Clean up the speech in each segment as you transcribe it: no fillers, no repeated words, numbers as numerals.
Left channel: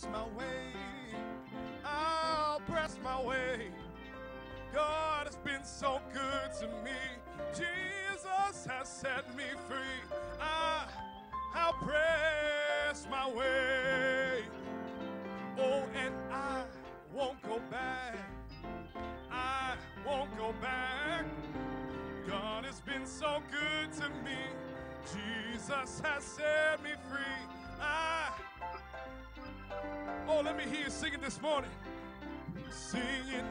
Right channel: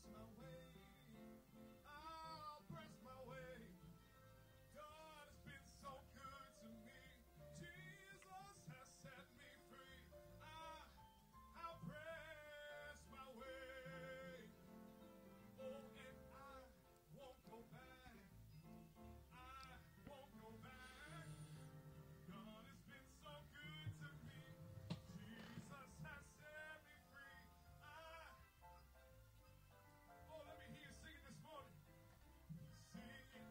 press my way. I'll press my way. God has been so good to me. Jesus has set me free. I'll press my way. Oh, and I won't go back. I won't go back. God has been so good to me. Jesus has set me free. Oh, let me hear you singing this morning. Singing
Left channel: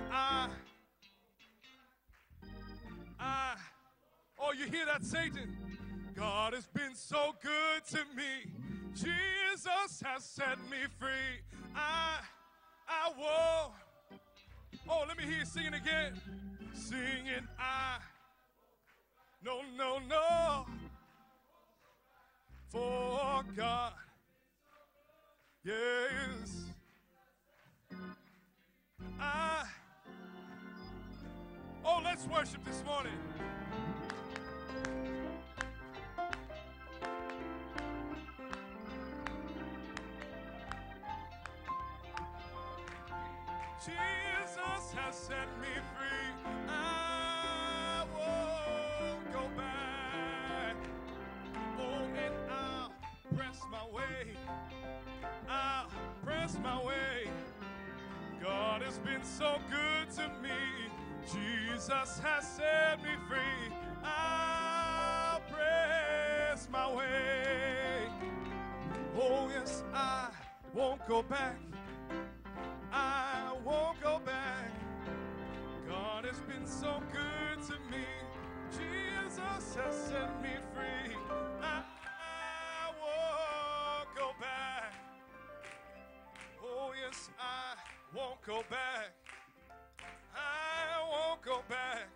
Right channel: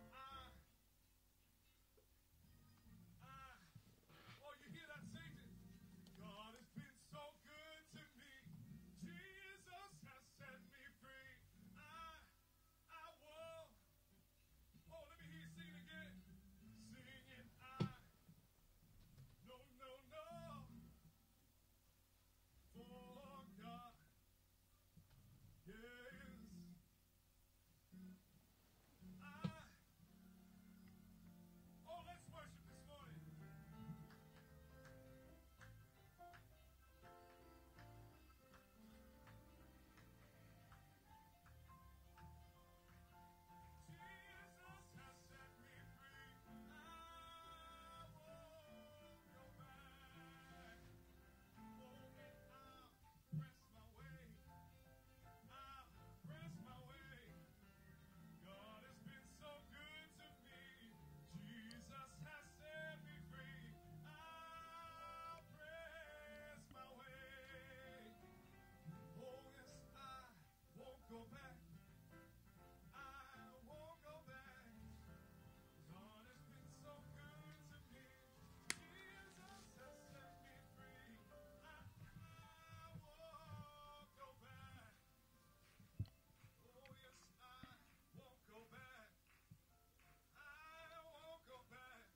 oh, you hear that, Satan? God has been so good to me. Jesus has set me free. I will. Oh, let me hear you singing again. Singing no, no, no. For God, yes. Oh, let's worship this morning. Jesus has set me free. I won't go back. Oh, and I'll press my way. I'll press my way. God has been so good to me. Jesus has set me free. I'll press my way. Oh, yes, I won't go back. I won't go back. God has been so good to me. Jesus has set me free. I won't go back. Oh, yes, I won't go back. I won't go back.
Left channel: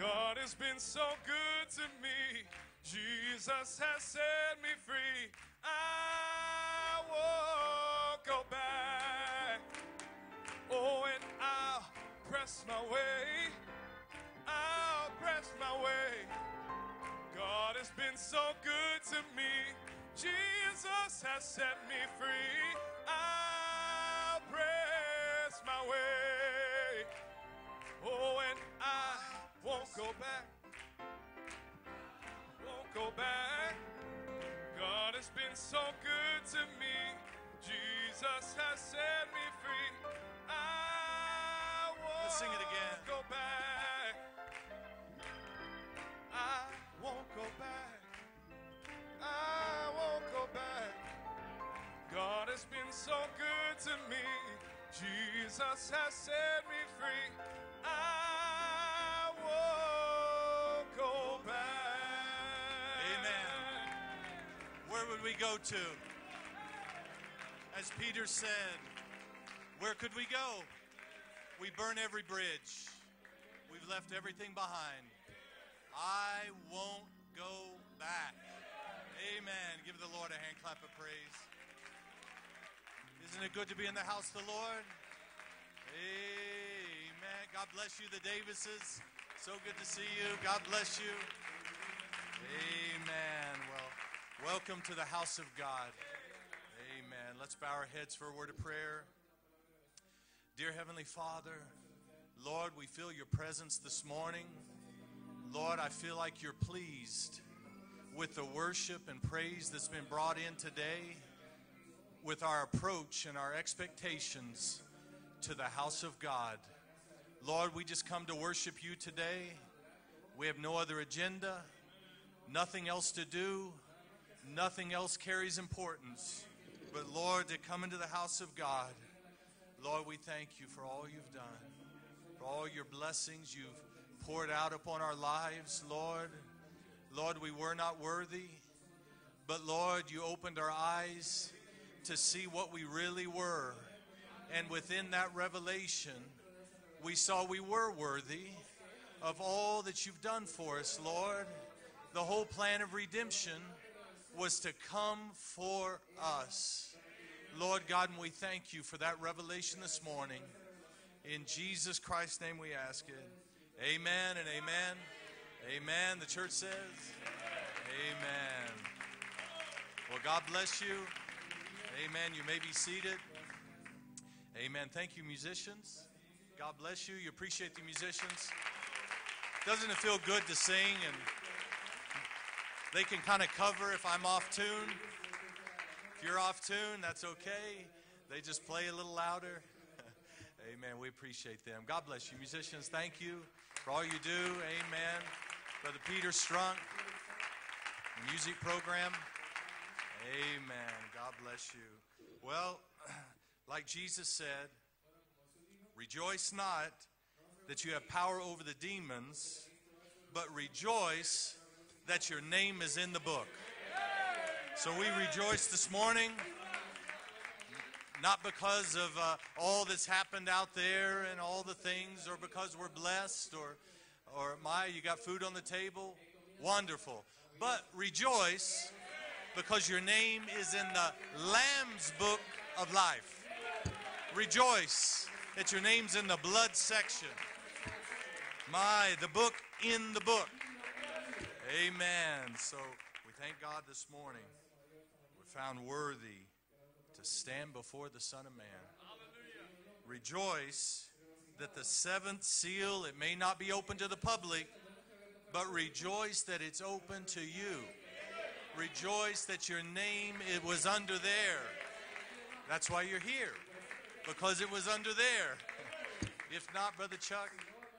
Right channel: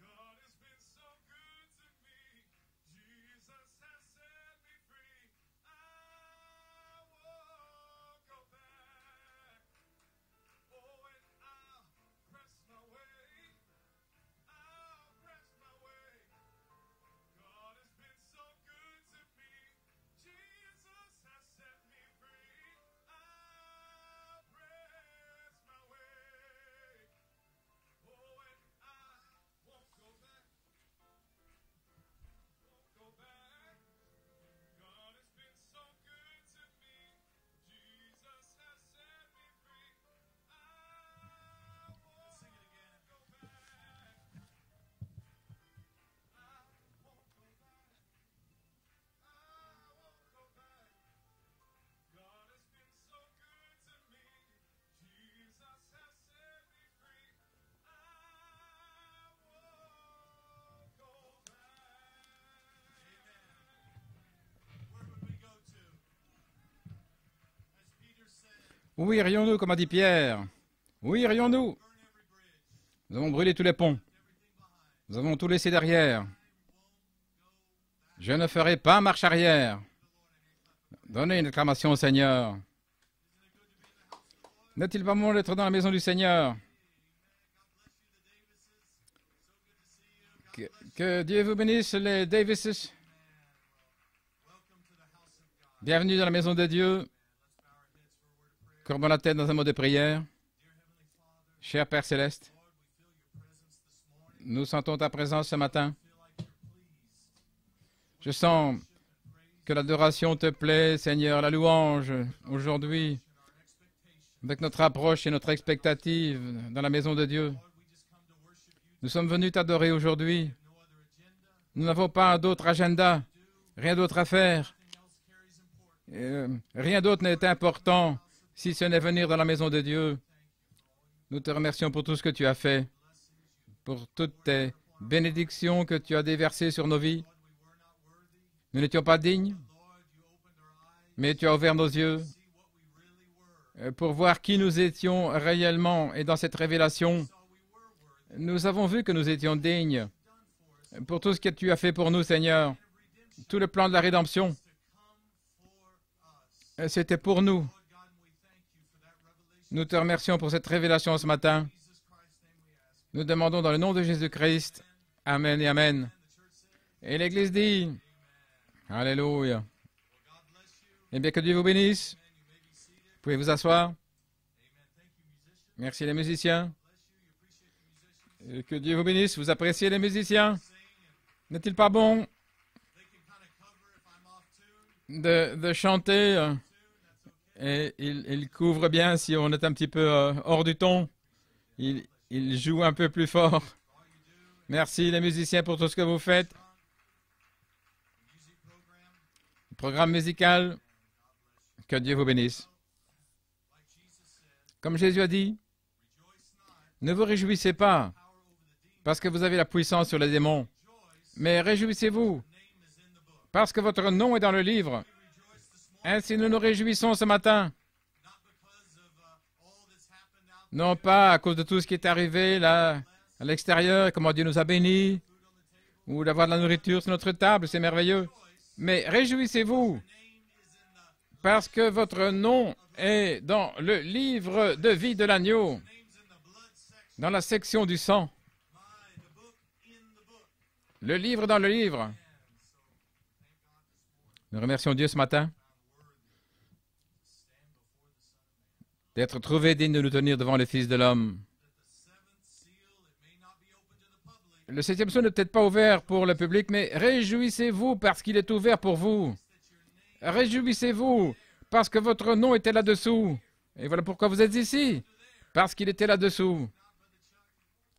God has been so good to me. Jesus has set me free. I won't go back. Oh, and I'll press my way. I'll press my way. God has been so good to me. Jesus has set me free. I'll press my way. Oh, and I won't go back. Won't go back. God has been so good to me. Jesus has set me free. I won't Let's sing it again. go back. I won't go back. I won't go back. God has been so good to me. Jesus has set me free. I won't go back. Amen. Where would we go to? As Peter said, Où irions-nous, comme a dit where Pierre? could we go? Où irions-nous? We burn every bridge. Nous avons brûlé tous les ponts. Left everything behind. Nous avons tout laissé derrière. I won't go back. Je ne ferai pas marche arrière. Give the Lord a hand clap of praise. Donnez une acclamation au Seigneur. Isn't it good to be in the house of the Lord? N'est-il pas bon d'être dans la maison du Seigneur? Amen. God bless you, the Davises. So good to see you. God bless you. Que Dieu vous bénisse, les Davises. Amen. Well, welcome to the house of God. Bienvenue dans la maison de Dieu. Amen. Let's bow our heads for a word of prayer. Courbons la tête dans un mot de prière. Dear Heavenly Father, Cher Père Céleste, Lord, we feel your presence this morning. nous sentons ta présence ce Lord, matin. I feel like you're pleased with Je the sens worship and praise que that's been l'adoration brought te in plaît, today, Seigneur, la louange with our aujourd'hui, approach and our expectations. avec notre approche et notre expectative dans la maison de Dieu. Lord, we just come to worship you Nous sommes today. venus t'adorer We aujourd'hui. have no other agenda, Nous n'avons pas d'autre nothing agenda, else to do, rien d'autre à faire. nothing else carries importance. Rien d'autre n'est important si ce n'est venir dans la maison de Lord, Dieu. we thank you for all you've Nous te done. remercions pour tout ce que tu as All fait, your blessings you've pour toutes poured tes out upon our bénédictions lives, que tu as Lord. déversées sur nos vies. Lord, we were not worthy, Nous n'étions pas dignes, but Lord, you opened our eyes mais tu as ouvert nos to yeux see what we really were. pour voir qui nous étions réellement. Et dans cette révélation, We saw we were worthy nous avons vu que nous of étions all that dignes you've done for us, pour tout ce que Lord. tu as fait pour nous, The whole Seigneur. plan of redemption Tout le plan de la rédemption, was to come for us. c'était pour nous. Lord God, and we thank you for that revelation Nous this te remercions morning. pour cette révélation ce In matin. Jesus Christ's name we ask it. Nous demandons dans le nom de Amen, Jésus-Christ. amen, Amen et Amen. amen. The church says, Et l'Église dit, amen. Alléluia. Well, God bless you. Eh bien, que Dieu vous bénisse. Amen. You may be seated. Vous pouvez vous asseoir. Amen. Thank you, musicians. Merci les musiciens. God bless you. You appreciate the musicians. Et que Dieu vous bénisse. Vous appréciez les Doesn't it feel musiciens. good to sing and N'est-il pas bon they can kind of cover if I'm off tune. de chanter Off tune, that's okay. et il couvre bien si on est un petit peu hors du ton. We appreciate them. Il, God bless you. il musicians. joue un peu Thank plus you fort. for all you do. Merci Amen. les musiciens pour tout ce que vous Peter faites. Strunk, music program. Programme musical, Amen. God bless you. que Dieu vous bénisse. Well, like Jesus said, Comme Jésus a dit, rejoice not ne vous réjouissez that you have pas power over the demons, parce que vous avez la puissance sur les démons, rejoice mais that réjouissez-vous your name is in the book. parce que votre nom est dans le So livre. we rejoice this morning, Ainsi nous nous réjouissons ce matin, not because of all that's happened out non there, pas à and cause de all the tout ce qui est things arrivé that là God bless, à l'extérieur et comment Dieu nous a bénis, got food on the table. ou d'avoir de la nourriture sur notre table, c'est merveilleux. Rejoice Mais because réjouissez-vous your name is in the parce que Lamb's votre book nom of life. est dans le livre Rejoice de vie de l'agneau, that your name's in the blood section. dans la section du sang. The book in the book. Le livre dans le livre. Amen. So we thank God this morning, Nous remercions Dieu ce matin found worthy to stand before the Son of Man. d'être trouvé digne de nous tenir devant le Fils de l'homme. That the seventh seal, it may not be open to the public. Le septième sceau n'est peut-être pas ouvert pour le public, mais réjouissez-vous parce qu'il est ouvert pour vous. Rejoice that your name, it was Réjouissez-vous under there. parce que votre nom était That's why là-dessous. you're here. Et voilà pourquoi vous êtes Because it was ici, under there. parce qu'il était là-dessous. If not, Brother Chuck,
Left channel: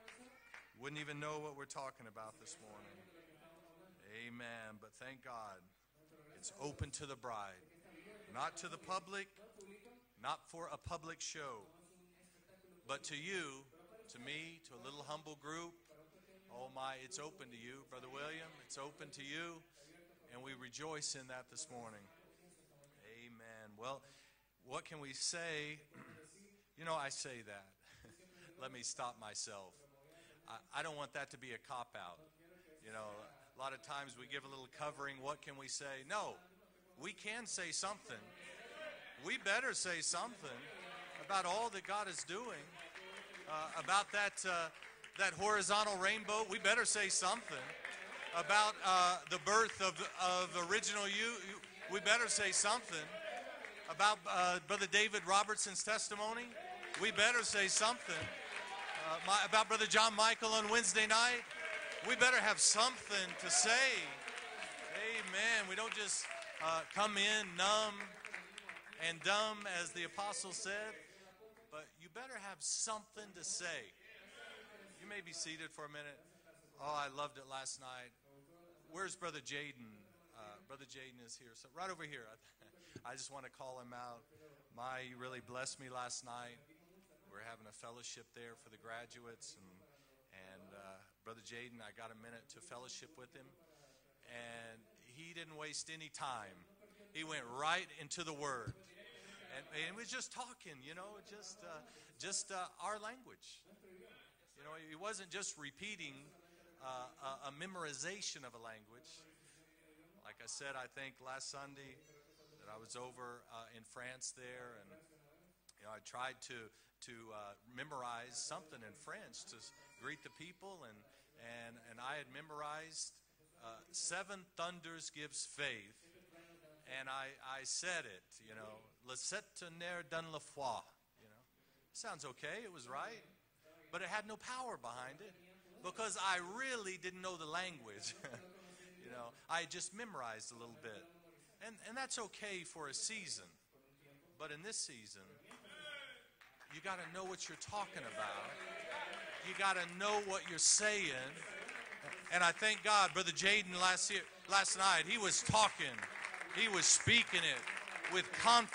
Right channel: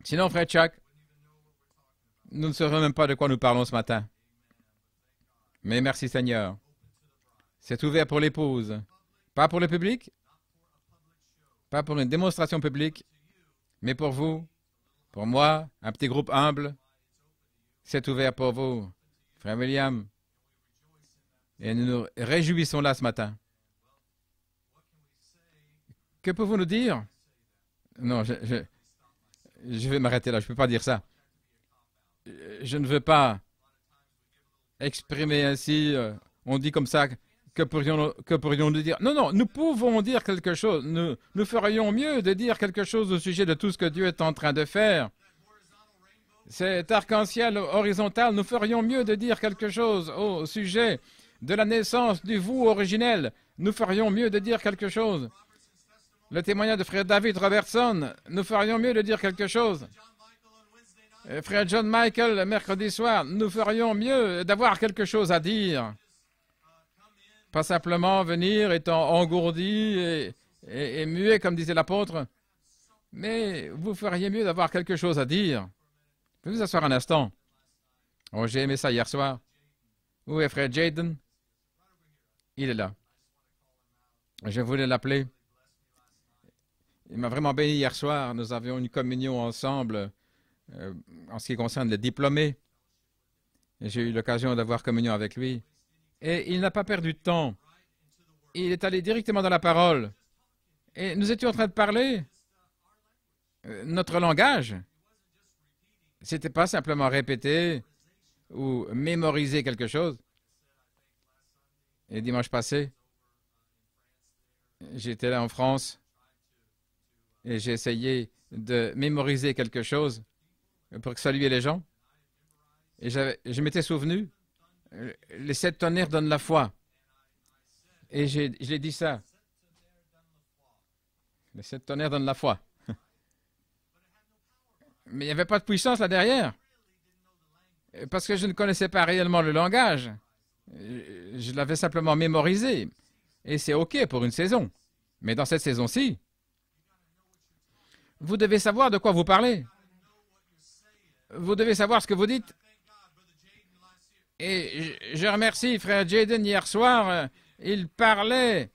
Sinon, frère Chuck, wouldn't even know what we're talking about. nous ne saurions même pas de quoi nous parlons ce matin. Amen. But thank God. Mais merci Seigneur. Open to the bride. C'est ouvert pour Not to l'épouse. the public, Pas pour le public, not for a public show, pas pour une démonstration publique, but to you, mais pour vous, me, to a little pour humble moi, group. un petit groupe humble. My, it's open to you. C'est ouvert pour It's vous. open to you. Frère William, And we rejoice in that this et nous morning. nous réjouissons là ce matin. Amen. Well, what can we say? Que pouvons-nous dire? I say that. Non, Let me stop myself. je vais m'arrêter là, je ne peux pas I dire don't ça. want that to be a cop-out. Je ne veux pas A lot of times we give a little covering. exprimer What ainsi, can we say? No. on dit comme ça, We can say que pourrions-nous dire? Non, non, nous pouvons dire quelque chose. Nous ferions mieux de dire quelque chose au sujet de tout ce que Dieu est en train de faire. That horizontal rainbow, we better Cet say arc-en-ciel horizontal, nous ferions mieux de dire quelque chose au sujet de la naissance du vous originel. Nous ferions mieux de dire quelque chose. Le témoignage de frère David Robertson, nous ferions mieux de dire quelque chose. Frère John Michael, le mercredi soir, nous ferions mieux d'avoir quelque chose à dire. Pas simplement venir étant engourdi et muet, comme disait l'apôtre, mais vous feriez mieux d'avoir quelque chose à dire. Pouvez-vous vous asseoir un instant? Oh, j'ai aimé ça hier soir. Où est frère Jaden? Il est là. Je voulais l'appeler. Il m'a vraiment béni hier soir. Nous avions une communion ensemble en ce qui concerne les diplômés. Et j'ai eu l'occasion d'avoir communion avec lui. Et il n'a pas perdu de temps. Il est allé directement dans la parole. Et nous étions en train de parler notre langage. Ce n'était pas simplement répéter ou mémoriser quelque chose. Et dimanche passé, j'étais là en France et j'ai essayé de mémoriser quelque chose pour saluer les gens. Et je m'étais souvenu, les 7 tonnerres donnent la foi. Et j'ai dit ça. Les 7 tonnerres donnent la foi. Mais il n'y avait pas de puissance là derrière. Parce que je ne connaissais pas réellement le langage. Je l'avais simplement mémorisé. Et c'est OK pour une saison. Mais dans cette saison-ci, vous devez savoir de quoi vous parlez. Vous devez savoir ce que vous dites. Et je remercie frère Jaden hier soir. Il parlait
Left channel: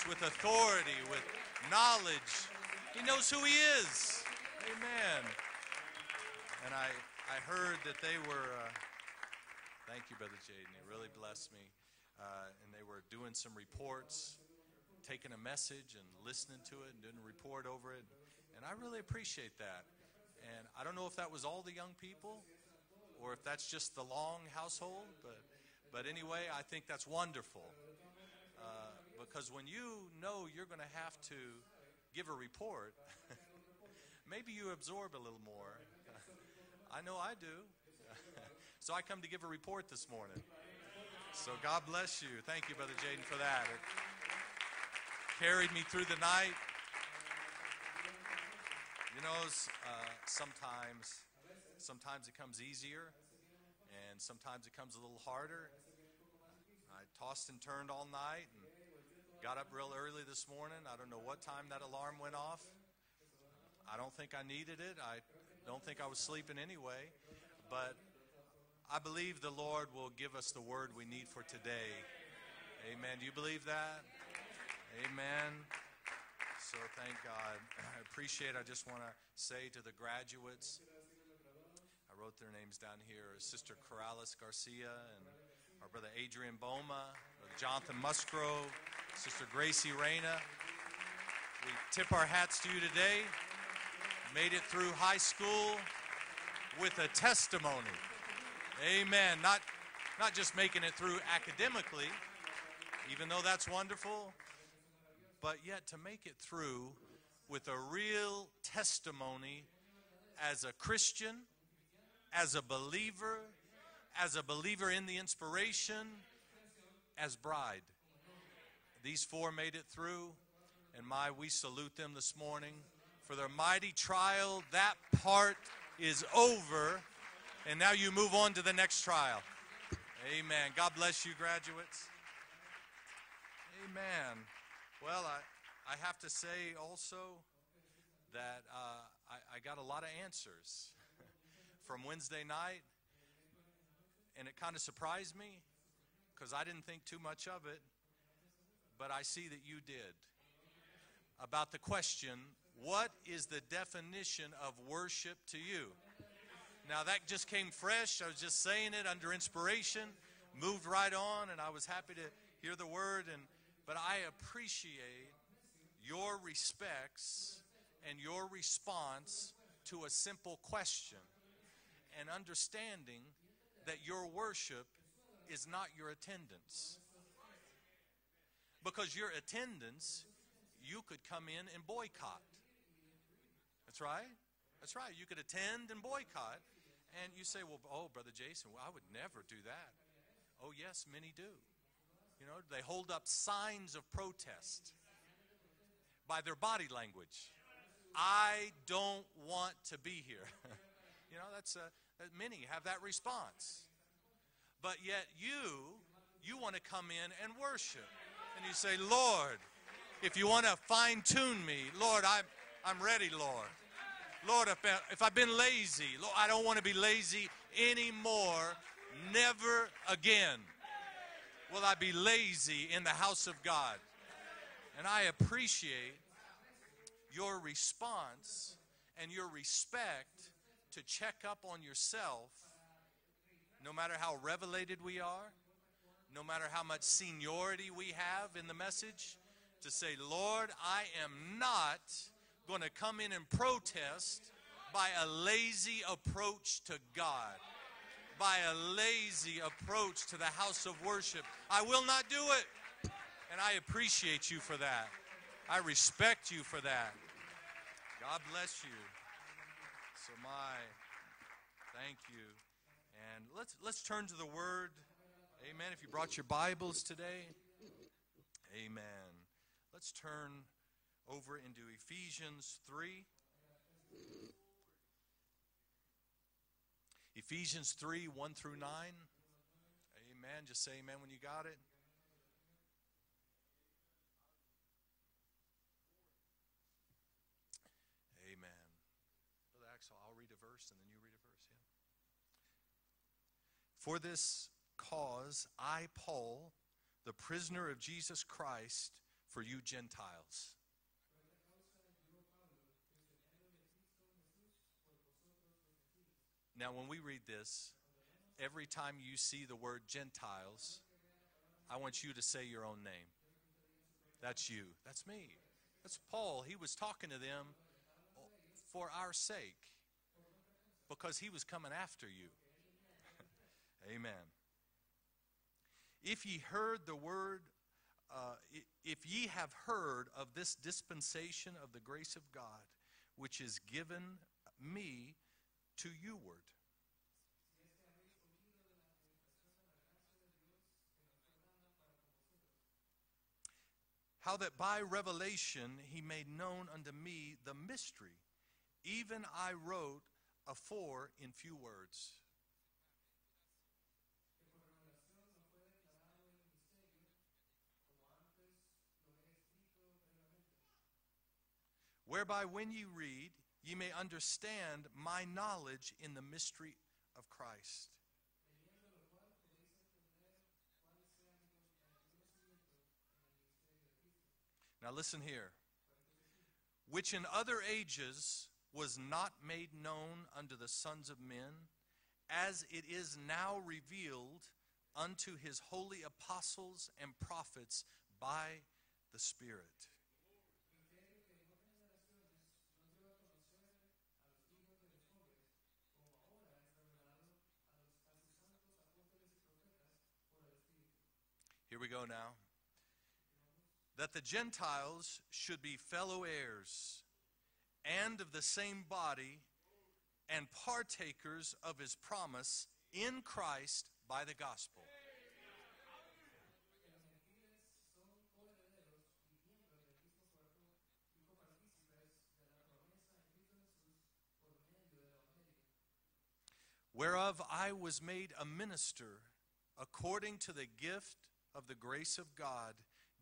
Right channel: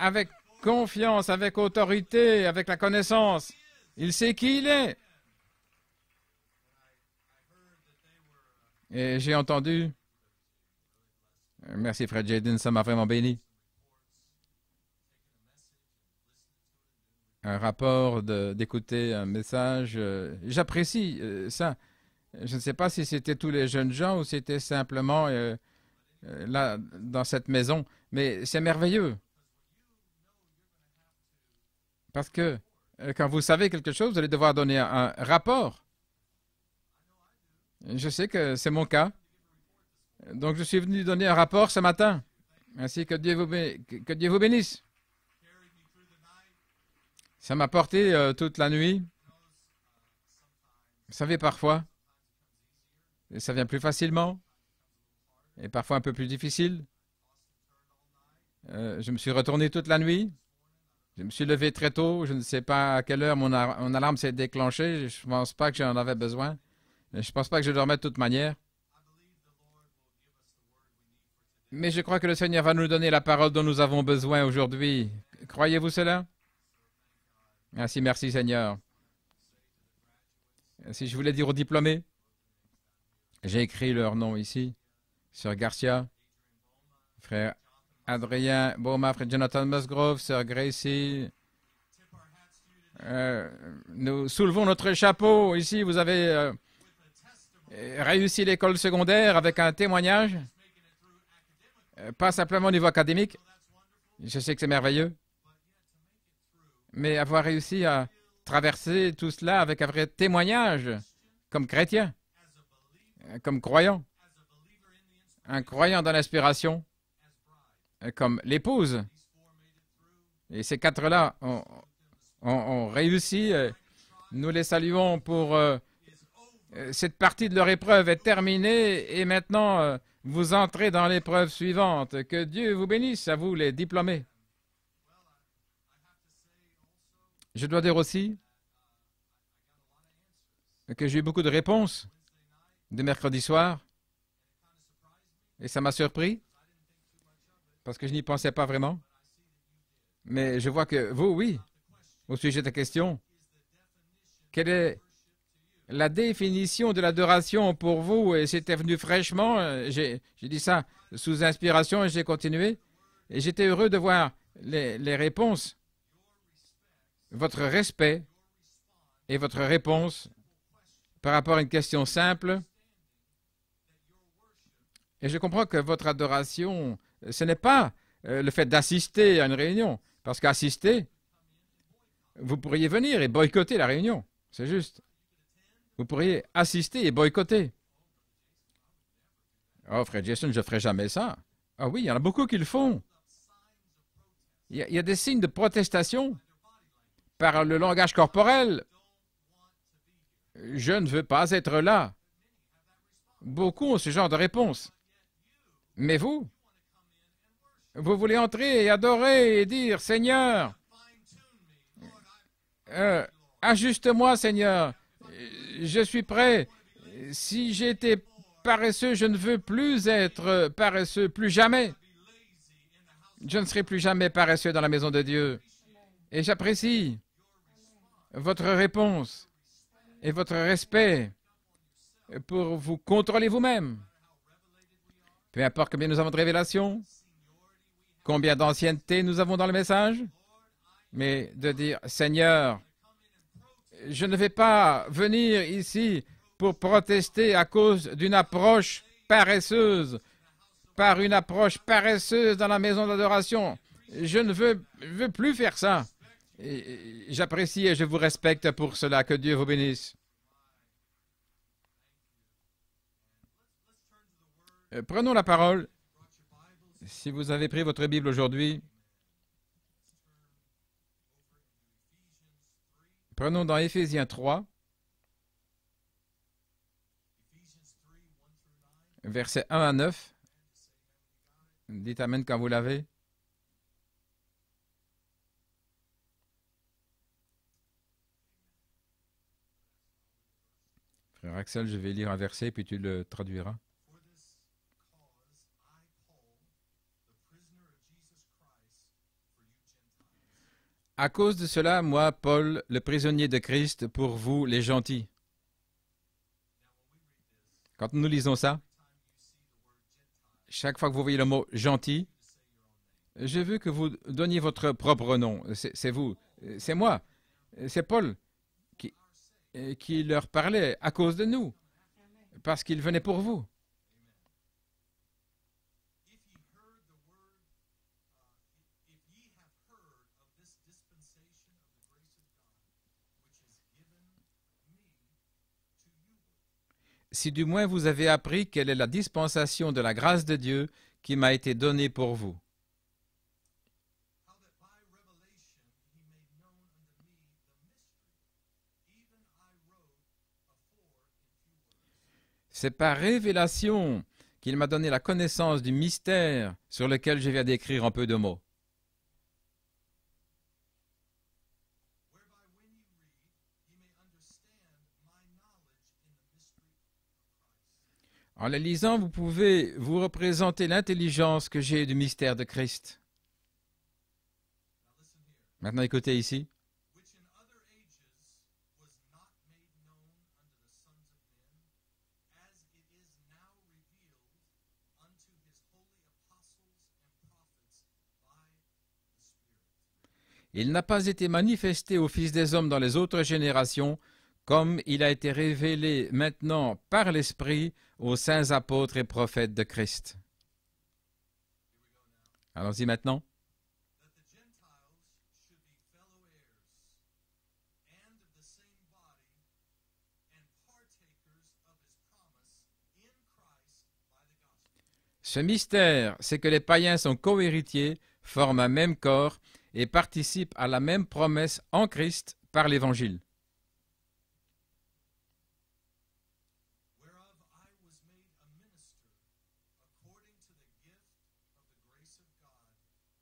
avec confiance, avec autorité, avec la connaissance. Il sait qui il est. Et j'ai entendu. Merci frère Jaden, ça m'a vraiment béni. Un rapport d'écouter un message. J'apprécie ça. Je ne sais pas si c'était tous les jeunes gens ou si c'était simplement là, dans cette maison, mais c'est merveilleux. Parce que quand vous savez quelque chose, vous allez devoir donner un rapport. Je sais que c'est mon cas. Donc je suis venu donner un rapport ce matin. Ainsi que que Dieu vous bénisse. Ça m'a porté toute la nuit. Vous savez, parfois, ça vient plus facilement et parfois un peu plus difficile. Je me suis retourné toute la nuit. Je me suis levé très tôt. Je ne sais pas à quelle heure mon alarme s'est déclenchée. Je ne pense pas que j'en avais besoin. Mais je ne pense pas que je dormais de toute manière. Mais je crois que le Seigneur va nous donner la parole dont nous avons besoin aujourd'hui. Croyez-vous cela? Ainsi, merci Seigneur. Si je voulais dire aux diplômés, j'ai écrit leur nom ici. Sœur Garcia, frère Adrien Boma, frère Jonathan Musgrove, sœur Gracie. Nous soulevons notre chapeau. Ici, vous avez réussi l'école secondaire avec un témoignage, pas simplement au niveau académique. Je sais que c'est merveilleux, mais avoir réussi à traverser tout cela avec un vrai témoignage comme chrétien, comme croyant, un croyant dans l'inspiration, comme l'épouse. Et ces quatre-là ont réussi. Nous les saluons pour cette partie de leur épreuve est terminée et maintenant vous entrez dans l'épreuve suivante. Que Dieu vous bénisse, à vous les diplômés. Je dois dire aussi que j'ai eu beaucoup de réponses de mercredi soir et ça m'a surpris parce que je n'y pensais pas vraiment. Mais je vois que vous, oui, au sujet de la question, quelle est la définition de l'adoration pour vous? Et c'était venu fraîchement, j'ai dit ça sous inspiration et j'ai continué. Et j'étais heureux de voir les réponses, votre respect et votre réponse par rapport à une question simple. Et je comprends que votre adoration, ce n'est pas le fait d'assister à une réunion. Parce qu'assister, vous pourriez venir et boycotter la réunion. C'est juste. Vous pourriez assister et boycotter. Oh, frère Jason, je ne ferai jamais ça. Ah oui, il y en a beaucoup qui le font. Il y a des signes de protestation par le langage corporel. Je ne veux pas être là. Beaucoup ont ce genre de réponse. Mais vous, vous voulez entrer et adorer et dire, Seigneur, ajuste-moi, Seigneur. Je suis prêt. Si j'ai été paresseux, je ne veux plus être paresseux, plus jamais. Je ne serai plus jamais paresseux dans la maison de Dieu. Et j'apprécie votre réponse et votre respect pour vous contrôler vous-même. Peu importe combien nous avons de révélations, combien d'ancienneté nous avons dans le message, mais de dire, Seigneur, je ne vais pas venir ici pour protester à cause d'une approche paresseuse, par une approche paresseuse dans la maison d'adoration. Je ne veux plus faire ça. J'apprécie et je vous respecte pour cela. Que Dieu vous bénisse. Prenons la parole. Si vous avez pris votre Bible aujourd'hui, prenons dans Éphésiens 3, versets 1 à 9. Dites Amen quand vous l'avez. Frère Axel, je vais lire un verset, puis tu le traduiras. For this cause, I, Paul, the prisoner of Jesus Christ, for you Gentiles. À cause de cela, moi, Paul, le prisonnier de Christ, pour vous, les gentils. Now, when we read this, Quand nous lisons ça, every time you see the word Gentiles, chaque fois que vous voyez le mot I want gentil, you to say your own name. je veux que vous donniez votre propre nom. C'est vous, Paul, he was c'est moi, talking to them c'est Paul for our sake, qui leur parlait à cause de because he nous, was coming after you. parce qu'il venait pour vous. Amen. If ye heard the word, if ye have heard of this dispensation of the grace of God, which is given me to youward. si du moins vous avez appris quelle est la dispensation de la grâce de Dieu qui m'a été donnée pour vous. How that by revelation he made known unto me the mystery, even I wrote afore in few words. C'est par révélation qu'il m'a donné la connaissance du mystère sur lequel je viens d'écrire en peu de mots. Whereby when ye read, ye may understand my knowledge in the mystery of Christ. En les lisant, vous pouvez vous représenter l'intelligence que j'ai du mystère de Christ. Now listen here. Maintenant, écoutez ici. Which in other ages was not made known unto the sons of men, as it is now revealed unto his holy apostles and prophets by the Spirit. Il n'a pas été manifesté aux fils des hommes dans les autres générations, comme il a été révélé maintenant par l'Esprit aux saints apôtres et prophètes de Christ. Here we go now. Allons-y maintenant. That the Gentiles should be fellow heirs, and of the same body, and partakers of his promise in Christ by the gospel. Ce mystère, c'est que les païens sont cohéritiers, forment un même corps et participent à la même promesse en Christ par l'Évangile. Whereof I was made a minister according to the gift of the grace of God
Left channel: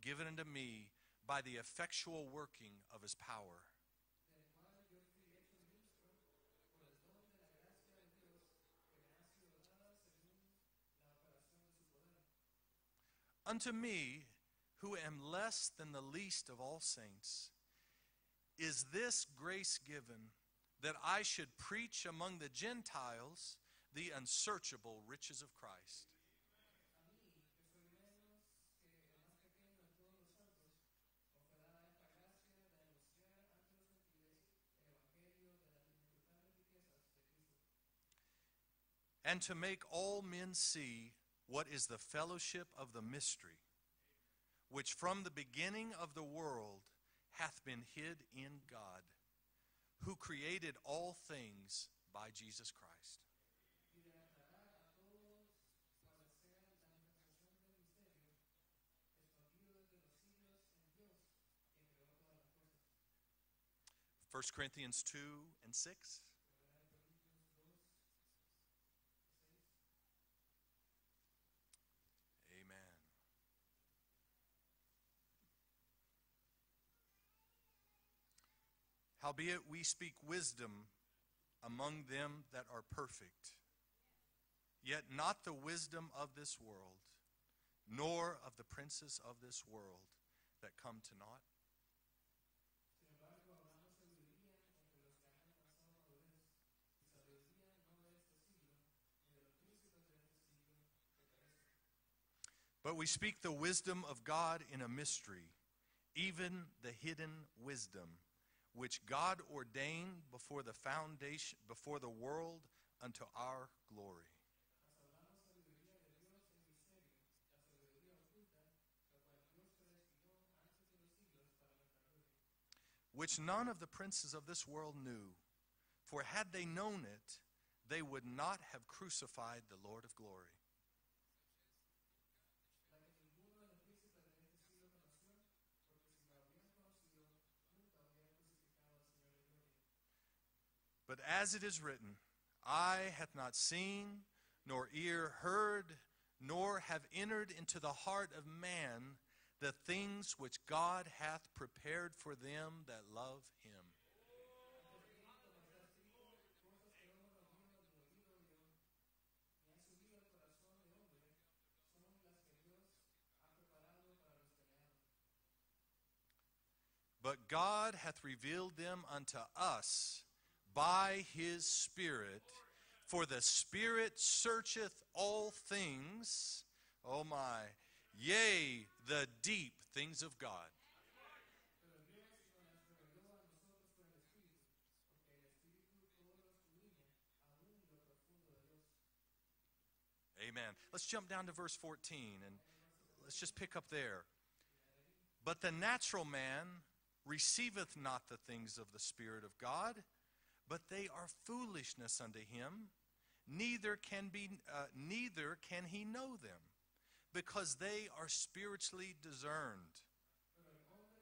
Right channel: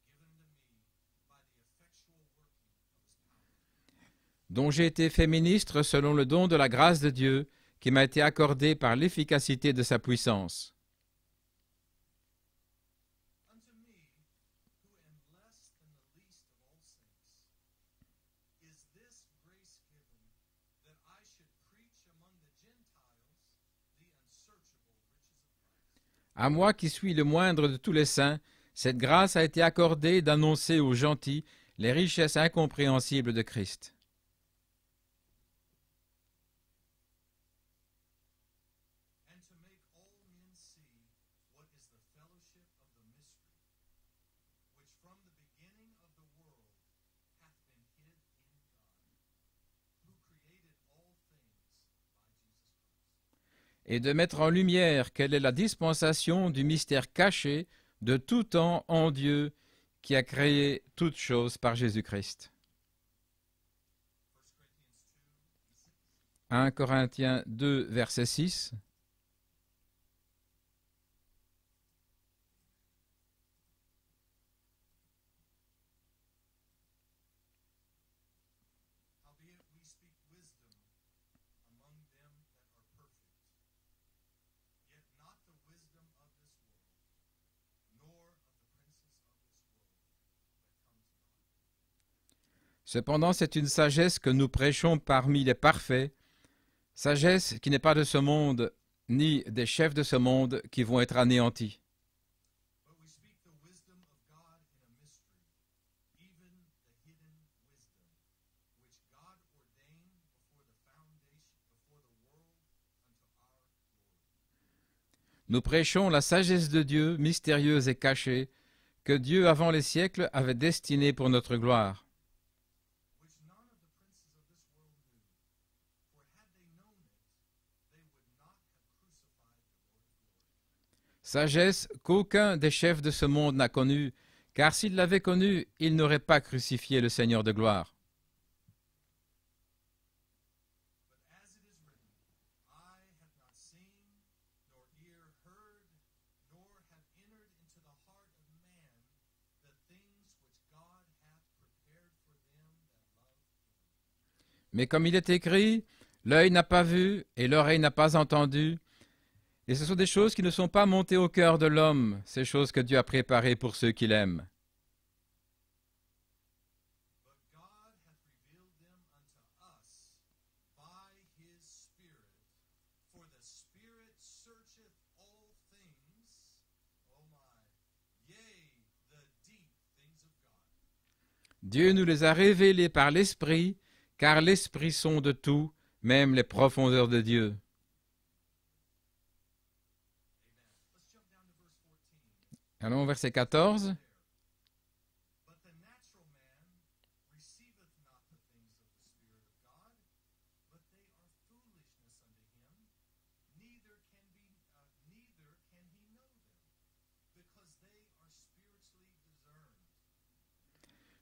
given unto me by the effectual working of his power. Dont j'ai été fait ministre selon le don de la grâce de Dieu qui m'a été accordé par l'efficacité de sa puissance. Unto me, who am less than the least of all saints, is this grace given, that I should preach among the Gentiles the unsearchable riches of Christ. À moi qui suis le moindre de tous les saints, cette grâce a été accordée d'annoncer aux gentils les richesses incompréhensibles de Christ. And to make all men see what is the fellowship of the mystery, which from the beginning of the world hath been hid in God, who created all things by Jesus Christ. Et de mettre en lumière quelle est la dispensation du mystère caché de tout temps en Dieu qui a créé toutes choses par Jésus-Christ. 1 Corinthians 2 and 6. 1 Corinthiens 2, verset 6. Amen. Howbeit we speak wisdom among them that are perfect, yet not the wisdom of this world, nor of the princes of this world that come to naught. Cependant, c'est une sagesse que nous prêchons parmi les parfaits, sagesse qui n'est pas de ce monde, ni des chefs de ce monde qui vont être anéantis. But we speak the wisdom of God in a mystery, even the hidden wisdom, which God ordained before the foundation, before the world, unto our glory. Nous prêchons la sagesse de Dieu, mystérieuse et cachée, que Dieu avant les siècles avait destinée pour notre gloire. Which none of the princes of this world knew, for had they known it, they would not have crucified the Lord of glory. Sagesse qu'aucun des chefs de ce monde n'a connue, car s'ils l'avaient connue, ils n'auraient pas crucifié le Seigneur de gloire. But as it is written, eye hath not seen, nor ear heard, nor have entered into the heart of man the things which God hath prepared for them that love him. Mais comme il est écrit, l'œil n'a pas vu et l'oreille n'a pas entendu, et ce sont des choses qui ne sont pas montées au cœur de l'homme, ces choses que Dieu a préparées pour ceux qui l'aiment. But God hath revealed them unto us by his Spirit, for the Spirit searcheth all things, oh my, yea, the deep things of God. Dieu nous les a révélés par l'Esprit, car l'Esprit sonde tout, même les profondeurs de Dieu. Amen. Let's jump down to verse 14. Allons au verset Let's just pick up 14. there. But the natural man receiveth not the things of the Spirit of God, but they are foolishness unto him, neither can he know them, because they are spiritually discerned.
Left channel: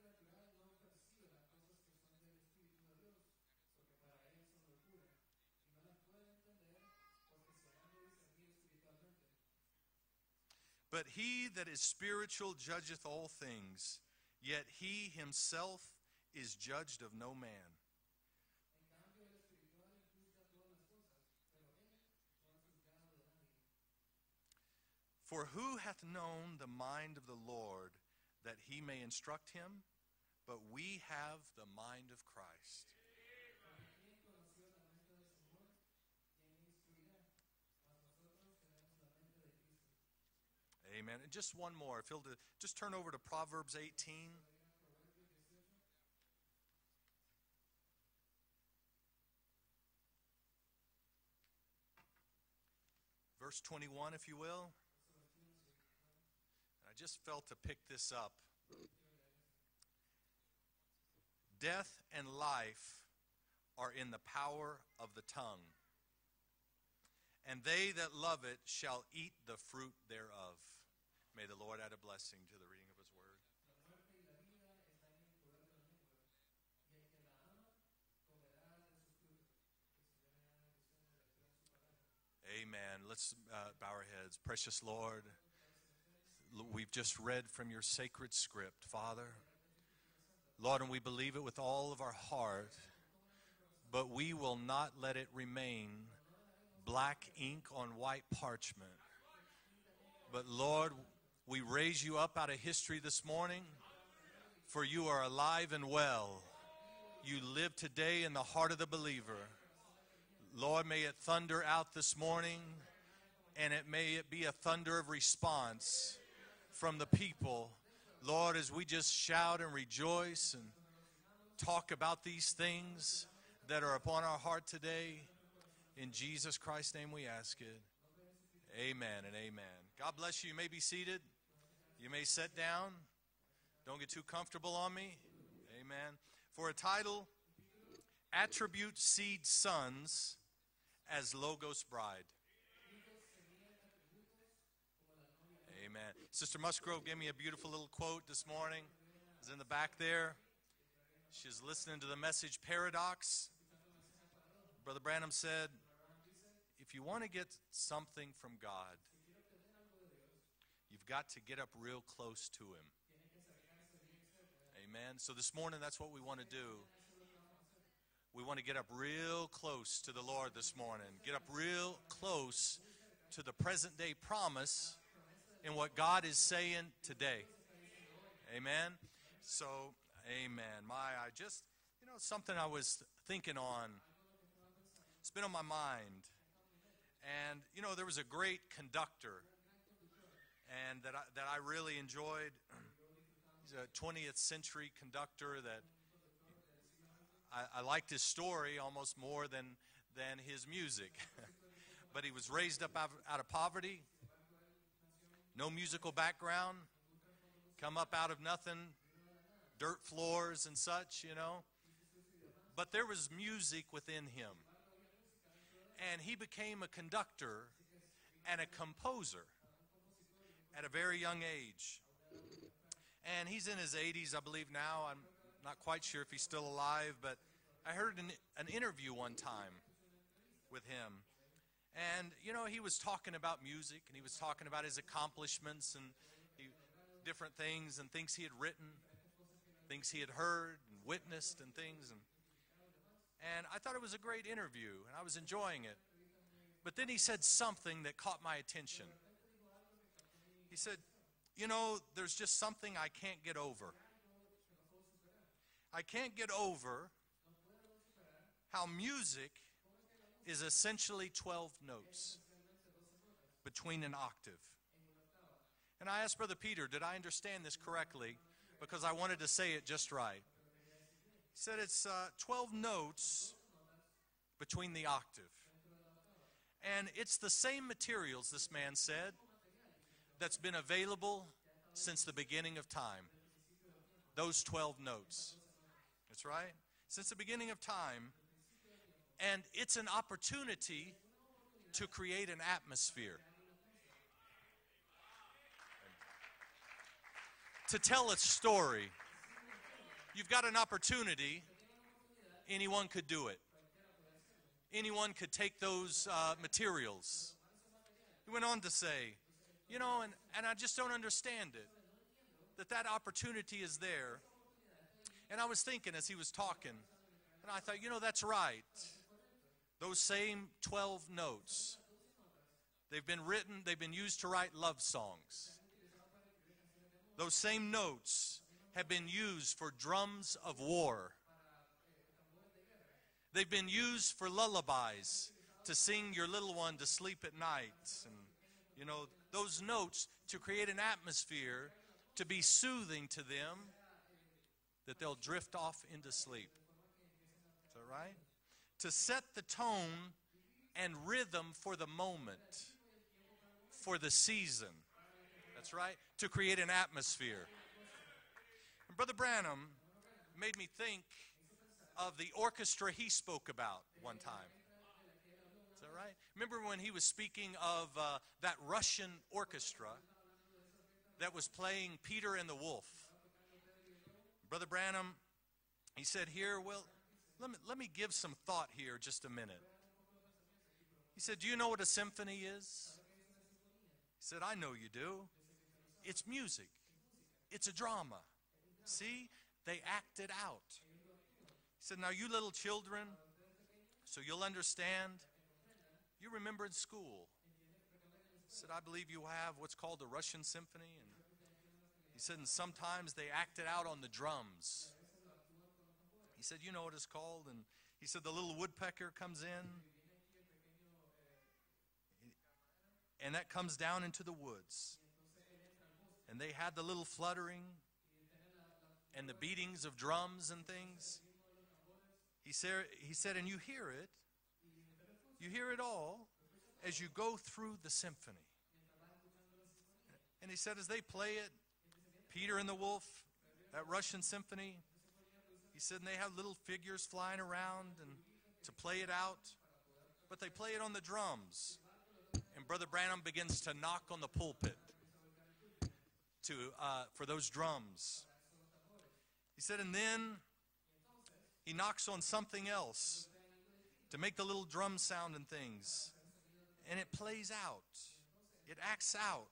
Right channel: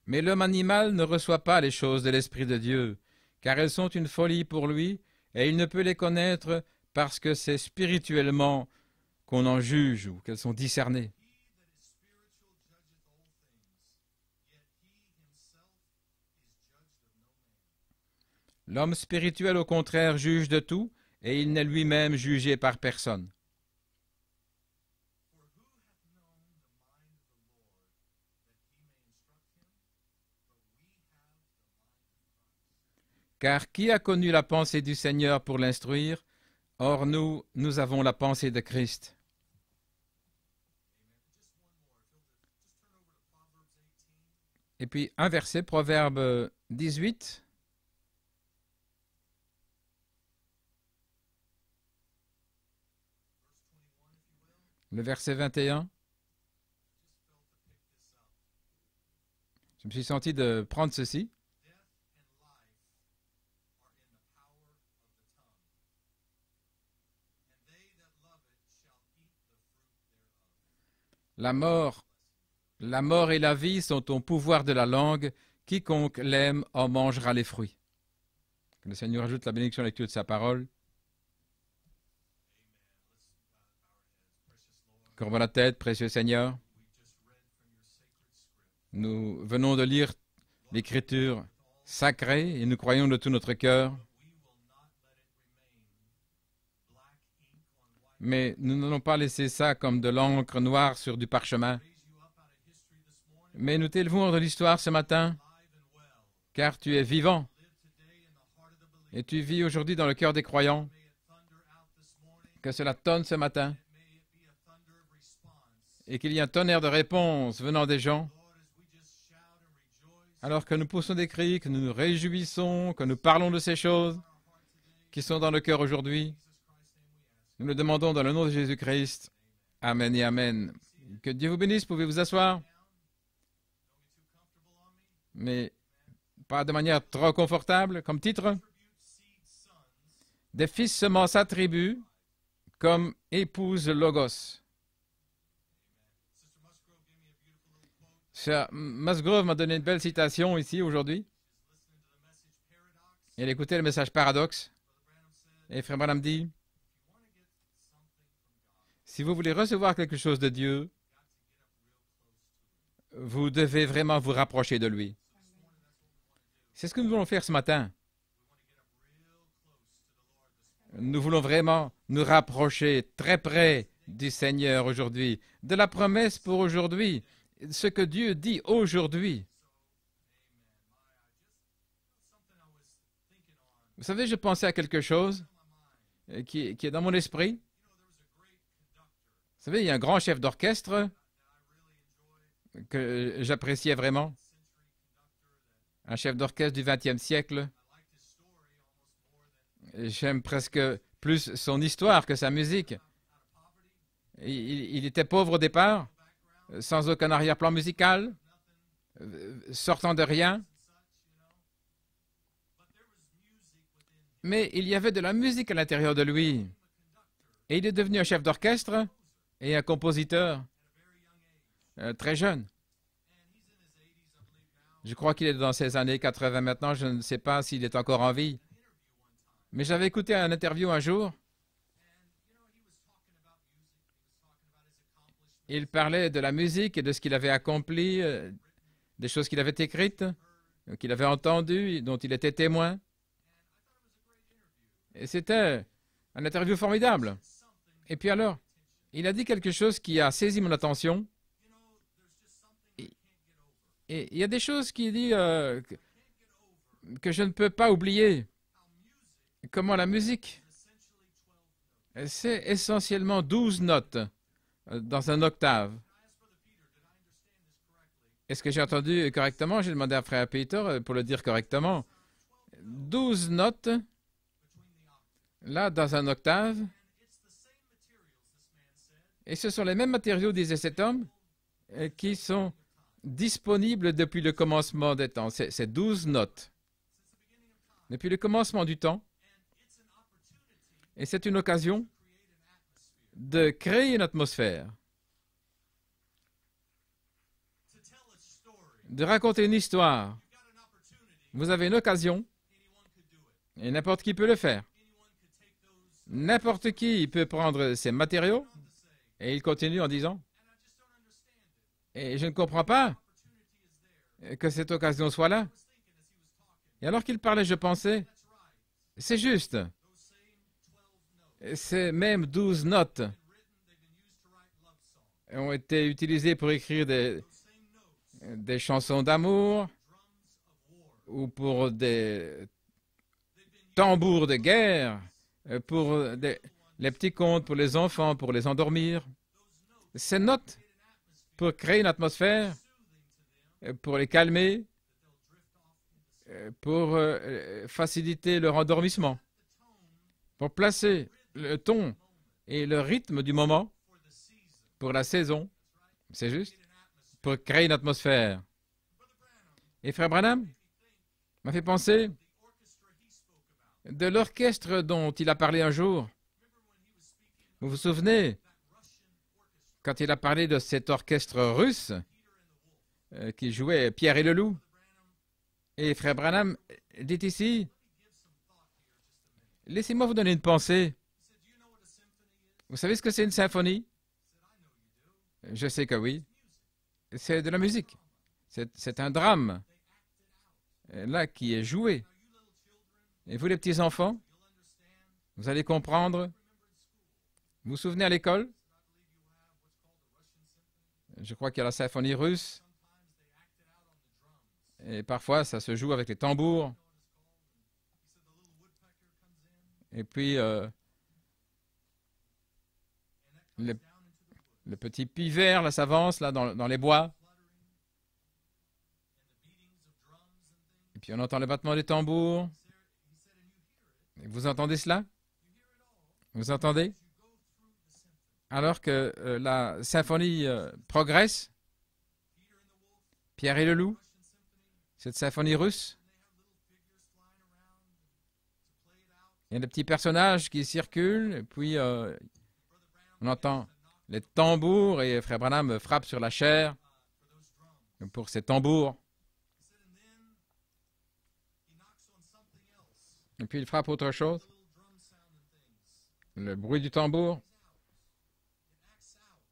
Mais l'homme animal ne reçoit pas les choses de l'Esprit de Dieu, car elles sont une folie pour lui, et il ne peut les connaître parce que c'est spirituellement qu'on en juge ou qu'elles sont discernées. But he that is spiritual judgeth all things, yet he himself is judged of no man. L'homme spirituel, au contraire, juge de tout, et il n'est lui-même jugé par personne. For who hath known the mind of the Lord, that he may instruct him? But we have the mind of Christ. Car qui a connu la pensée du Seigneur pour l'instruire? Or nous avons la pensée de Christ. Amen. And just one more. Just turn over to Proverbs 18. Et puis un verset, Proverbe 18. Verse 21, if you will. Le verset 21. I just felt to pick this up. Je me suis senti de prendre ceci. Death and life are in the power of the tongue, and they that love it shall eat the fruit thereof. La mort et la vie sont au pouvoir de la langue. Quiconque l'aime en mangera les fruits. Que le Seigneur ajoute la bénédiction à la lecture de sa parole. Amen. Let's bow our heads. Precious Lord, Courbons la tête, précieux Seigneur. we've just read from your sacred script, Father. Nous venons de lire Lord, we believe l'Écriture it with all of our sacrée heart, et nous croyons de tout notre cœur. but we will not let it remain black ink on white Mais parchment. nous n'allons pas laisser ça comme de l'encre noire sur du We parchemin. raise you up out of history this morning, Mais nous t'élevons de l'histoire for ce you are matin, alive and well. car tu es vivant You live today in the heart of the believer. et tu vis aujourd'hui dans le cœur des croyants. Lord, may it thunder out this morning, Que cela tonne ce matin and may it be a thunder of response. et qu'il y ait un tonnerre de réponses venant des gens. Lord, as we just shout and rejoice, Alors que nous poussons des cris, que nous nous réjouissons, que nous parlons de ces that are choses upon our heart today, qui sont dans le cœur in aujourd'hui, Jesus Christ's name we ask nous it. le demandons dans le nom de Jésus-Christ. Amen and amen. Amen God et bless you. You Amen. may be seated. Que Dieu vous bénisse, pouvez vous You may sit asseoir, down. Don't get too comfortable on me. mais Amen. pas de manière trop confortable. Comme titre, Attribute seed sons des fils semences as Logos attribuent bride. comme épouse Logos. Amen. Sister Musgrove gave me a beautiful little quote this Sœur morning. Musgrove m'a donné une belle citation ici aujourd'hui. She's listening to the message Paradox. Elle écoutait le message Paradoxe. Brother Branham said, Et Frère Branham dit, if you want to get something from God, si vous voulez recevoir quelque chose de Dieu, you've got to get up real close to Him. vous devez vraiment vous rapprocher de lui. And so this morning, that's what we want to do. C'est ce que nous voulons faire ce matin. We want to get up real close to the Lord this morning. Nous voulons vraiment nous rapprocher très près du Seigneur aujourd'hui, de la promesse pour aujourd'hui, ce que Dieu dit aujourd'hui. So, amen. I just, something I was thinking on. Vous savez, je pensais à quelque It's chose been on my mind. qui est dans mon esprit. And, there was a great conductor Vous savez, il y a un grand chef d'orchestre and that I really enjoyed. que j'appréciais vraiment, 20th century conductor that un chef d'orchestre du XXe siècle. I liked his story almost more than J'aime his presque music. plus son histoire He que was sa raised musique. up out of poverty, Il était pauvre au no départ, musical background, sans aucun arrière-plan come up musical, out of nothing, sortant de dirt rien. floors and such, But there was music within him. Mais il y avait de la musique à l'intérieur de And he lui. became a conductor Et il est devenu un chef and a d'orchestre composer et un compositeur at a very young age. très jeune. And he's in his 80s, I believe now. Je I'm crois qu'il est dans ses quite années sure he's 80 still maintenant. Je alive, ne sais but pas s'il I est heard encore en vie. an interview one time. Mais j'avais écouté un interview un jour. And he was talking about music and he was talking about his accomplishments. Il parlait de la musique et de ce qu'il avait accompli, things he had written, des choses qu'il avait things he écrites, had heard, qu'il avait witnessed. entendues, dont il était témoin. And I thought it was a great interview. And I Et was c'était enjoying it. un interview He formidable. said something that Et puis caught alors, my attention. il a dit quelque chose qui a saisi mon attention. There's just something I can't get over. Et il y a des choses qu'il dit I can't get over que je ne peux pas oublier. how music Comment la musique, is essentially 12 notes c'est essentiellement 12 in notes an octave. dans un octave. And I asked Brother Peter, did I understand this correctly? Est-ce que j'ai entendu correctement? J'ai demandé à Frère Peter pour le dire He said correctement. it's 12 notes 12 notes, between the octave. là, dans un octave. And it's the same materials, this man said, Et ce sont les mêmes matériaux, that's been disait cet homme, available since qui the sont beginning of time. disponibles depuis le commencement des temps. C'est 12 That's notes. right. since the beginning of time. depuis le commencement du temps. And it's an opportunity Et c'est une occasion to create an atmosphere, de créer une atmosphère, to tell a story. de raconter une histoire. You've got an opportunity. Vous avez une occasion Anyone could do it. et n'importe qui peut le faire. Anyone could take those N'importe qui materials. peut prendre ces matériaux. Went on to say, Et il continue en disant, and I just don't understand it. et je ne comprends That pas opportunity is there. que cette occasion soit I là. was thinking as he was talking. Et alors qu'il parlait, je I thought, you know, pensais, that's right. c'est juste. Those same 12 notes. Ces mêmes 12 notes They've been used to write love songs. ont été utilisées pour écrire Those same notes des have chansons been d'amour used for drums of war. ou pour des They've been used tambours for de guerre, lullabies to pour sing your les little one to petits sleep at contes pour night. les enfants, pour les endormir, Those notes Ces will notes create an atmosphere pour créer une to be atmosphère, soothing to them pour les calmer, that they'll drift off into sleep. pour faciliter leur To endormissement, set the tone pour placer and rhythm le for ton the moment, et le rythme du moment for the season. pour la saison, That's right. C'est To juste. create an atmosphere. pour créer une atmosphère. And Brother Branham Et Frère Branham made me think m'a fait penser of the orchestra he spoke about. de l'orchestre dont il a parlé un jour, Remember when he was speaking Vous vous of souvenez, that Russian orchestra quand il a parlé de cet that orchestre was russe playing Peter and the Wolf. qui jouait Pierre et le loup. Brother Branham, Et Frère said Branham here, well, dit ici, let me give some thought here just a minute. laissez-moi vous donner une pensée. He said, do you know what a symphony is? Vous savez ce que c'est une symphonie? He said, I know you do. Je sais que oui. It's music. C'est de la It's musique. drama. C'est un See, drame, They act it out. là, qui est So joué. now you little children, Et vous, les petits-enfants, so you'll understand. vous allez comprendre. You remember in school. Vous vous souvenez à l'école? He said, I believe you have what's called the Russian symphony. And Je crois qu'il y a la symphonie he said russe. sometimes they act it out on the drums. Et parfois, ça se joue avec les He said, tambours. you know what it's called? And he said the little woodpecker comes in, Et puis, and that comes down into the woods. le petit pivert, là, s'avance là, dans They have les the bois. little fluttering and the beatings of drums and things. Et puis, on entend le battement des tambours. He said, and you hear it. Et vous entendez cela? You hear it all Vous entendez? as you go through the symphony. Alors que la symphonie He said, as they progresse, play it, Peter and the Wolf, Pierre et le the loup, Russian symphony, cette symphonie he russe, said, and they have little figures flying around and to play it out. il y a des petits personnages qui circulent. Et puis, And Brother Branham on entend begins to knock on les the pulpit, tambours. Et Frère Branham frappe sur la chair for those drums. pour ces tambours. He said, and then he knocks on something else. Et puis, il frappe autre To make chose. the little drum sound and things. Le bruit du And it tambour. plays out. It acts out.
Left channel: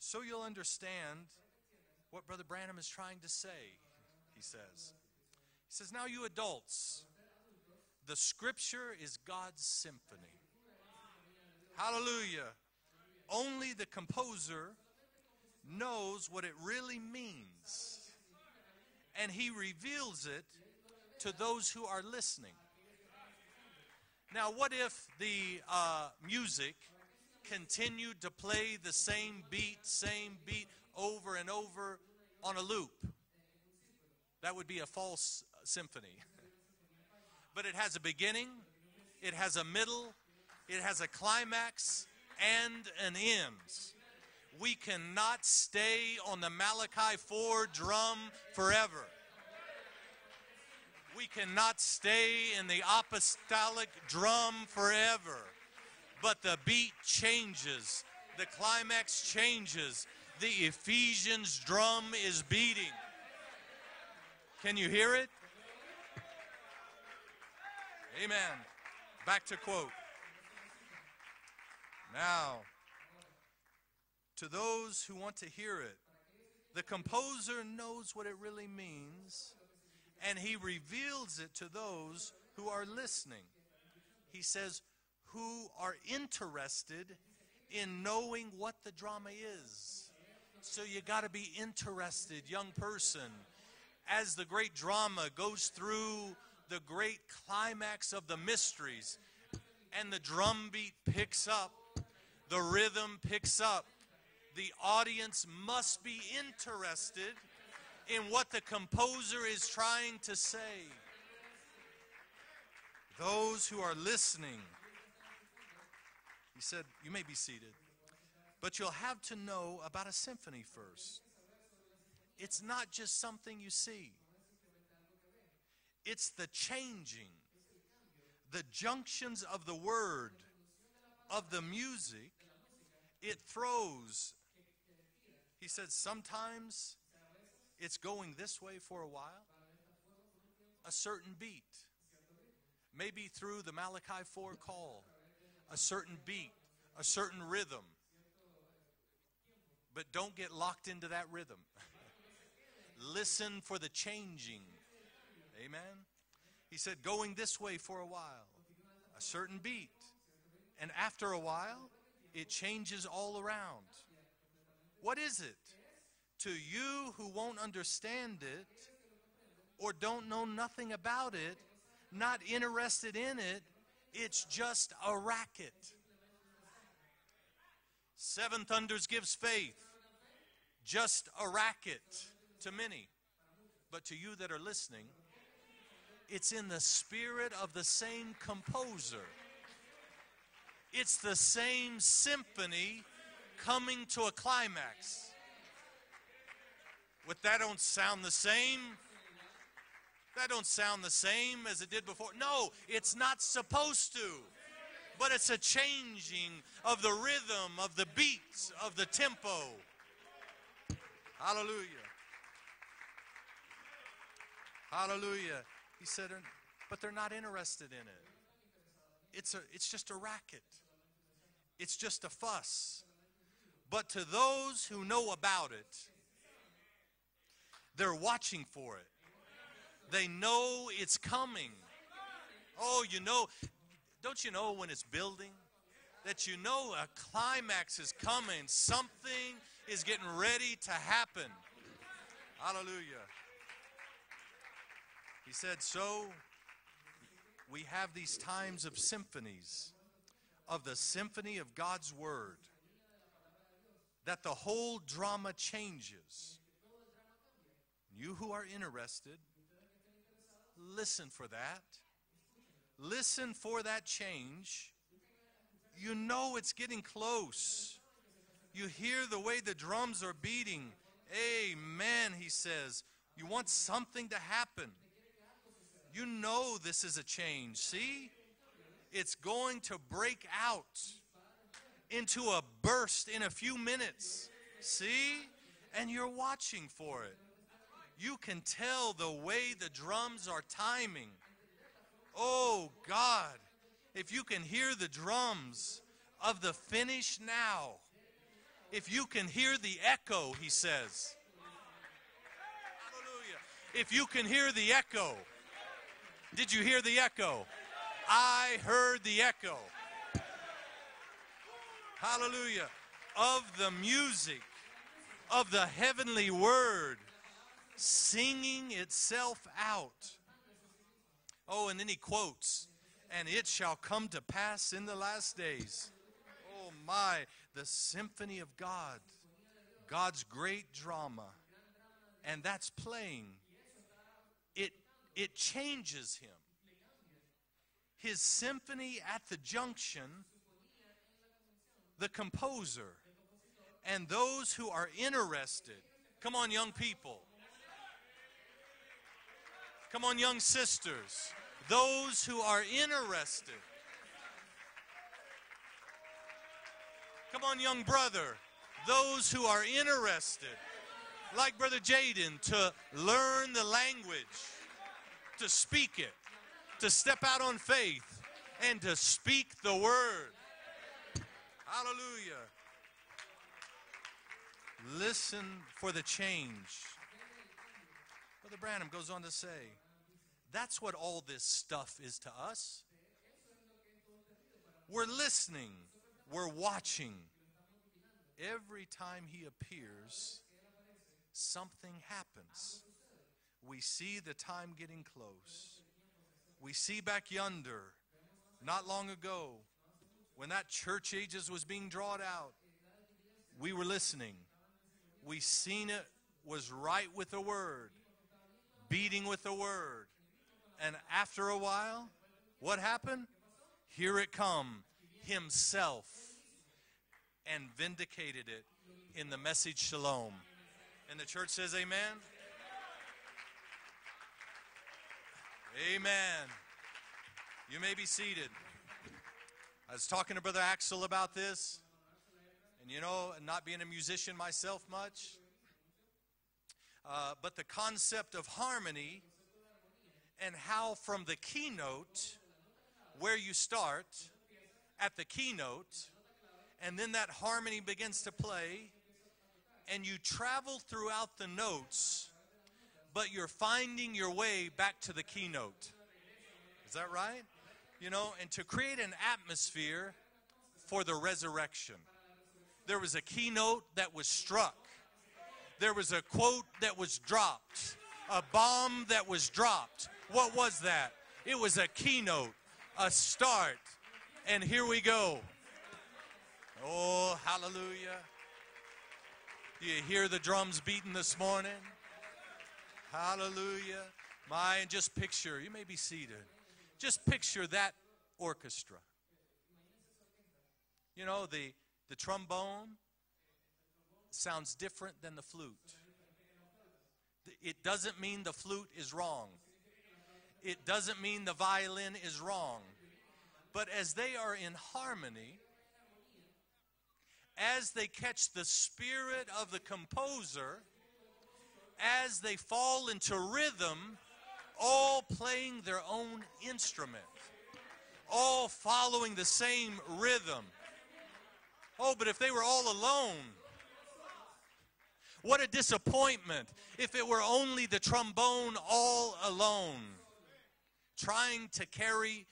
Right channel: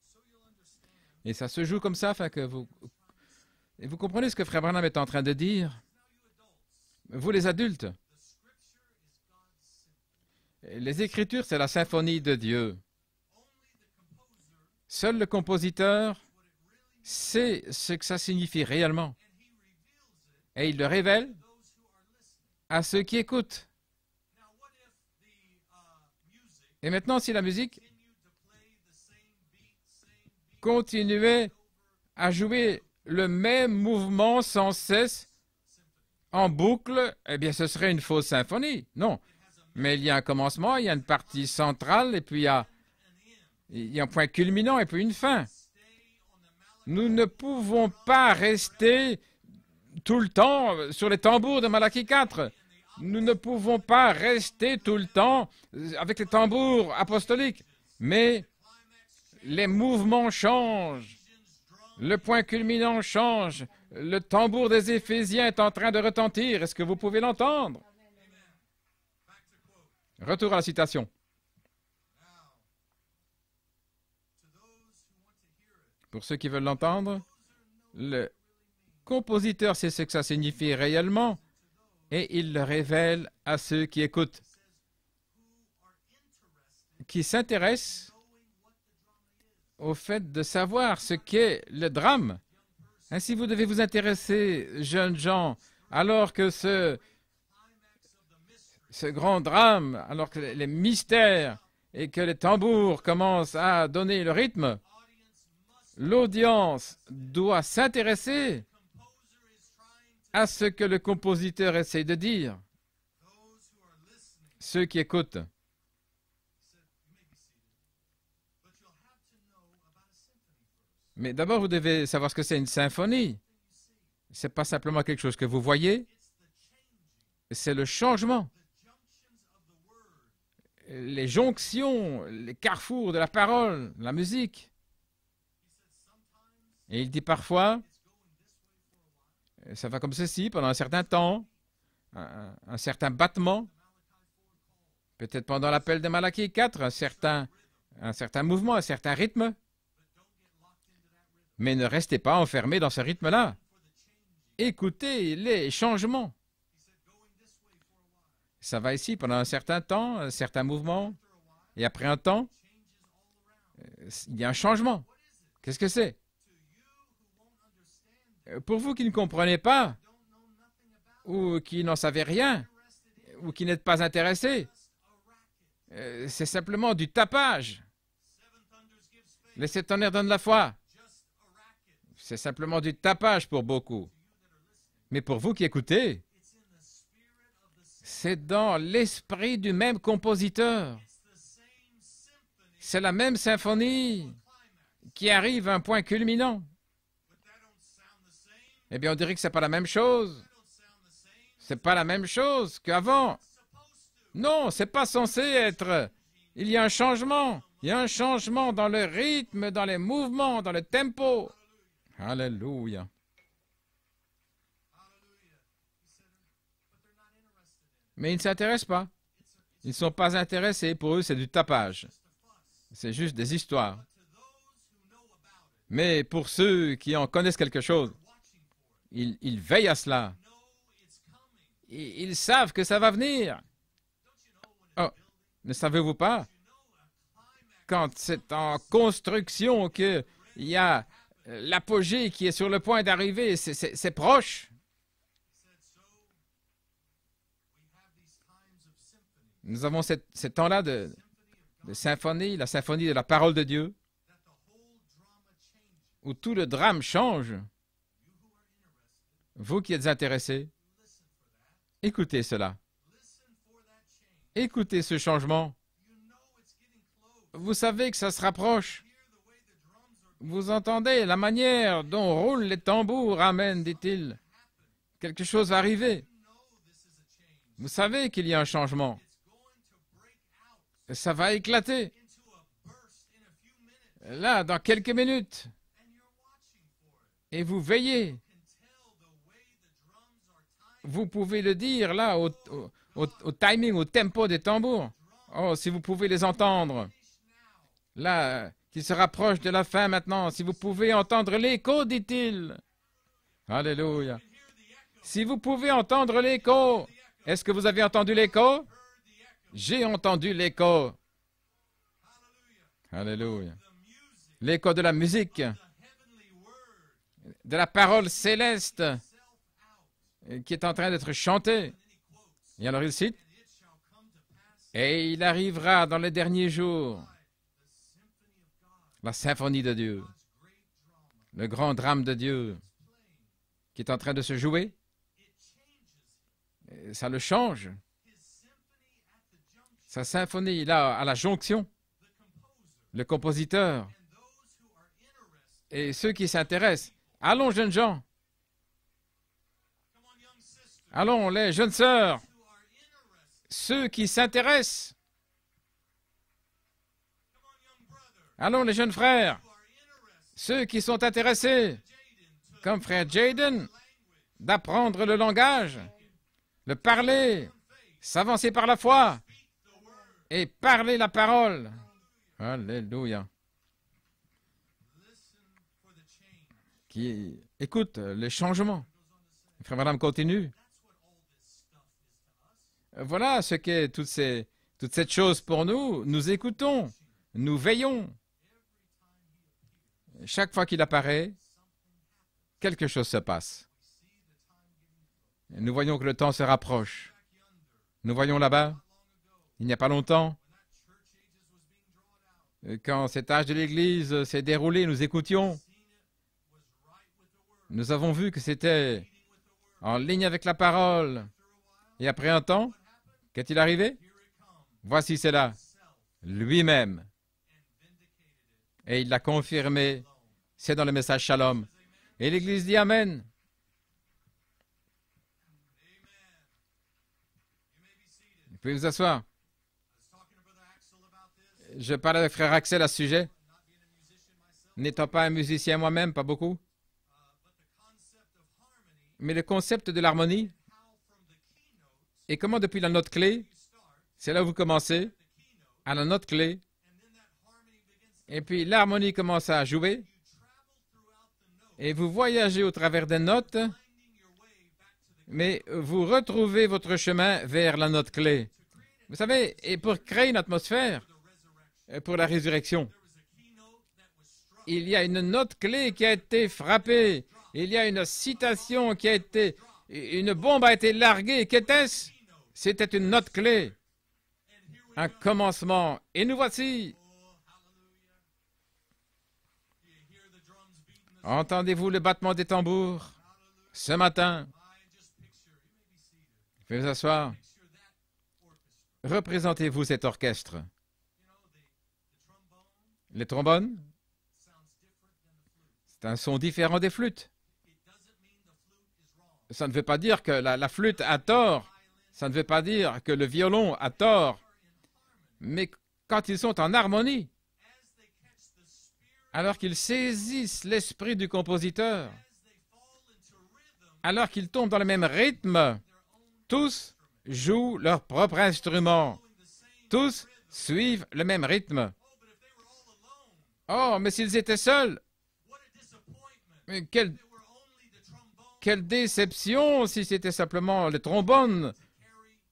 So you'll understand Et ça se joue comme ça, what afin que Brother vous... Branham is trying to say. Et vous comprenez ce que Frère Branham est en train de dire? He says, now you adults, Vous, les adultes, the scripture is God's symphony. les Écritures, c'est la symphonie de Dieu. Only the composer Seul le compositeur knows what it really means. sait ce que ça signifie réellement. And he reveals it Et il le to révèle those who are listening. à ceux qui écoutent. Now, what if the music Et maintenant, si la musique continued to play the same beat continuait over and over à on a jouer loop? le même mouvement That sans would be a cesse false symphony. en boucle, eh bien, ce But it serait has une a fausse beginning, symphonie. Non. It has a Mais il y a un middle, commencement, il y a it une has a partie climax, centrale, et puis il y a and an end. il y a un point culminant We et puis une cannot fin. stay on the Malachi Nous ne 4 pouvons drum pas forever. rester tout le temps sur les We tambours de cannot Malachie stay 4. in the Nous ne pouvons apostolic pas drum rester tout le forever. temps avec les But the tambours beat apostoliques. changes. Mais The climax les changes. mouvements The changent. Ephesians drum Le point is beating. culminant change. Le tambour Can des you hear it? Éphésiens est en train de retentir. Est-ce que vous pouvez l'entendre? Amen. Back to quote. Retour à la citation. Now, to those who want to hear it, Pour ceux qui veulent the l'entendre, composer knows le what it really means, compositeur sait ce que ça and he signifie reveals réellement it to those et il le who are révèle listening. à ceux qui écoutent, He says, who are interested qui in s'intéressent knowing what the drama is. au fait de So savoir you ce gotta be qu'est le drame. interested, young person. Ainsi, vous devez vous As the intéresser, great jeunes drama gens, goes through alors que the ce great climax of the mysteries, grand drame, and the alors que drum les beat mystères picks up, et que les tambours rhythm commencent picks à up, donner le rythme, the audience must be l'audience interested doit in what s'intéresser the composer is trying to à ce say. que le compositeur essaie de dire. Those who are listening, Ceux qui écoutent. he said, you may be seated, but you'll have to know about a symphony first. Mais d'abord, vous devez savoir ce que c'est une It's not just symphonie. something you see. Ce n'est pas simplement quelque chose que vous voyez, It's the changing, c'est le changement. the junctions of the word. Les jonctions, les carrefours de la parole, la musique. He said sometimes Et il dit parfois, it's going this way for a while. ça va comme ceci pendant un A certain certain temps, beat, un certain maybe battement, through the Malachi 4 call, peut-être pendant l'appel de Malachie 4, a certain rhythm. un certain mouvement, un certain rythme, But don't get locked into that rhythm. mais ne restez pas enfermés dans ce rythme-là. Listen for the changing. Écoutez les changements. He said going this way for a while. Ça va ici pendant un certain temps, un certain And mouvement, after a while, et après un temps, it changes all around. il y a un changement. What is it? Qu'est-ce que c'est? To you who won't understand it, Pour vous qui ne comprenez pas, or don't know nothing about ou it, qui n'en savez not rien, interested in ou it, qui n'êtes pas it's intéressés, just a racket. c'est simplement du tapage. Seven thunders gives Les faith, sept tonnerres donnent la foi. just a racket. C'est simplement du tapage pour beaucoup. But to you that are listening, Mais pour vous qui écoutez, it's in the spirit of the same c'est dans composer. l'esprit du même compositeur. It's the same symphony C'est la même coming symphonie to a climax. qui arrive à un point culminant. But that don't sound the same. Eh bien, on dirait que c'est pas la même chose. That don't sound the same as C'est it pas la did même before. chose No, qu'avant. it's not supposed to. Non, c'est pas But censé it's a être. changing Il y a un of the changement. rhythm, Il y a of un the changement beats, dans of le the tempo. rythme, dans les mouvements, dans le tempo. Hallelujah. Alléluia. Hallelujah. He said, but they're not interested in it. Mais ils ne s'intéressent pas. It's Ils ne just sont a pas racket. intéressés. Pour eux, c'est du It's tapage. just a fuss. C'est juste des histoires. But to those who know about it, Mais pour ceux qui en connaissent quelque chose, they're watching for it. ils veillent à They cela. know it's coming. Ils savent que ça Oh, va you know, venir. don't you know when it's Oh, building? Ne savez-vous pas, That you know a climax quand is c'est coming, en something construction is qu'il getting ready y a to happen. l'apogée qui est sur le point d'arriver, c'est proche. He said, so we have these times of symphonies. Nous avons ces temps-là The de symphony of God's symphonie, word, la symphonie de la parole de Dieu, that the whole drama changes. où tout le drame change. You who are interested, Vous qui êtes intéressés, listen for that. écoutez cela. Listen for that change. Écoutez ce changement. You know it's getting close. Vous savez que ça se You rapproche. hear the way the drums are beating. Vous entendez la manière Amen, dont he roulent les says. tambours. Want Amen, something dit-il. to happen. Quelque chose va arriver. You know this is a change. Vous See, savez qu'il y a un changement. it's going to break out Ça va éclater. into a burst in a few minutes. Là, dans quelques See? minutes. And you're watching for it. Et vous veillez. You can tell the way the drums are timing. Vous pouvez le dire là, Oh, au God. timing, au If tempo you des can hear tambours. the drums Oh, si vous pouvez les of the entendre. finish now. Là, il If se you rapproche can de hear la the fin echo, maintenant. Si he vous pouvez says. entendre l'écho, dit-il. Hallelujah. If you Alléluia. can hear the echo. Si vous pouvez entendre Did you l'écho, hear the echo? est-ce que vous avez entendu I l'écho? heard the echo. J'ai entendu l'écho. Hallelujah. Alléluia. Of the music. L'écho de la musique, Of the heavenly word. de la parole Singing céleste itself out. qui est en train d'être chantée. Oh, and then he quotes. Et alors il cite, And it shall come to pass in et the il last arrivera days. dans les derniers jours, Why? The symphony of God. la symphonie de Dieu, God's great drama. le grand drame de Dieu And that's playing. qui est en train de se jouer. It changes him. Et ça le change. His symphony at the junction. Sa symphonie, là, à la jonction, The composer. le compositeur And those who are interested. et ceux qui Come on, young s'intéressent. people. Allons, jeunes gens. Come on, young sisters. Allons, les jeunes Those sœurs. who are interested. Ceux qui s'intéressent. Come on, young brother. Allons, les jeunes Those frères. who are interested. Ceux qui sont Like intéressés Brother Jaden, to comme frère learn Jaden, the language, d'apprendre le to langage, speak it, de to step parler, out on faith, s'avancer par and la to foi speak the word. et parler la parole. Hallelujah. Alléluia. Listen for the change. Qui écoute le changement. Branham goes on to say, Frère Madame continue. that's what all this stuff is to us. Voilà ce qu'est toute cette chose pour nous. Nous We're écoutons, watching. nous veillons. Every time he appears, Chaque fois qu'il apparaît, something happens. quelque chose se passe. We see the time getting close. Nous voyons que le temps se We see rapproche. back yonder, Nous voyons là-bas, not long ago, il n'y a pas longtemps, when that church ages was being drawn out. quand cet âge de l'Église s'est déroulé, nous écoutions. We've seen it was right with the word, Nous avons vu que c'était beating with the word. en ligne avec la parole. After a while, Et après un temps, what happened? qu'est-il arrivé? Here it come. Voici cela, Himself, lui-même. and vindicated it Et il l'a in the message confirmé. shalom. C'est dans le message Church Shalom. says amen. Et l'Église dit Amen. Amen. You may be seated. Vous pouvez vous asseoir. I was talking to Brother Axel about this. Je parlais avec frère Axel à ce You sujet. know, not being a musician myself N'étant much, pas un musicien moi-même, pas beaucoup. but the concept of harmony Mais le concept de l'harmonie and how from the keynote, et comment depuis la note where clé, you start c'est là où vous commencez, at the keynote, à la note clé, and then that harmony begins to et puis play, l'harmonie commence à jouer, and you travel throughout the notes, et vous voyagez au travers des but notes, you're finding your way back to the mais keynote. vous retrouvez votre chemin vers la note You know, clé. and to create an Vous savez, et pour atmosphere créer une atmosphère for the resurrection. pour la résurrection, There was a keynote that was struck. il y a une note clé There qui a was a été quote frappée. that was dropped. Il y a une A citation bomb qui a that was été... dropped. Une What bombe was a été that? larguée. It was a Qu'était-ce? keynote, C'était une a note clé, start. And here we un go. commencement. Et nous voici. Oh, hallelujah. Do you hear the drums beating this morning? Entendez-vous le battement des tambours Hallelujah. ce matin? My, just picture, you may be seated. Vous pouvez vous Just asseoir. picture that orchestra. Représentez-vous cet orchestre. You know, the trombone Les trombones, sounds different than the flute. c'est un son différent des flûtes. It doesn't mean the flute is wrong. Ça ne veut pas dire que la It flûte doesn't a mean the tort. violin Ça ne is veut pas wrong. dire que le violon But a as they tort. are in harmony, Mais quand ils sont en harmonie, as they catch the spirit alors of qu'ils the saisissent composer, l'esprit du compositeur, as they fall into rhythm, alors qu'ils tombent dans le même all rythme, playing their own tous instrument, jouent leur propre all instrument. following the same Tous rhythm. suivent le même rythme. Oh, but if they were all alone, Oh, mais s'ils étaient seuls, what a disappointment. Mais quelle- If it were only the trombone quelle all déception alone, si c'était simplement le trying trombone to carry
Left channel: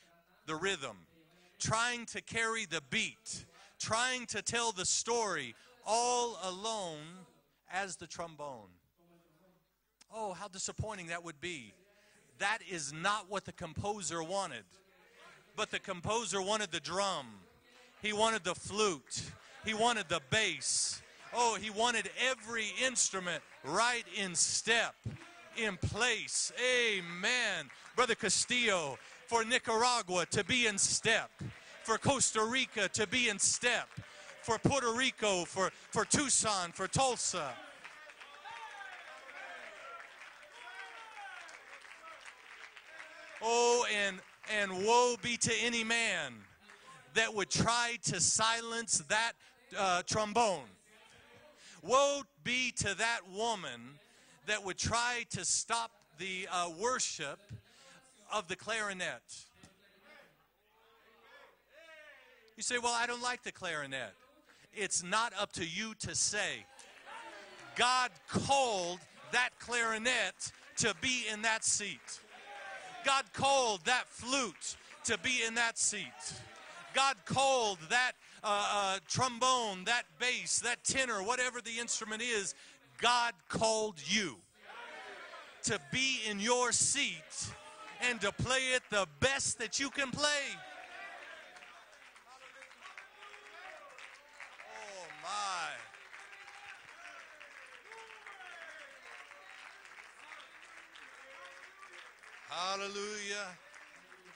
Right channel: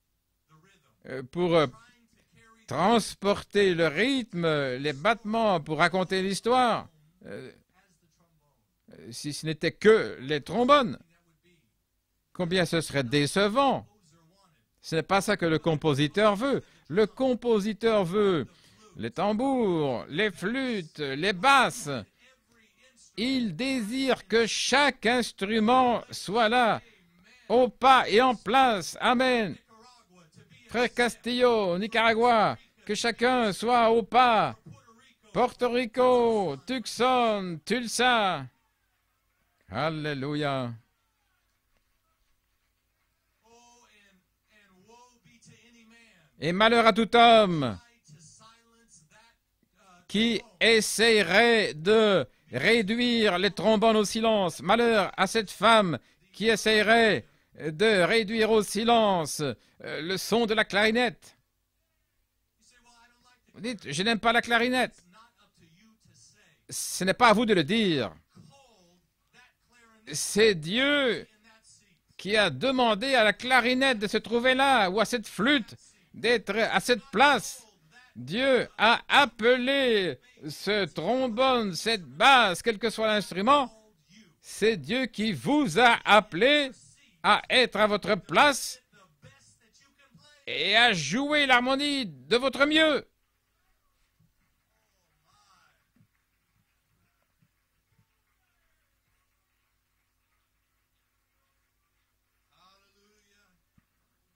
the rhythm, pour trying to carry the beat, transporter le trying to rythme, tell the les story, battements, pour raconter all l'histoire. alone as the trombone. Si ce n'était que Oh, les how trombones, disappointing that would be. combien That ce is serait not what the décevant. composer wanted. Ce n'est pas ça que le But the compositeur composer veut. wanted the Le drum. compositeur He veut wanted the flute. les He tambours, wanted the les bass. flûtes, les Oh, he basses. wanted every instrument Il désire right que in chaque step, instrument in place. soit là, Amen. au pas Brother et en Castillo, place. for Amen. Nicaragua to be in Frère step. Castillo, Nicaragua, Rica que to be chacun in soit step. au pas. For Puerto Rico, Porto for Rico, Tucson, for Tucson, Tulsa. Tulsa. Alléluia. Oh, and woe be to any man Et malheur à tout that homme would try to silence that qui trombone. essayerait de réduire les trombones au silence. Malheur à cette femme qui essayerait de réduire au silence le son de la clarinette. You say, well, I don't like the Dites, clarinet. je n'aime pas la clarinette. It's not up to you to say. Ce n'est pas à vous de le dire. God called that clarinet C'est to Dieu be in that seat. Qui a demandé à la clarinette de se trouver là, ou à cette flûte d'être à cette place. Dieu a appelé ce trombone, cette basse, quel que soit l'instrument. C'est Dieu qui vous a appelé à être à votre place et à jouer l'harmonie de votre mieux. Hallelujah.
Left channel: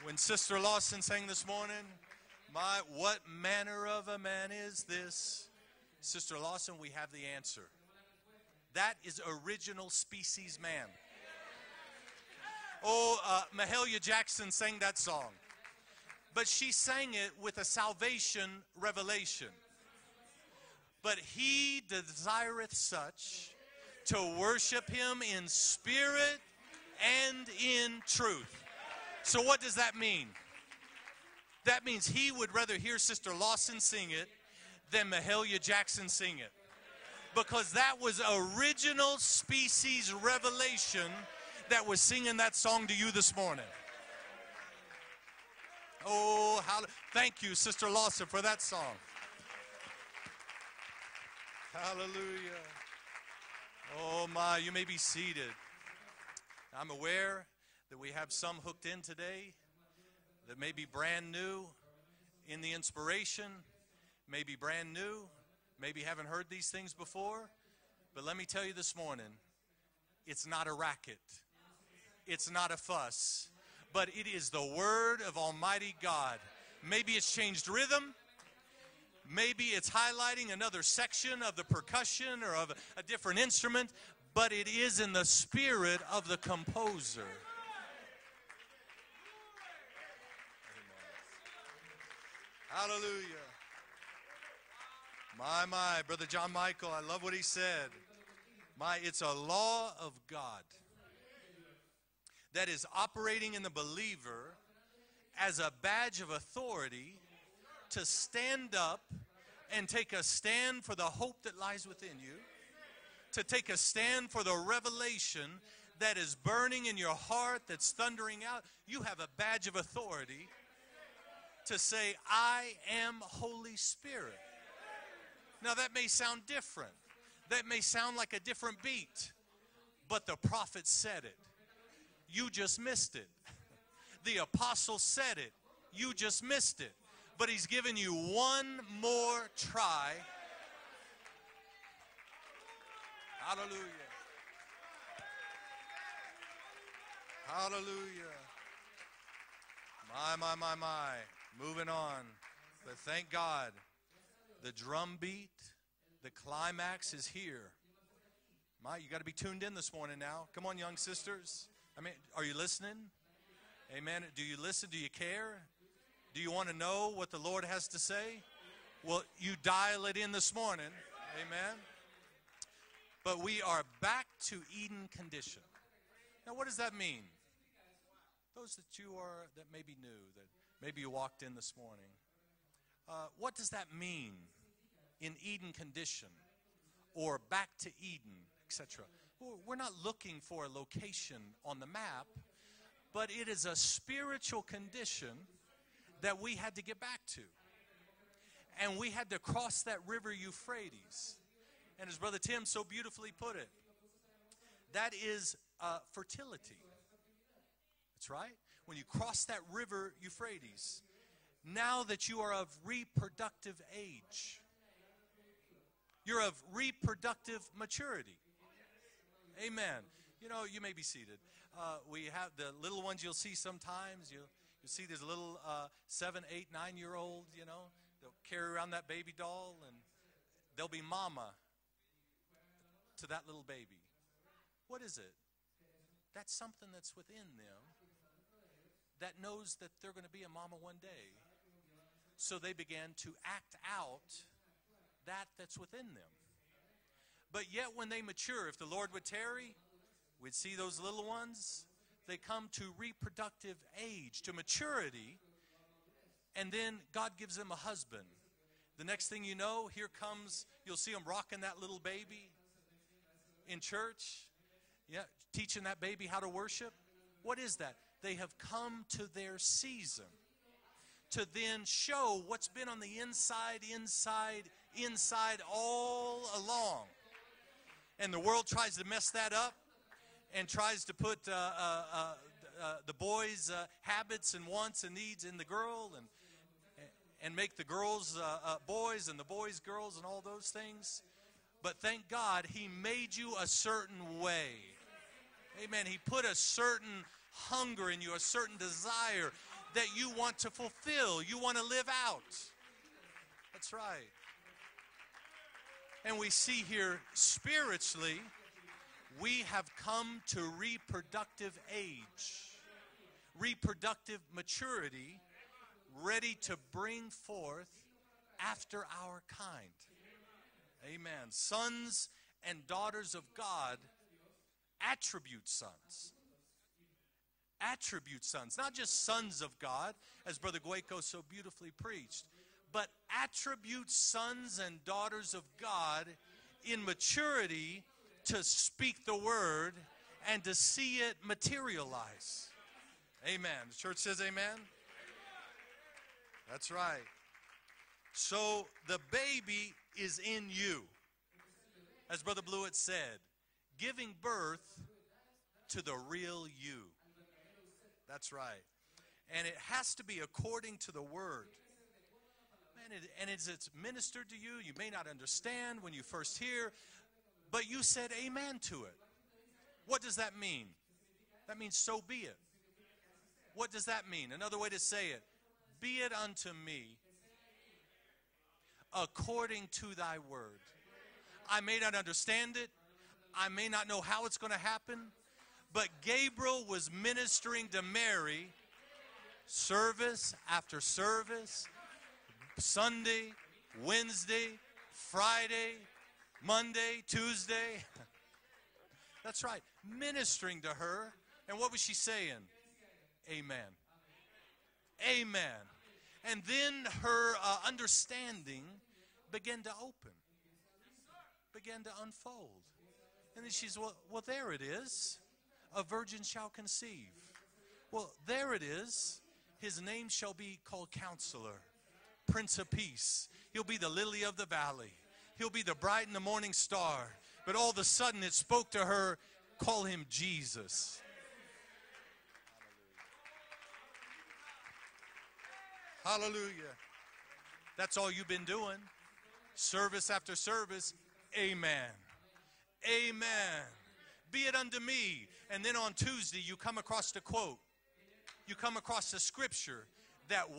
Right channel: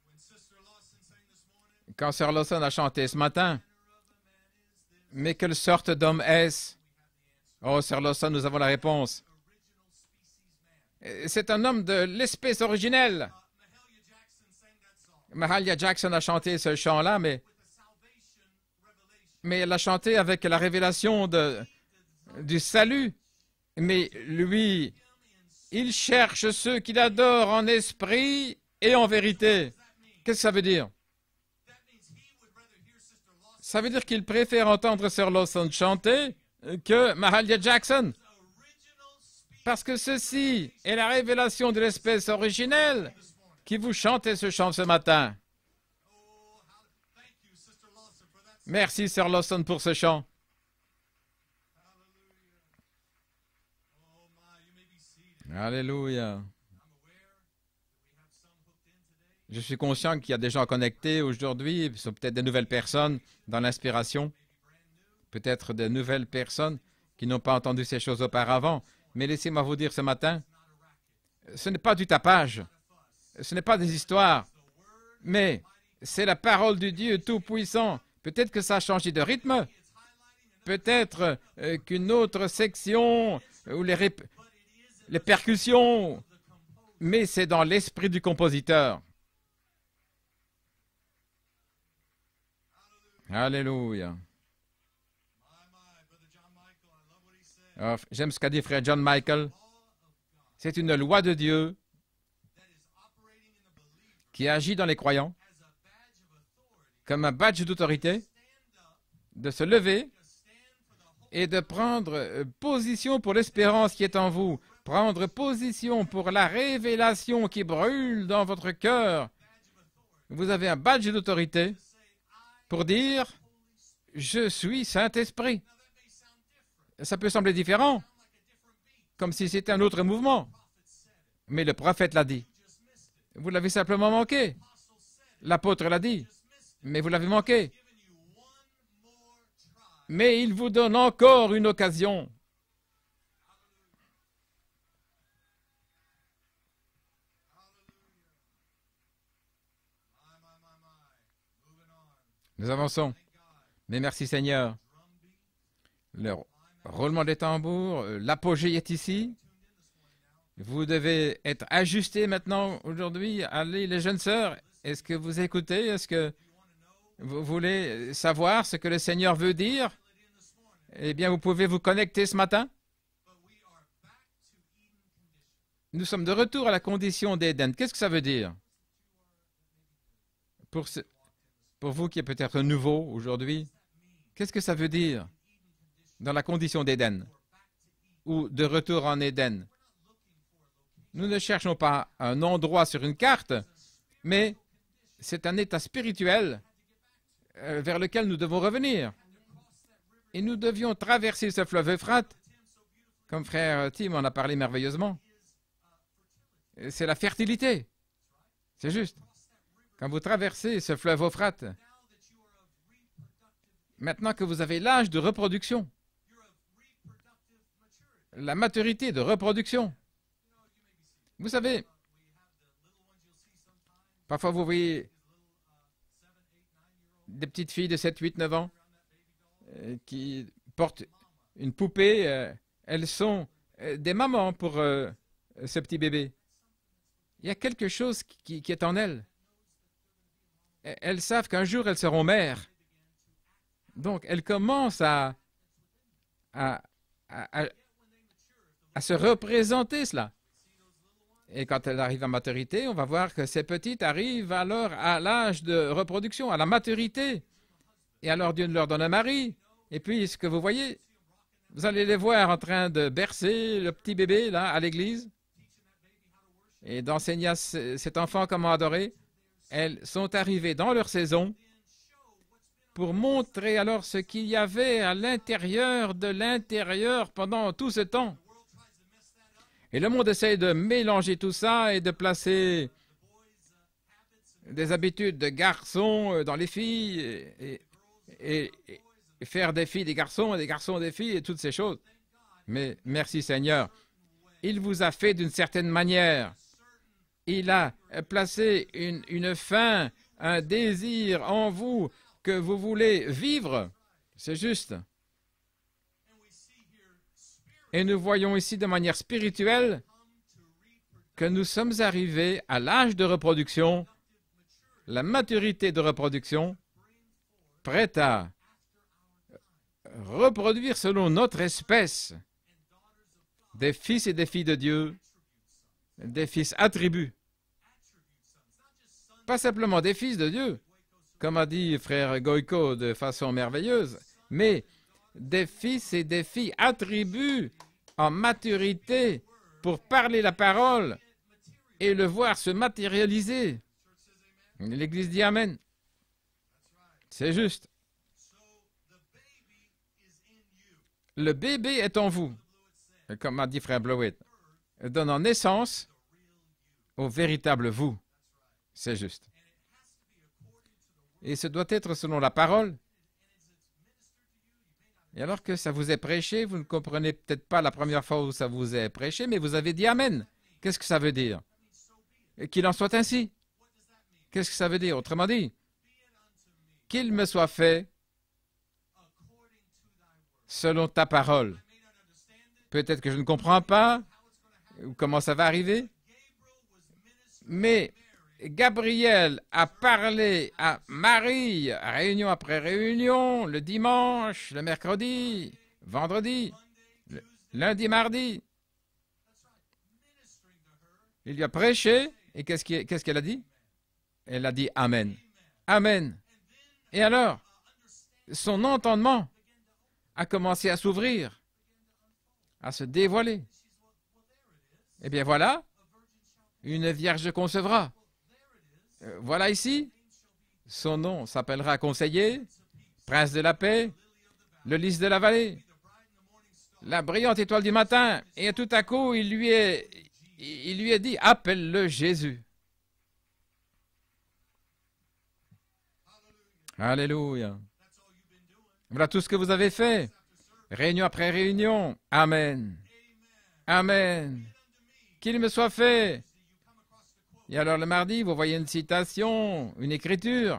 When Sister Lawson sang this morning, Quand Sœur Lawson a chanté ce what matin, manner of a man is this? mais quelle sorte d'homme Sister est-ce? Lawson, we have the answer. Oh, Sœur Lawson, nous avons la That réponse. is original species man. C'est un homme de l'espèce originelle. Mahalia Jackson sang that song. Mahalia Jackson a But chanté she ce chant-là, sang mais it with a salvation revelation. elle l'a chanté avec la révélation But he desireth du salut. such Mais to lui, worship him in il spirit. cherche ceux qui l'adorent en and in esprit et en So what vérité. does that mean? Qu'est-ce que ça veut dire? That means he would rather hear Sister Lawson Ça veut dire sing qu'il it préfère entendre than Sœur Mahalia Lawson Jackson chanter sing que Mahalia Because Jackson. that was original Parce que species ceci revelation est la révélation de that was l'espèce singing that song to originelle you this morning. qui vous chantait ce chant ce matin. Oh, thank you, Sister Lawson, for that song. Merci Sœur Lawson pour ce chant. Hallelujah. Oh my, you may be seated. Alléluia. I'm aware that we have some hooked in today. Je suis conscient qu'il y a des gens connectés aujourd'hui, ce sont peut-être des nouvelles personnes dans l'inspiration, Maybe brand new. peut-être des Maybe you nouvelles haven't heard these personnes things before. qui n'ont pas entendu ces choses Let me tell you auparavant. this morning, Mais laissez-moi vous dire ce matin, it's not a racket. ce n'est pas du It's tapage, not a fuss. ce n'est pas des But it histoires, is the word of mais Almighty God. c'est la parole du Maybe Dieu it's changed Tout-Puissant. rhythm. Peut-être que ça a changé de rythme, Maybe it's highlighting another peut-être section of the qu'une percussion autre or section a different instrument, ou but it is in les the percussions, spirit of the composer. mais c'est dans l'esprit du compositeur. Hallelujah. Alléluia. My, Brother John Michael, I love what he said. Oh, j'aime ce qu'a dit frère John It's a Michael. law of God C'est une loi de Dieu that is operating in the believer qui agit dans les croyants as a badge of authority comme un badge to d'autorité, stand up de se and lever take a stand for the hope et that de lies prendre within. position pour l'espérance qui est en vous, prendre position pour la révélation qui brûle dans votre cœur. Badge of authority Vous avez un badge d'autorité to say, I pour am dire, Holy Spirit. je suis Saint-Esprit. Now that may sound different. Ça peut sembler That may différent, sound like a different beat. comme si c'était un autre But mouvement, the prophet said it. mais le prophète l'a dit. You just missed it. Vous l'avez simplement The manqué. apostle said it. L'apôtre l'a You dit, just missed it. mais vous l'avez But manqué. he's given you one more try. Mais il vous donne encore une occasion. Hallelujah. Hallelujah. My. Moving on. Nous avançons. Thank God. Mais merci The Seigneur. drum beat. Le Climax roulement is des here. tambours, l'apogée est You gotta ici. be tuned in this morning now. Come on, Vous young devez sisters. être ajustés Are you maintenant, listening? aujourd'hui. Allez, les jeunes Amen. sœurs, Do you listen? est-ce Do que you vous care? écoutez? Est-ce que Do you want to know what the vous Lord has voulez to say? savoir ce que le Seigneur Well, veut you dire? dial it in this morning. Eh bien, vous Amen. pouvez vous connecter ce matin. But we are back to Eden condition. Nous sommes de retour à la condition d'Éden. Qu'est-ce que ça veut dire? Those that you are that may be new, that Pour, maybe ce- you walked in this pour morning. vous qui est peut-être nouveau What aujourd'hui, does that mean qu'est-ce que ça veut dire in Eden condition dans la condition d'Éden or back to Eden? ou de retour en Éden? We're not looking for a location Nous ne cherchons in the pas map, un endroit sur une but carte, it is a spiritual mais condition c'est un état that we spirituel had to get back to. vers lequel nous devons And we revenir. had to cross that river Et nous Euphrates. devions traverser ce fleuve Euphrate, Brother Tim so beautifully comme put it. frère Tim en a parlé merveilleusement. That is fertility. C'est la fertilité, That's right. c'est juste. Cross that river Quand vous Euphrates. traversez ce fleuve Euphrate, Now that you are of reproductive age, maintenant que vous avez l'âge de reproduction, you're of reproductive maturity. la maturité de reproduction, Amen. You know, you may be seated. vous savez, We have the little ones you'll see sometimes. parfois vous You see voyez these little 7, 8, 9-year-olds. des petites filles de 7, 8, 9 ans around that baby doll. qui They'll portent be mama, une poupée. Elles sont that little baby. des mamans pour What is it? ce petit bébé. That's something that's within Il y a them quelque chose qui est en elles. that knows that they're going to be a mama one day. Elles savent qu'un jour elles seront So mères. they began to act out Donc elles commencent à, that that's within them. à, à- But yet when they mature, if the à Lord se would tarry, représenter cela. we'd see those little ones. Et quand elles arrivent à maturité, on va voir que ces petites arrivent alors à l'âge de reproduction, à la And maturité. God gives them a husband. Et alors Dieu leur donne un Next thing mari. you know, Et here puis, ce que vous comes- voyez, you'll see 'em rocking that Vous little allez les baby, voir en train de bercer le petit bébé là à l'église teaching that baby how to worship. et d'enseigner à What is that? cet They enfant have comment come adorer. to their Elles season sont arrivées dans leur to saison then show what's been on pour the montrer inside, alors ce qu'il y inside, avait à inside l'intérieur de all l'intérieur pendant tout ce along. temps. And the world tries to mess that up. Et le monde essaye de and tries to mélanger put, tout ça et de placer the boys, habits and wants des and habitudes needs de in the girls, garçons dans les filles and make the girls, et boys and the faire boys des filles des girls, garçons all et des those garçons des things. filles et toutes ces choses. But thank God, he Mais made merci you a Seigneur. certain way. Il vous a fait d'une certaine He manière. put a certain Il a hunger in you, a placé certain une desire faim, that you want un to désir fulfill, you en want to vous live out. que vous voulez vivre. That's right. C'est juste. And we see here Et nous spiritually, voyons ici de manière we spirituelle have come to reproductive que nous sommes age, arrivés à l'âge de reproduction, reproductive maturity, la maturité de ready reproduction, to bring forth prête à after our kind. reproduire selon notre espèce And daughters of God, des fils et des filles de Dieu, attribute sons. des fils attributs, Attribute sons, not just sons pas of simplement God, des fils de as Dieu, Brother Goico so comme a dit beautifully frère preached, Goïko but de façon attribute merveilleuse, sons mais and daughters des of fils et God des filles in attribuent maturity en to maturité speak the word pour parler la and to parole see it materialize. et le voir se matérialiser. Amen. The church says amen. L'Église dit Amen. That's right. C'est juste. So the baby is in you. Le bébé est en As vous, Brother Blewett said, comme a dit frère giving Blowett, birth donnant to naissance the real you. au véritable vous. That's right. C'est juste. And it has to be according to the word. Et ce doit être selon la parole. And it's ministered to you. You may not Et alors que ça understand vous when est you first prêché, vous ne hear. comprenez peut-être pas la But you première said fois où ça amen vous to est it. prêché, mais vous avez dit What does Amen. that mean? Qu'est-ce que ça veut dire? That means so be it. Et qu'il en soit ainsi. What does that mean? Qu'est-ce que Another ça way veut to dire? say it, Autrement dit, be it unto me qu'il me soit fait selon ta parole. Peut-être que je ne comprends pas comment ça va arriver, mais Gabriel a parlé à Marie, réunion après réunion, le dimanche, le mercredi, vendredi, lundi, mardi. Il lui a prêché, et qu'est-ce qu'elle a dit? Elle a dit Amen. Amen. Et alors, son entendement a commencé à s'ouvrir, à se dévoiler. Eh bien voilà, une vierge concevra. Voilà ici, son nom s'appellera Conseiller, Prince de la paix, le lys de la vallée, la brillante étoile du matin. Et tout à coup, il lui est dit, appelle-le Jésus. Alléluia. Voilà tout ce que vous avez fait, réunion après réunion. Amen. Amen. Qu'il me soit fait. Et alors le mardi, vous voyez une citation, une écriture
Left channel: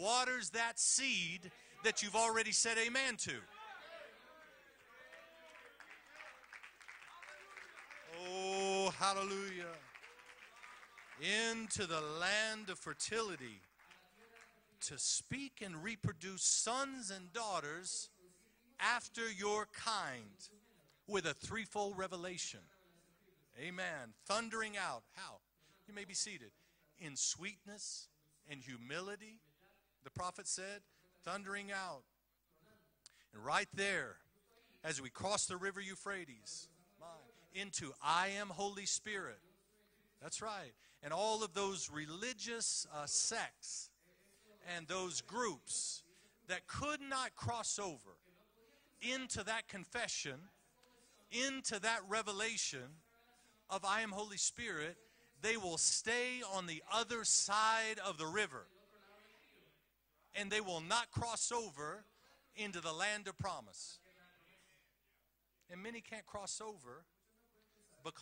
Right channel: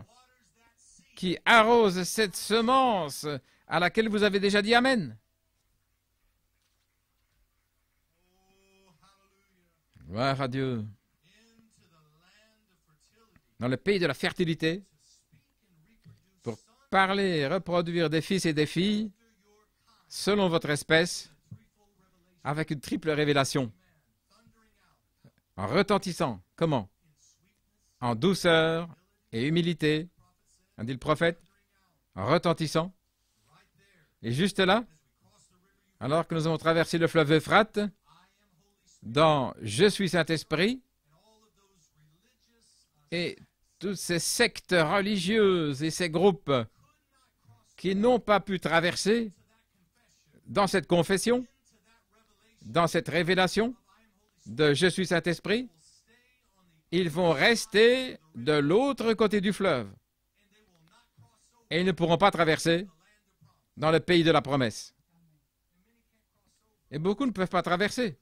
qui arrose cette semence à laquelle vous avez déjà dit Amen. Gloire à Dieu. Dans le pays de la fertilité, pour parler et reproduire des fils et des filles selon votre espèce, avec une triple révélation, en retentissant. Comment? En douceur et humilité, a dit le prophète, en retentissant. Et juste là, alors que nous avons traversé le fleuve Euphrate, dans « Je suis Saint-Esprit », et toutes ces sectes religieuses et ces groupes qui n'ont pas pu traverser dans cette confession, dans cette révélation de « Je suis Saint-Esprit », ils vont rester de l'autre côté du fleuve et ils ne pourront pas traverser dans le pays de la promesse. Et beaucoup ne peuvent pas traverser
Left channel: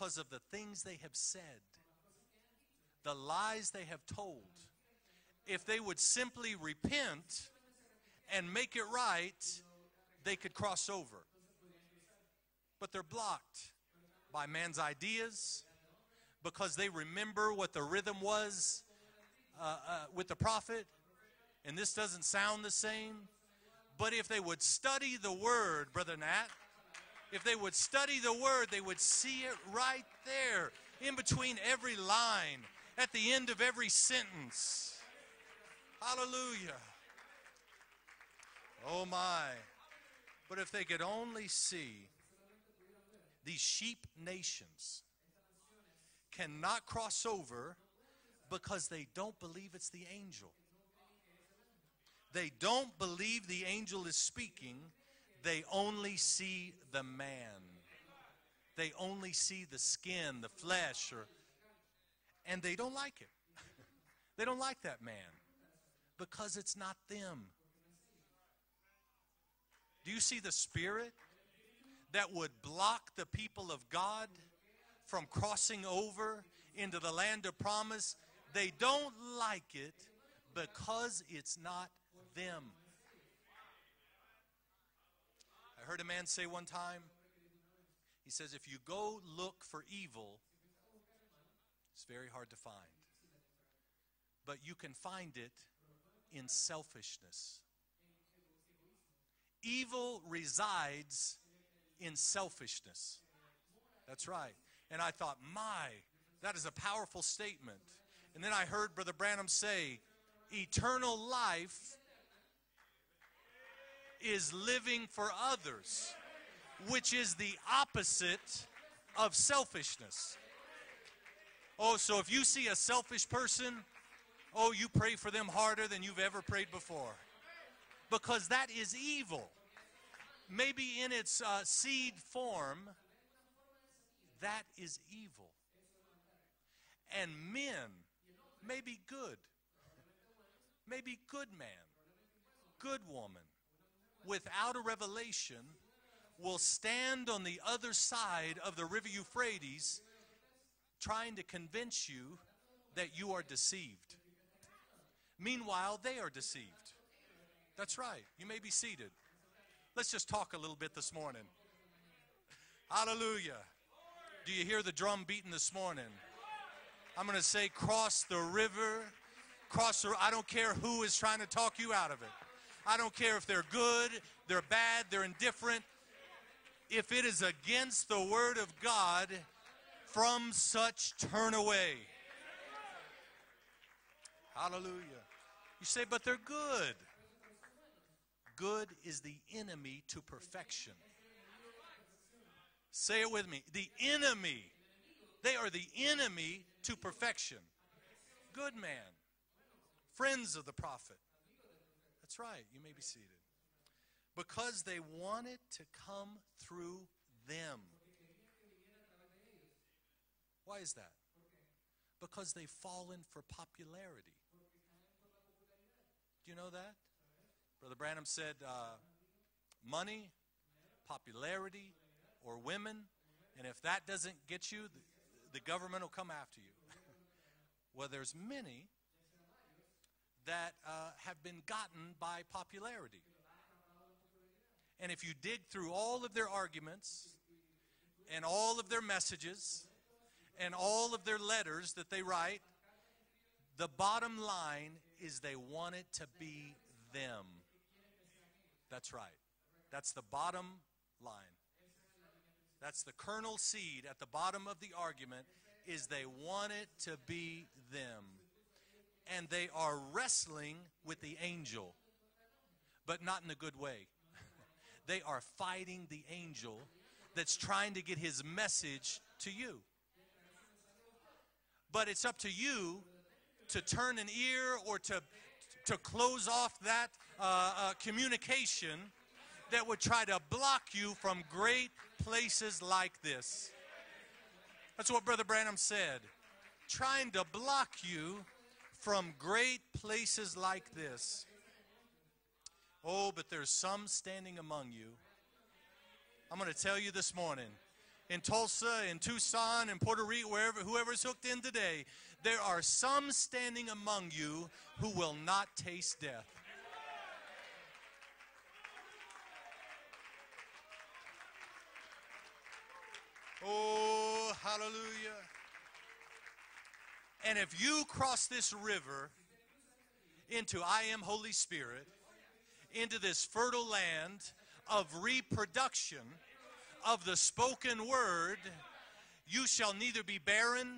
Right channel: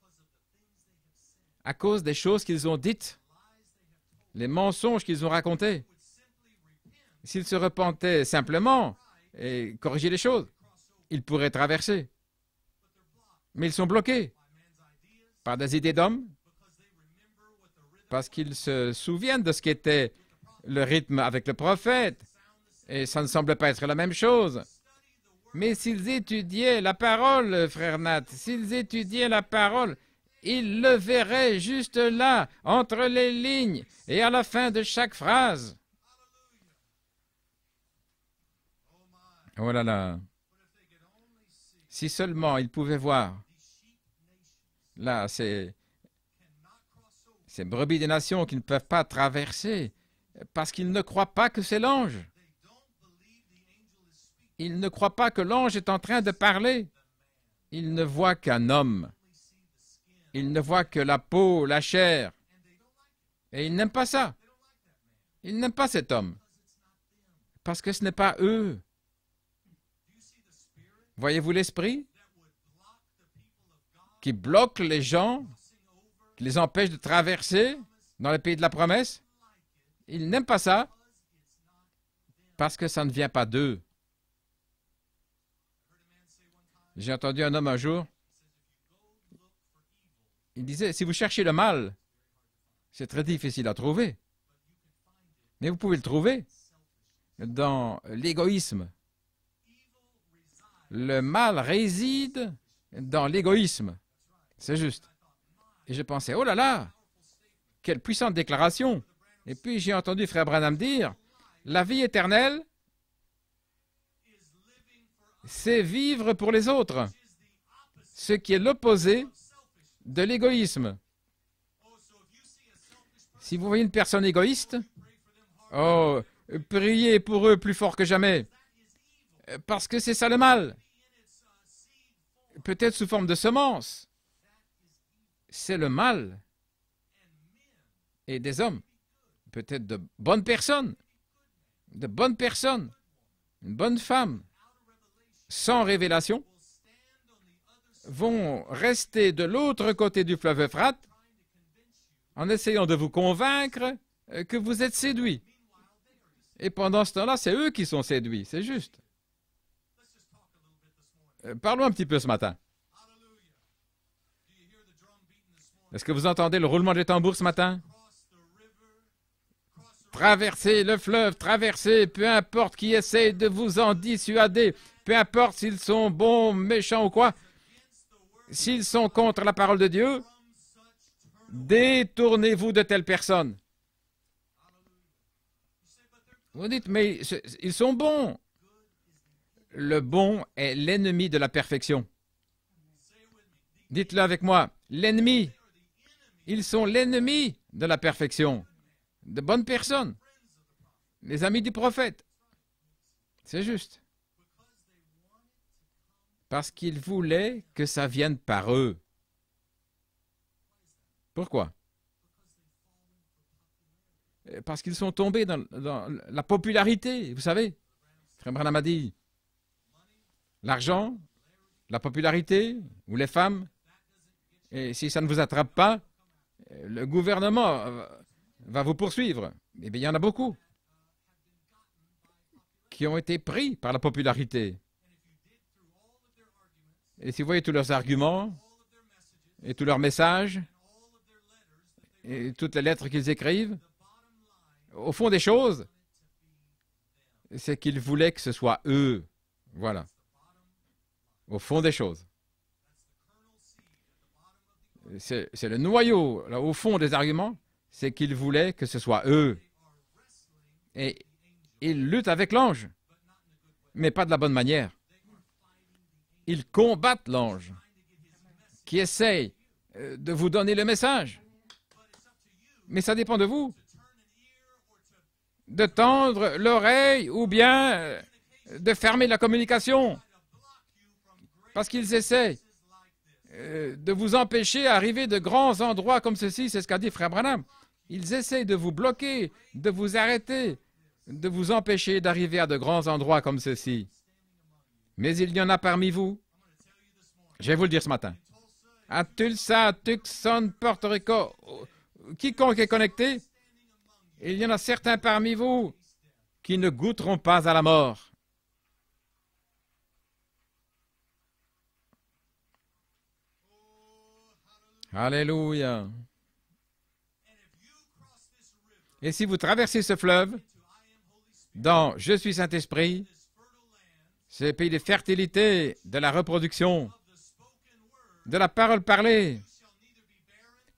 à cause des choses qu'ils ont dites, les mensonges qu'ils ont racontés. S'ils se repentaient simplement et corrigeaient les choses, ils pourraient traverser. Mais ils sont bloqués par des idées d'hommes, parce qu'ils se souviennent de ce qu'était le rythme avec le prophète, et ça ne semble pas être la même chose. Mais s'ils étudiaient la parole, frère Nat, s'ils étudiaient la parole, ils le verraient juste là, entre les lignes, et à la fin de chaque phrase. Oh là là! Si seulement ils pouvaient voir, là, ces brebis des nations qui ne peuvent pas traverser parce qu'ils ne croient pas que c'est l'ange. Ils ne croient pas que l'ange est en train de parler. Ils ne voient qu'un homme. Ils ne voient que la peau, la chair. Et ils n'aiment pas ça. Ils n'aiment pas cet homme parce que ce n'est pas eux. Voyez-vous l'esprit qui bloque les gens, qui les empêche de traverser dans le pays de la promesse? Ils n'aiment pas ça parce que ça ne vient pas d'eux. J'ai entendu un homme un jour, il disait, si vous cherchez le mal, c'est très difficile à trouver, mais vous pouvez le trouver dans l'égoïsme. Le mal réside dans l'égoïsme. C'est juste. Et je pensais, oh là là, quelle puissante déclaration. Et puis j'ai entendu Frère Branham dire, la vie éternelle, c'est vivre pour les autres, ce qui est l'opposé de l'égoïsme. Si vous voyez une personne égoïste, oh, priez pour eux plus fort que jamais, parce que c'est ça le mal. Peut-être sous forme de semence. C'est le mal. Et des hommes, peut-être de bonnes personnes, une bonne femme, sans révélation, vont rester de l'autre côté du fleuve Euphrate en essayant de vous convaincre que vous êtes séduits. Et pendant ce temps-là, c'est eux qui sont séduits, c'est juste. Let's just talk a little bit this morning. Parlons un petit peu ce matin. Hallelujah. Do you hear the drum beating this morning? Est-ce que vous entendez le roulement des tambours ce matin? Traversez le fleuve, traversez, peu importe qui essaie de vous en dissuader, peu importe s'ils sont bons, méchants ou quoi, s'ils sont contre la parole de Dieu, détournez-vous de telles personnes. Vous dites, mais ils sont bons. Le bon est l'ennemi de la perfection. Dites-le avec moi, l'ennemi. Ils sont l'ennemi de la perfection. De bonnes personnes, les amis du prophète. C'est juste. Parce qu'ils voulaient que ça vienne par eux. Pourquoi? Parce qu'ils sont tombés dans la popularité, vous savez. Comme Branham a dit, l'argent, la popularité ou les femmes, et si ça ne vous attrape pas, le gouvernement va vous poursuivre. Eh bien, il y en a beaucoup qui ont été pris par la popularité. Et si vous voyez tous leurs arguments, et tous leurs messages, et toutes les lettres qu'ils écrivent, au fond des choses, c'est qu'ils voulaient que ce soit eux. Voilà. Au fond des choses. C'est le noyau, là, au fond des arguments, c'est qu'ils voulaient que ce soit eux. Et ils luttent avec l'ange, mais pas de la bonne manière. Ils combattent l'ange qui essaye de vous donner le message. Mais ça dépend de vous de tendre l'oreille ou bien de fermer la communication parce qu'ils essaient de vous empêcher d'arriver de grands endroits comme ceci, c'est ce qu'a dit Frère Branham. Ils essaient de vous bloquer, de vous arrêter, de vous empêcher d'arriver à de grands endroits comme ceci. Mais il y en a parmi vous. Je vais vous le dire ce matin. À Tulsa, Tucson, Porto Rico, quiconque est connecté, il y en a certains parmi vous qui ne goûteront pas à la mort. Alléluia. Et si vous traversez ce fleuve dans « Je suis Saint-Esprit », c'est le pays de fertilité, de la reproduction, de la parole parlée.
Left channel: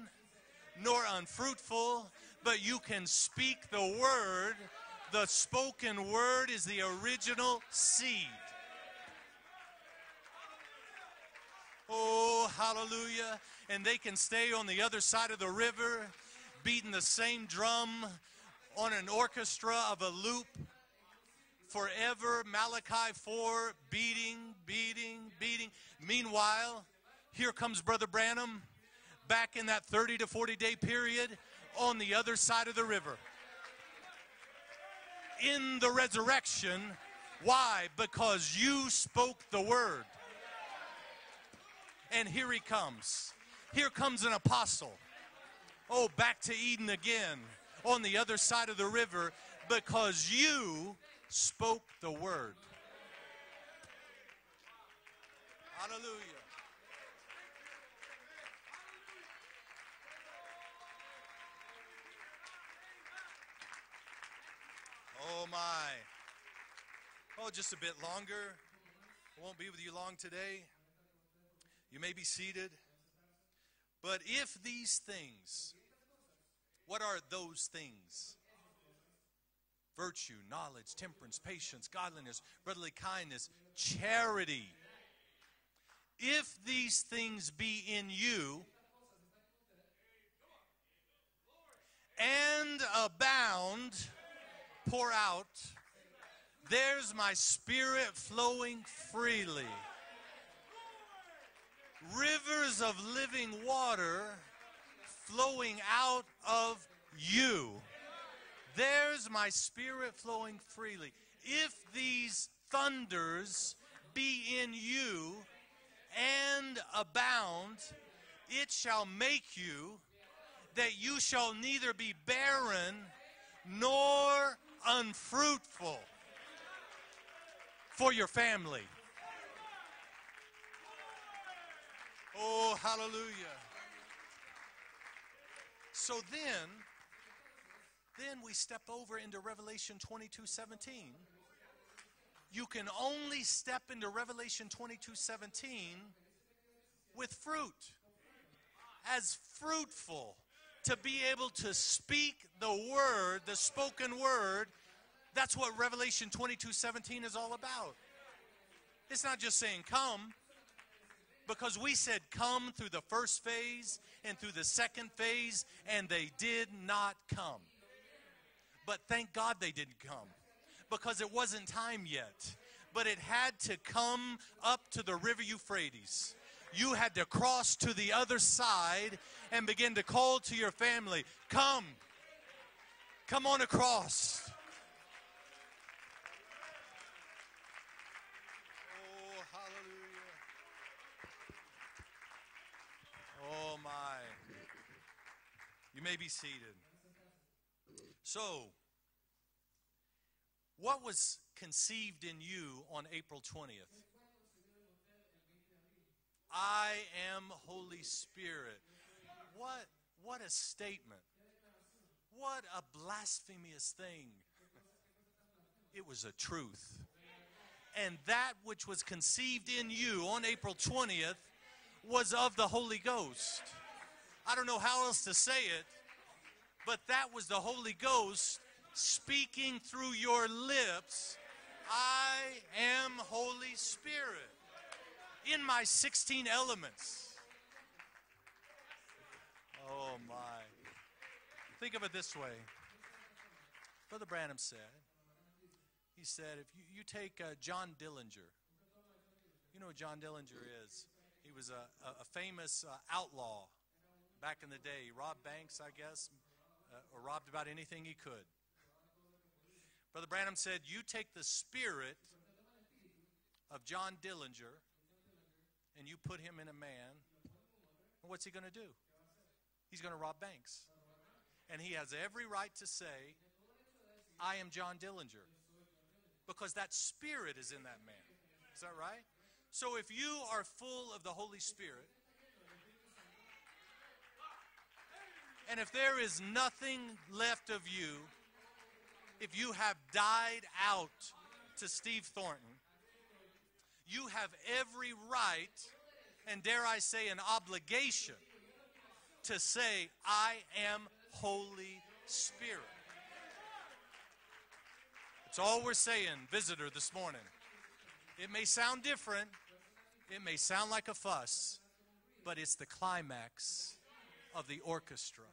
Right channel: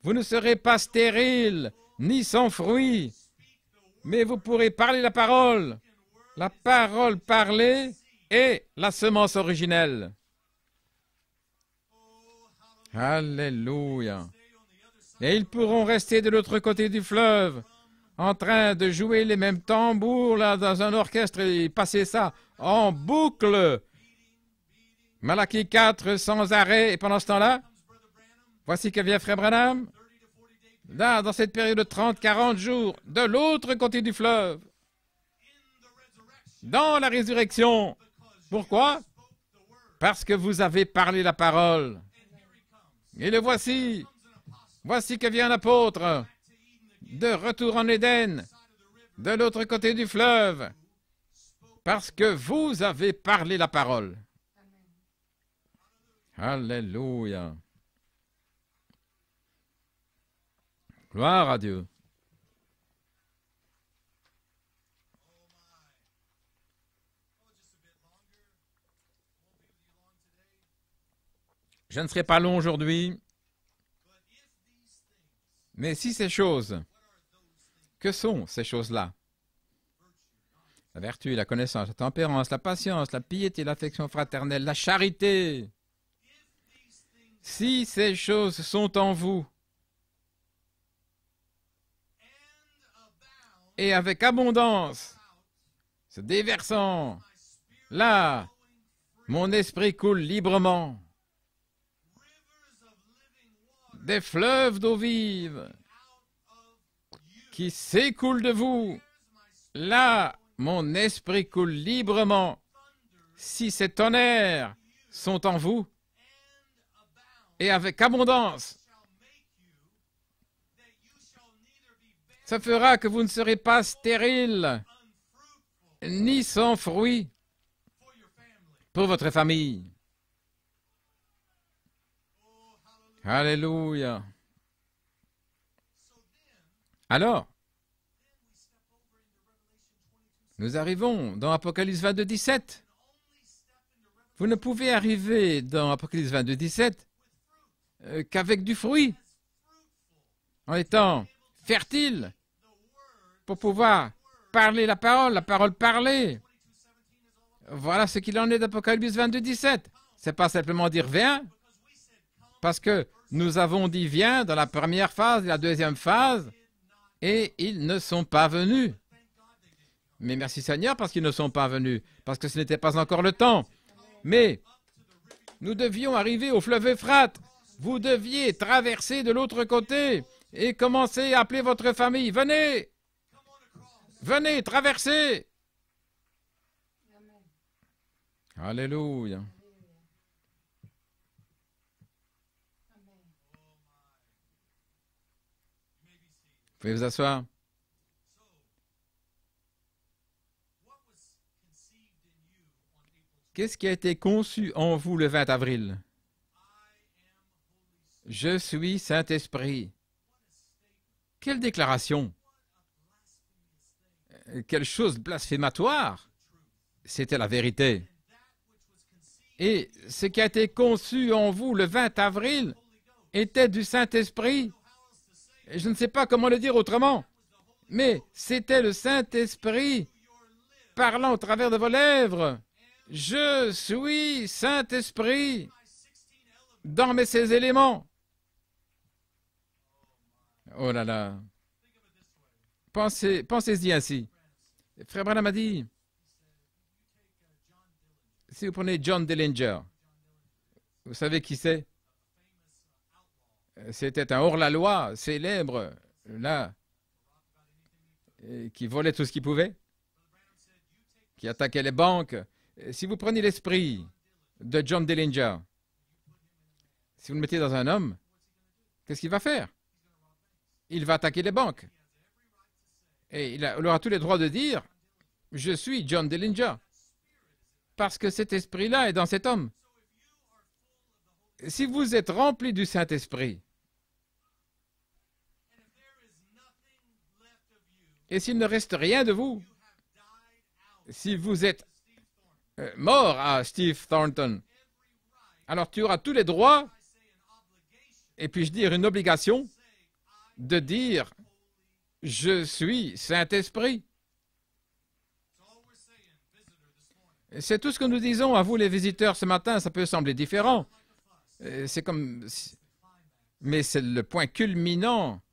Vous ne serez pas stérile, ni sans fruit, mais vous pourrez parler la parole parlée et la semence originelle. Alléluia. Et ils pourront rester de l'autre côté du fleuve, en train de jouer les mêmes tambours là, dans un orchestre et passer ça en boucle. Malachie 4 sans arrêt. Et pendant ce temps-là, voici que vient Frère Branham, là, dans cette période de 30-40 jours, de l'autre côté du fleuve. Dans la résurrection. Pourquoi? Parce que vous avez parlé la parole. Et le voici. Voici que vient un apôtre de retour en Éden, de l'autre côté du fleuve, parce que vous avez parlé la parole. Alléluia. Gloire à Dieu. Je ne serai pas long aujourd'hui, mais si ces choses, que sont ces choses-là? La vertu, la connaissance, la tempérance, la patience, la piété, l'affection fraternelle, la charité. Si ces choses sont en vous, et avec abondance, se déversant, là, mon esprit coule librement. Des fleuves d'eau vive qui s'écoulent de vous. Là, mon esprit coule librement. Si ces tonnerres sont en vous, et avec abondance, ça fera que vous ne serez pas stérile, ni sans fruit. for your family. pour votre famille. Oh, hallelujah. Alléluia. So then Alors, we step over into Revelation 22:17. nous arrivons dans Apocalypse 22, 17. You can only step into Vous ne Revelation pouvez arriver 22:17 dans Apocalypse 22, 17 with fruit, qu'avec du fruit, as fruitful, en to étant be able to fertile, speak the word, pour the pouvoir spoken word. parler la parole That's what parlée. Revelation 22:17 is all about. Voilà ce qu'il en est d'Apocalypse 22, 17. C'est pas simplement dire viens, Because we said come parce to que the first nous avons phase, dit viens dans la to the première second phase, la phase, deuxième and they phase, did not et come. ils ne sont pas venus. But thank God they didn't come. Mais merci Seigneur parce Because qu'ils ne it sont wasn't pas venus, time yet. parce que ce n'était pas But encore it le had temps. to come Mais up to the river nous Euphrates. devions arriver au fleuve You had Euphrate. to cross to Vous the other deviez side traverser de l'autre and begin to côté call to your et commencer family. à appeler Come. votre famille. Venez, Come on across. venez, traversez. Alléluia. Oh my. You may be seated. Vous pouvez vous asseoir. So, what was conceived in you on April 20th? Qu'est-ce qui a été conçu en vous le 20 avril? I am Holy Spirit. Je suis Saint-Esprit. What a statement. Quelle déclaration! What a blasphemous thing. Quelle chose blasphématoire! It was a truth. C'était la vérité. And that which was conceived Et in you ce qui on a été April conçu 20th en vous le 20 was of avril the Holy Ghost. était du I Saint-Esprit. don't know how else to say it, Je ne sais pas comment le dire but autrement, that was the Holy mais Ghost c'était le speaking Saint-Esprit through your lips. parlant au travers de vos lèvres. I am Je Holy suis Spirit. Saint-Esprit In my 16 elements. dans ces éléments. Oh my. Oh là là. Think of it this way. Pensez-y ainsi. Brother Branham said, Frère Branham a dit, he said, if you take John Dillinger, si vous prenez John Dillinger, you know who John Dillinger is. vous savez qui He was c'est? a famous outlaw. C'était un hors-la-loi célèbre, là, Robbed about anything he could. qui volait tout ce qu'il pouvait, Brother Branham said, you take the qui attaquait les spirit banques. Si vous prenez l'esprit John Dillinger de John Dillinger, and you put him in a man, si vous le mettez dans un homme, what's he going to do? qu'est-ce qu'il va faire? He's going to rob banks. Il va attaquer les And banques. he has every right to say, Et il aura tous les droits de I am dire, John Dillinger. je suis John Dillinger, Because that spirit is in that parce que cet esprit-là est dans cet homme. man. So if you are full of the Holy Si Spirit, vous êtes rempli du Saint-Esprit, and if there is nothing left of you, et s'il ne reste rien de vous, if you have died out si vous êtes to Steve Thornton, mort à Steve you have Thornton, every right, alors tu auras tous les and droits, dare I say an obligation, et puis-je dire une obligation, to say, I de am dire, Holy je Spirit. suis Saint-Esprit. That's all we're saying, visitor, this morning. C'est tout ce que nous disons à vous les visiteurs ce matin. Ça peut sembler It may différent. sound like a fuss, C'est comme, but it's the climax mais c'est le point of the culminant orchestra.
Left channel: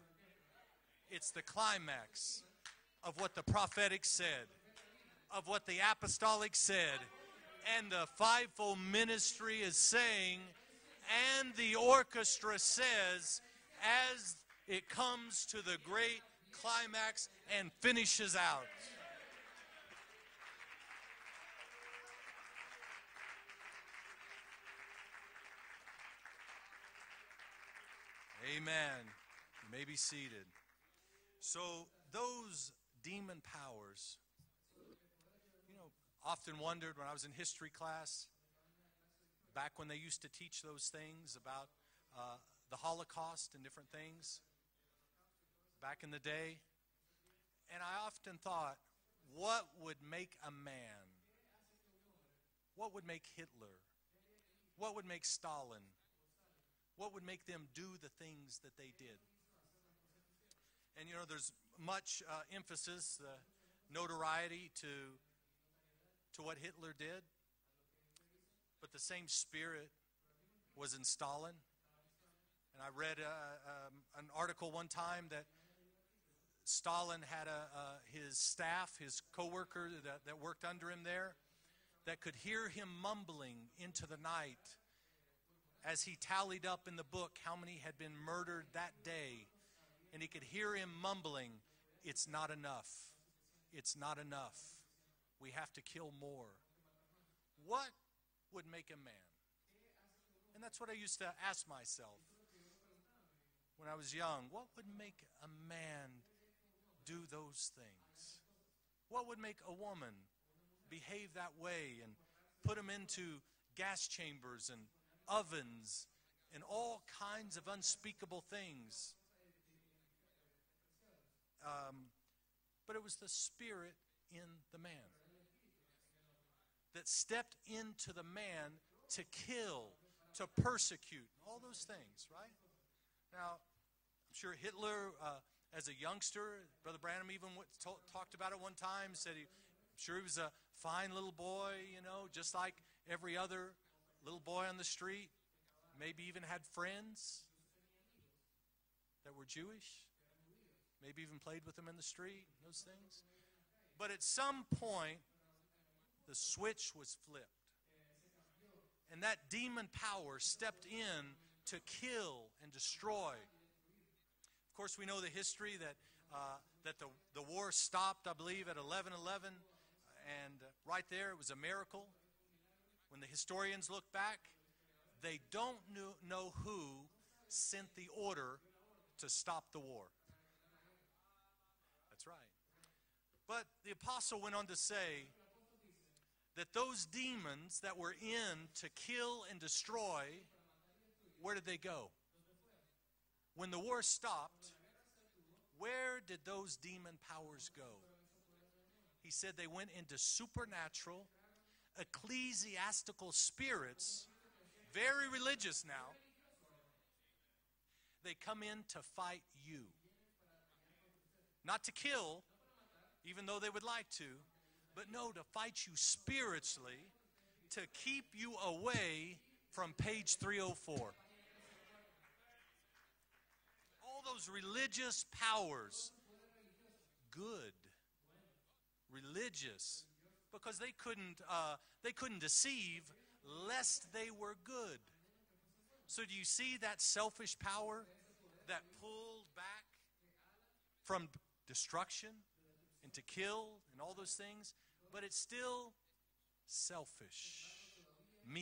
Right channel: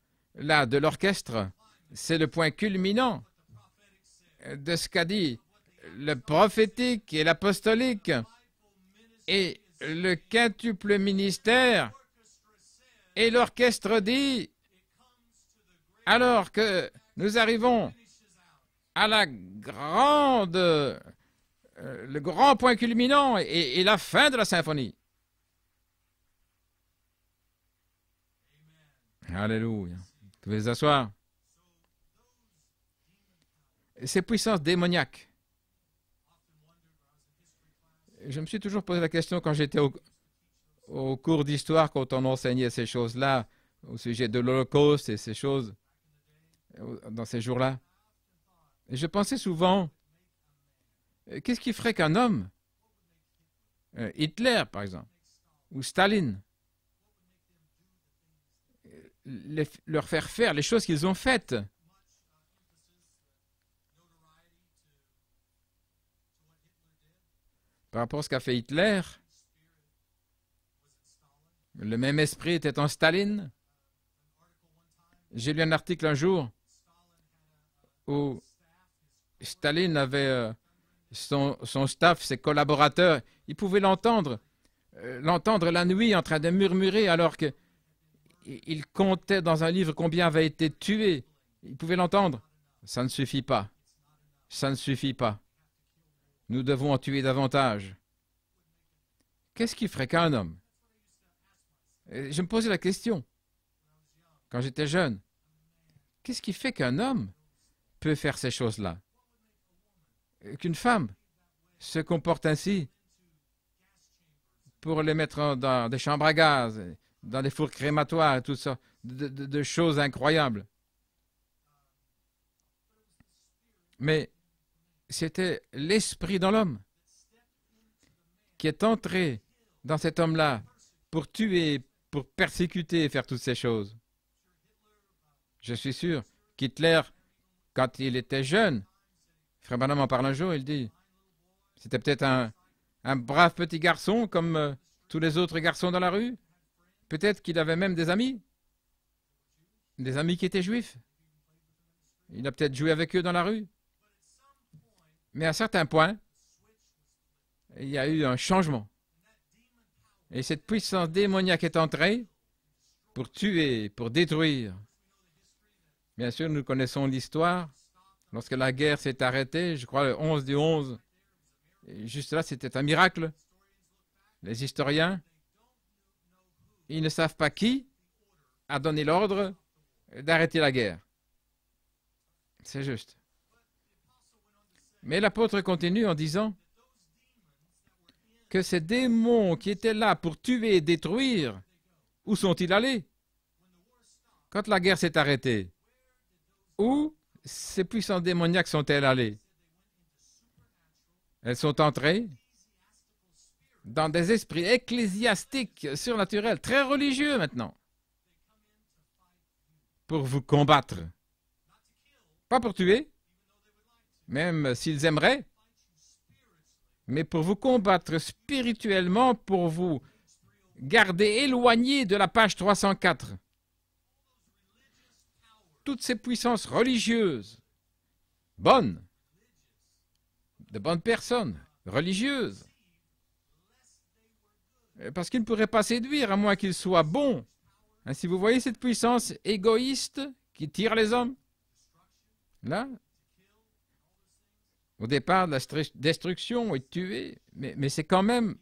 là de l'orchestre. Climax C'est le point culminant of what the prophetic said, de ce qu'a dit of what the le apostolic prophétique said, et l'apostolique and the fivefold ministry et is le saying, quintuple and ministère. the orchestra says, Et l'orchestre as dit, it comes to the great alors que climax nous and arrivons finishes out. à la grande, le grand point culminant et la fin de la symphonie. Amen. Alléluia. Be Vous seated. pouvez vous asseoir. So those demon powers, Ces puissances démoniaques. you know, often wondered when I was in history class, Je me suis toujours posé la question quand back j'étais when they used to teach those au things cours about d'histoire, quand on enseignait the ces choses-là, Holocaust and different au sujet things de l'Holocauste et ces choses back in the day. dans ces jours-là. And I often thought, Et je pensais what souvent, would make a man? qu'est-ce qui ferait qu'un homme, What would make Hitler? Hitler par What would exemple, make Stalin? ou Staline, What would make them do the things that they did? leur faire faire les choses qu'ils ont faites? Much emphasis, notoriety to what Hitler did. Par rapport à ce qu'a fait Hitler, Same spirit was in Stalin. le même esprit était en Staline. An article one time that J'ai lu un article un jour Stalin had où his staff, his coworkers Staline that avait worked under him there. son staff, ses collaborateurs. Ils pouvaient l'entendre la nuit en train de murmurer alors qu'il comptait dans un livre combien avait été tué. Ils pouvaient l'entendre. Ça ne suffit pas. Ça ne suffit pas. Nous devons en tuer davantage. Qu'est-ce qui ferait qu'un homme? Et je me posais la question quand j'étais jeune. Qu'est-ce qui fait qu'un homme peut faire ces choses-là? Qu'une femme se comportent ainsi pour les mettre dans des chambres à gaz, dans des fours crématoires et tout ça, de choses incroyables. Mais c'était l'esprit dans l'homme qui est entré dans cet homme-là pour tuer, pour persécuter et faire toutes ces choses. Je suis sûr qu'Hitler, quand il était jeune, Frère Branham en parle un jour, il dit, c'était peut-être un brave petit garçon comme tous les autres garçons dans la rue. Peut-être qu'il avait même des amis qui étaient juifs. Il a peut-être joué avec eux dans la rue. Mais à un certain point, il y a eu un changement. Et cette puissance démoniaque est entrée pour tuer, pour détruire. Bien sûr, nous connaissons l'histoire. Lorsque la guerre s'est arrêtée, je crois le 11 du 11, juste là, c'était un miracle. Les historiens, ils ne savent pas qui a donné l'ordre d'arrêter la guerre. C'est juste. Mais l'apôtre continue en disant que ces démons qui étaient là pour tuer et détruire, où sont-ils allés? Quand la guerre s'est arrêtée, où ces puissances démoniaques sont-elles allées? Elles sont entrées dans des esprits ecclésiastiques, surnaturels, très religieux maintenant, pour vous combattre. Pas pour tuer, même s'ils aimeraient, mais pour vous combattre spirituellement, pour vous garder éloigné de la page 304. Toutes ces puissances religieuses, bonnes, de bonnes personnes, religieuses, parce qu'ils ne pourraient pas séduire à moins qu'ils soient bons. Ainsi, vous voyez cette puissance égoïste qui tire les hommes, là, au départ de la destruction et de tuer, mais c'est quand même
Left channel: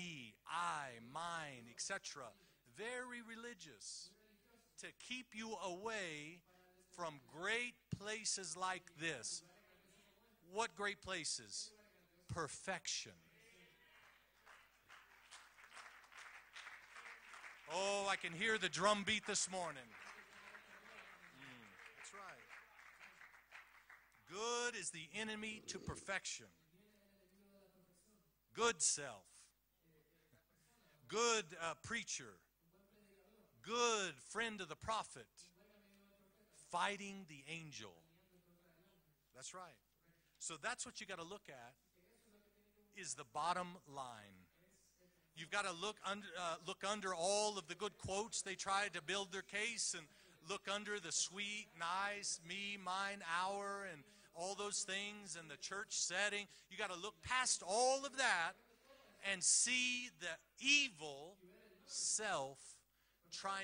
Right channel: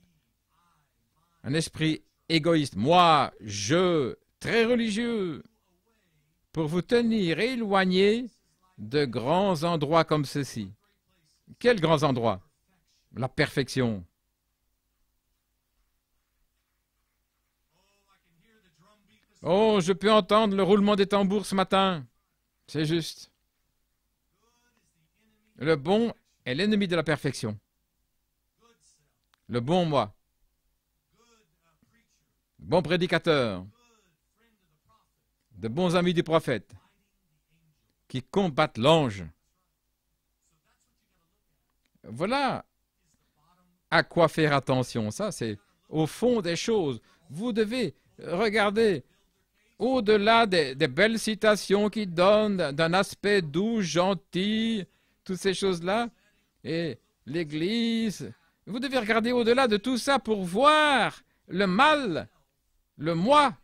un esprit égoïste. Moi, je, très religieux, pour vous tenir éloigné de grands endroits comme ceci. Quels grands endroits? La perfection. Oh, je peux entendre le roulement des tambours ce matin. C'est juste. Le bon est l'ennemi de la perfection. Le bon moi. Bon prédicateur. De bons amis du prophète qui combattent l'ange. Voilà à quoi faire attention. Ça, c'est au fond des choses. Vous devez regarder au-delà des belles citations qui donnent d'un aspect doux, gentil, toutes ces choses-là, et l'Église. Vous devez regarder au-delà de tout ça pour voir le mal, le moi,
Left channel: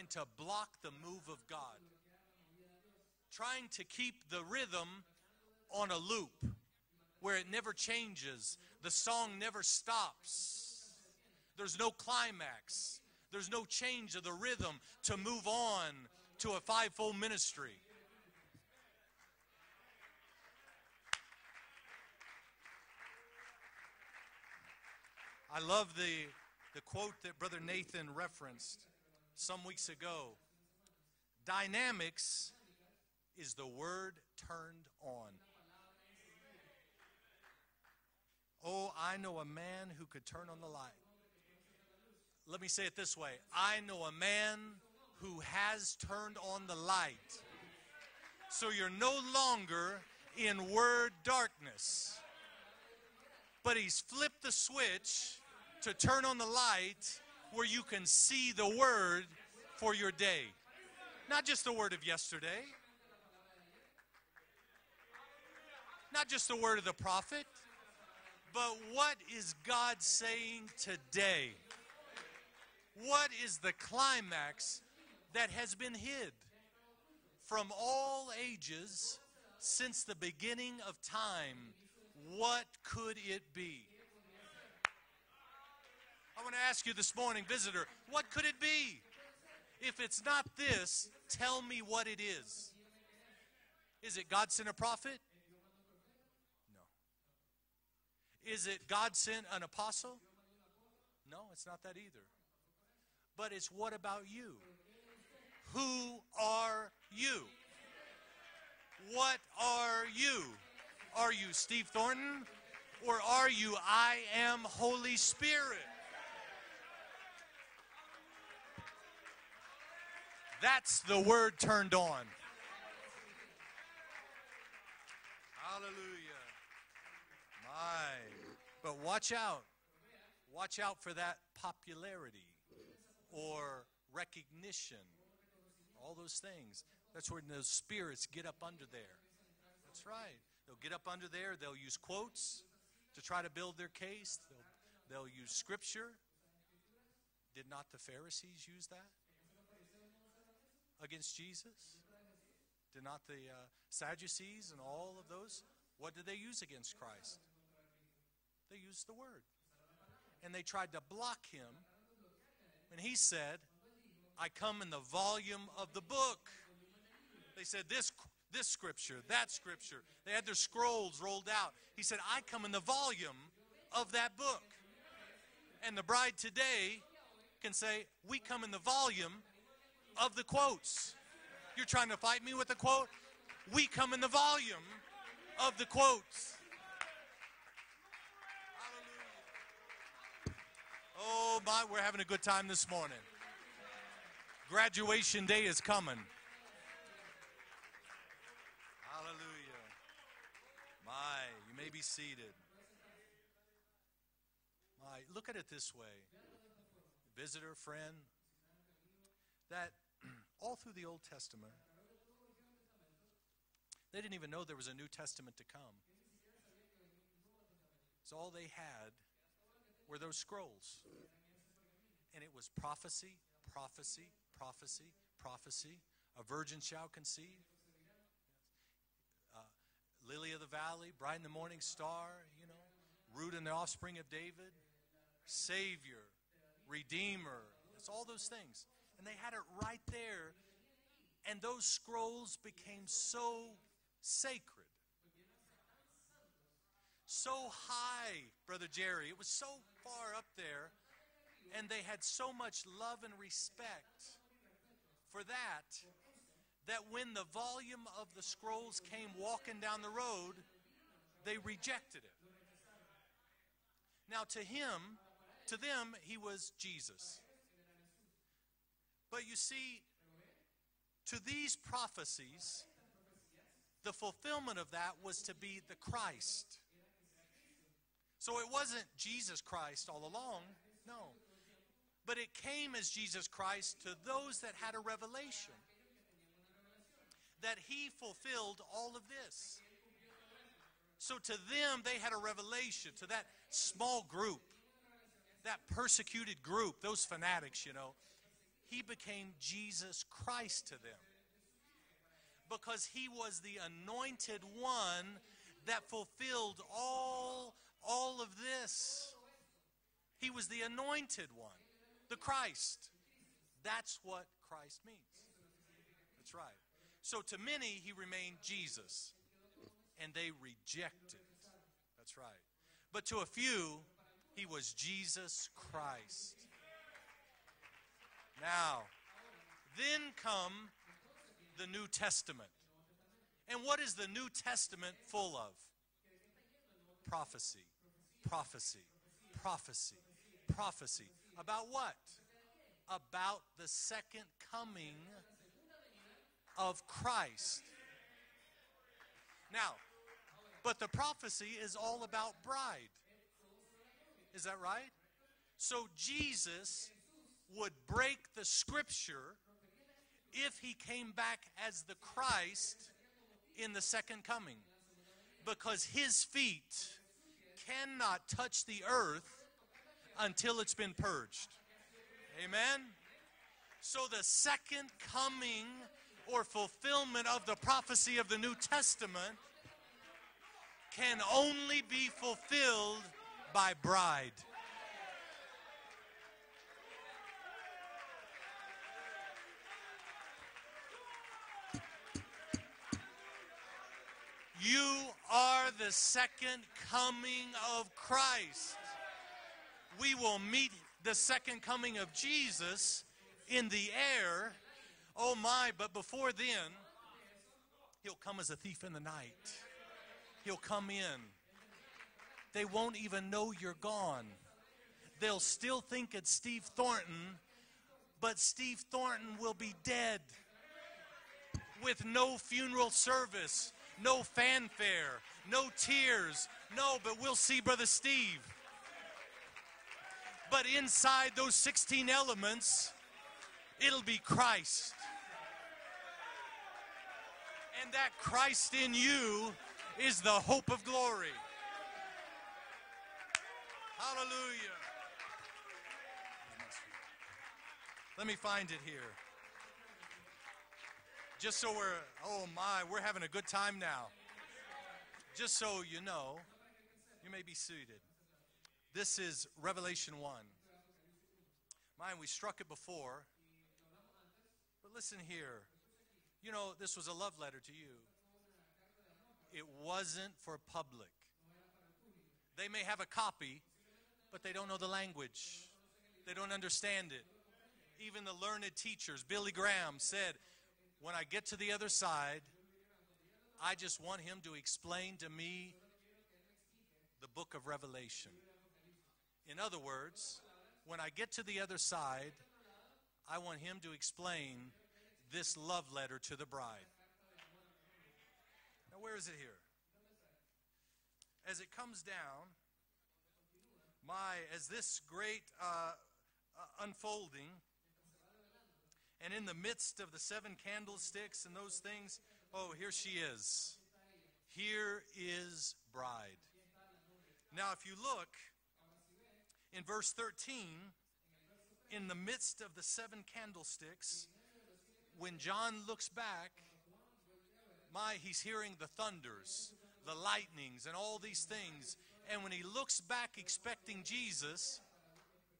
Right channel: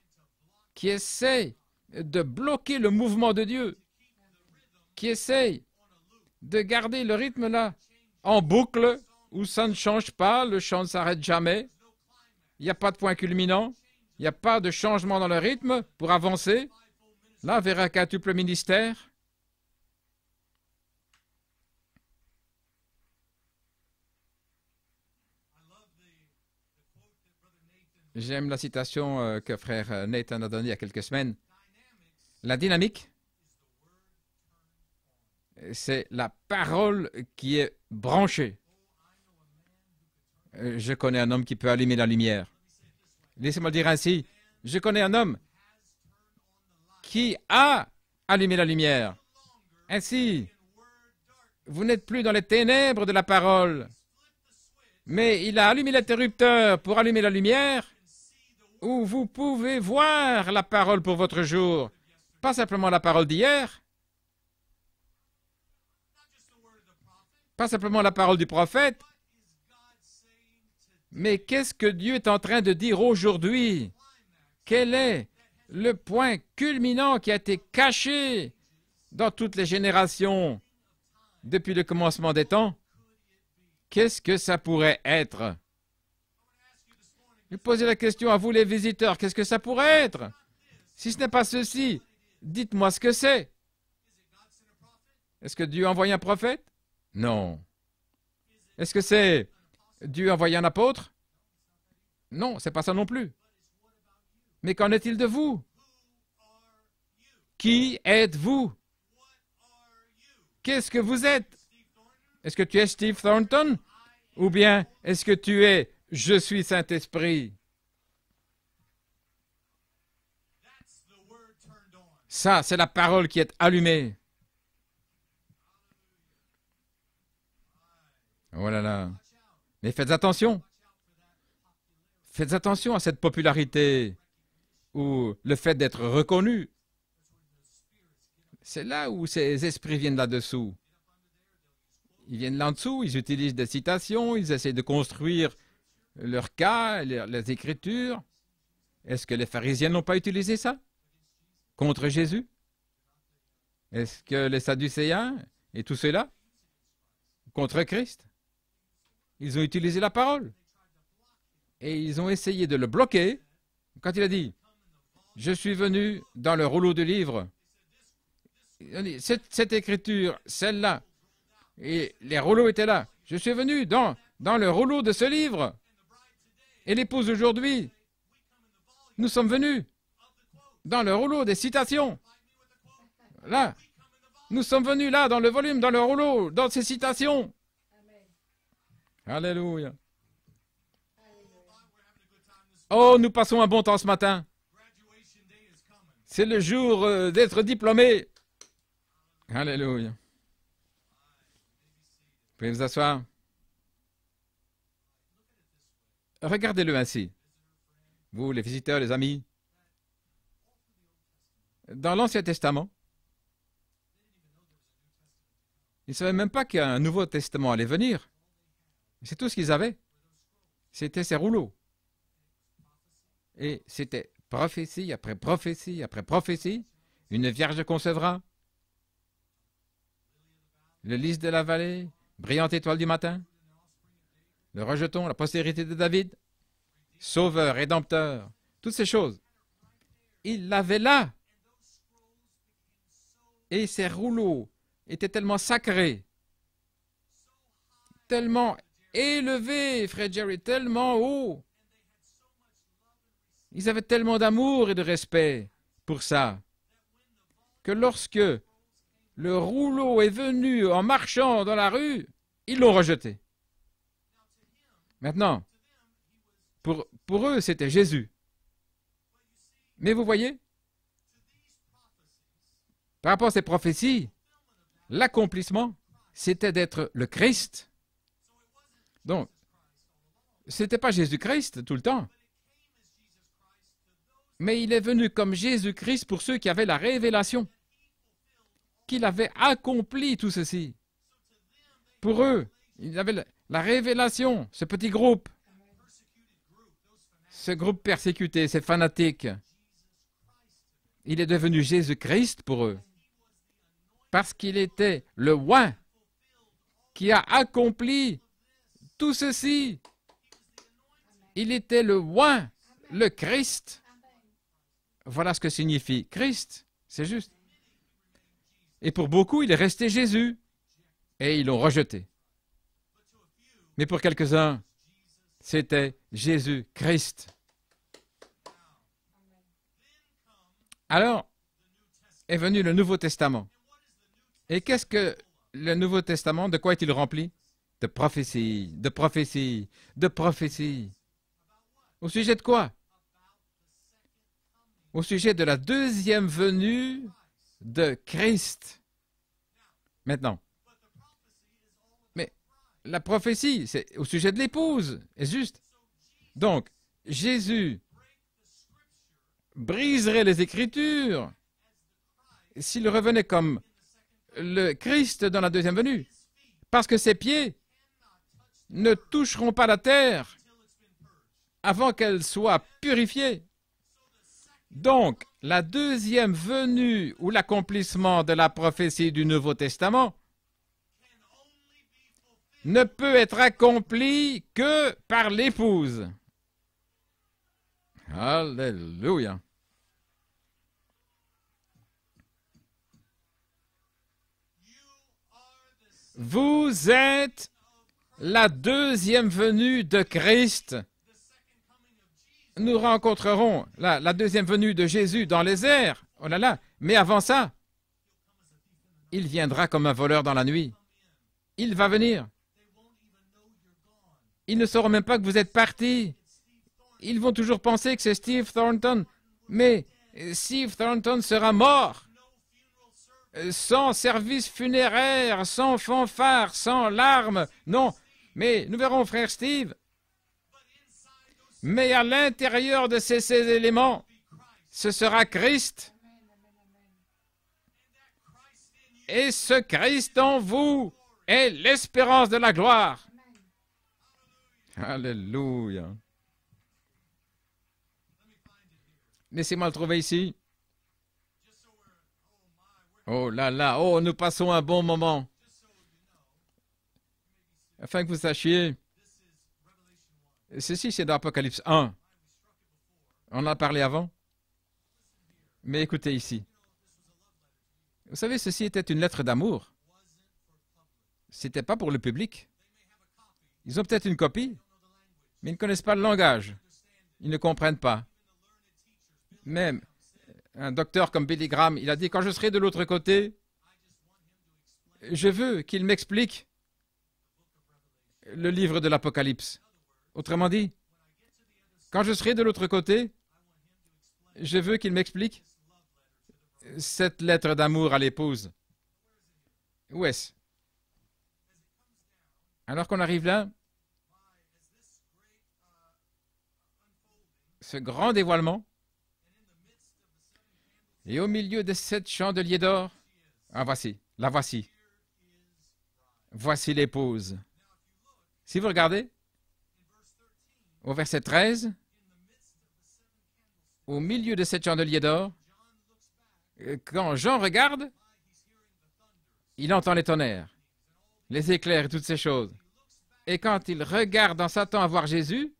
qui essaie de bloquer le mouvement de Dieu, qui essaye de garder le rythme là en boucle, où ça ne change pas, le chant ne s'arrête jamais, il n'y a pas de point culminant, il n'y a pas de changement dans le rythme pour avancer. Là, vers un quintuple ministère. J'aime la citation que frère Nathan a donnée il y a quelques semaines. La dynamique, c'est la parole qui est branchée. Je connais un homme qui peut allumer la lumière. Laissez-moi dire ainsi, je connais un homme qui a allumé la lumière. Ainsi, vous n'êtes plus dans les ténèbres de la parole, mais il a allumé l'interrupteur pour allumer la lumière, où vous pouvez voir la parole pour votre jour. Pas simplement la parole d'hier, pas simplement la parole du prophète, mais qu'est-ce que Dieu est en train de dire aujourd'hui? Quel est le point culminant qui a été caché dans toutes les générations depuis le commencement des temps? Qu'est-ce que ça pourrait être? Je vais poser la question à vous les visiteurs, qu'est-ce que ça pourrait être? Si ce n'est pas ceci, dites-moi ce que c'est. Est-ce que Dieu a envoyé un prophète? Non. Est-ce que c'est Dieu envoyé un apôtre? Non, c'est pas ça non plus. Mais qu'en est-il de vous? Qui êtes-vous? Qu'est-ce que vous êtes? Est-ce que tu es Steve Thornton? Ou bien est-ce que tu es Je suis Saint-Esprit? Ça, c'est la parole qui est allumée. Oh là là. Mais faites attention. Faites attention à cette popularité ou le fait d'être reconnu. C'est là où ces esprits viennent là-dessous. Ils viennent là-dessous, ils utilisent des citations, ils essaient de construire leurs cas, les Écritures. Est-ce que les pharisiens n'ont pas utilisé ça contre Jésus? Est-ce que les Sadducéens et tout cela contre Christ? Ils ont utilisé la parole et ils ont essayé de le bloquer quand il a dit « Je suis venu dans le rouleau de livres ». Cette écriture, celle-là, et les rouleaux étaient là. Je suis venu dans le rouleau de ce livre. Et l'épouse aujourd'hui, nous sommes venus dans le rouleau des citations. Là, nous sommes venus là, dans le volume, dans le rouleau, dans ces citations. Alléluia. Oh, nous passons un bon temps ce matin. C'est le jour d'être diplômé. Alléluia. Vous pouvez vous asseoir. Regardez-le ainsi. Vous, les visiteurs, les amis. Dans l'Ancien Testament, ils ne savaient même pas qu'un Nouveau Testament allait venir. C'est tout ce qu'ils avaient. C'était ces rouleaux. Et c'était prophétie après prophétie après prophétie. Une vierge concevra. Le lys de la vallée, brillante étoile du matin. Le rejeton, la postérité de David. Sauveur, rédempteur. Toutes ces choses. Il l'avait là. Et ces rouleaux étaient tellement sacrés, tellement élevés, frère Jerry, tellement haut. Ils avaient tellement d'amour et de respect pour ça, que lorsque le rouleau est venu en marchant dans la rue, ils l'ont rejeté. Maintenant, pour eux, c'était Jésus. Mais vous voyez, par rapport à ces prophéties, l'accomplissement, c'était d'être le Christ. Donc, ce n'était pas Jésus-Christ tout le temps, mais il est venu comme Jésus-Christ pour ceux qui avaient la révélation, qu'il avait accompli tout ceci. Pour eux, il avait la révélation, ce petit groupe, ce groupe persécuté, ces fanatiques. Il est devenu Jésus-Christ pour eux, parce qu'il était le oint qui a accompli tout ceci. Il était le oint, le Christ. Voilà ce que signifie Christ. C'est juste. Et pour beaucoup, il est resté Jésus. Et ils l'ont rejeté. Mais pour quelques-uns, c'était Jésus-Christ. Alors est venu le Nouveau Testament. Et qu'est-ce que le Nouveau Testament, de quoi est-il rempli? De prophéties, de prophéties, de prophéties. Au sujet de quoi? Au sujet de la deuxième venue de Christ. Maintenant, mais la prophétie, c'est au sujet de l'épouse, est juste. Donc, Jésus briserait les Écritures s'il revenait comme le Christ dans la deuxième venue, parce que ses pieds ne toucheront pas la terre avant qu'elle soit purifiée. Donc, la deuxième venue ou l'accomplissement de la prophétie du Nouveau Testament ne peut être accompli que par l'épouse. Alléluia. Vous êtes la deuxième venue de Christ. Nous rencontrerons la deuxième venue de Jésus dans les airs. Oh là là. Mais avant ça, il viendra comme un voleur dans la nuit. Il va venir. Ils ne sauront même pas que vous êtes parti. Ils vont toujours penser que c'est Steve Thornton. Mais Steve Thornton sera mort sans service funéraire, sans fanfare, sans larmes. Non, mais nous verrons frère Steve. Mais à l'intérieur de ces éléments, ce sera Christ. Et ce Christ en vous est l'espérance de la gloire. Alléluia. Laissez-moi le trouver ici. Oh là là, oh, nous passons un bon moment. Afin que vous sachiez, ceci c'est dans Apocalypse 1. On en a parlé avant. Mais écoutez ici. Vous savez, ceci était une lettre d'amour. Ce n'était pas pour le public. Ils ont peut-être une copie, mais ils ne connaissent pas le langage. Ils ne comprennent pas. Même un docteur comme Billy Graham, il a dit, quand je serai de l'autre côté, je veux qu'il m'explique le livre de l'Apocalypse. Autrement dit, quand je serai de l'autre côté, je veux qu'il m'explique cette lettre d'amour à l'épouse. Où est-ce? Alors qu'on arrive là, ce grand dévoilement, et au milieu des 7 chandeliers d'or, ah voici, la voici. Voici l'épouse. Si vous regardez, au verset 13, au milieu de 7 chandeliers d'or, quand Jean regarde, il entend les tonnerres, les éclairs et toutes ces choses. Et quand il regarde en s'attendant à voir Jésus,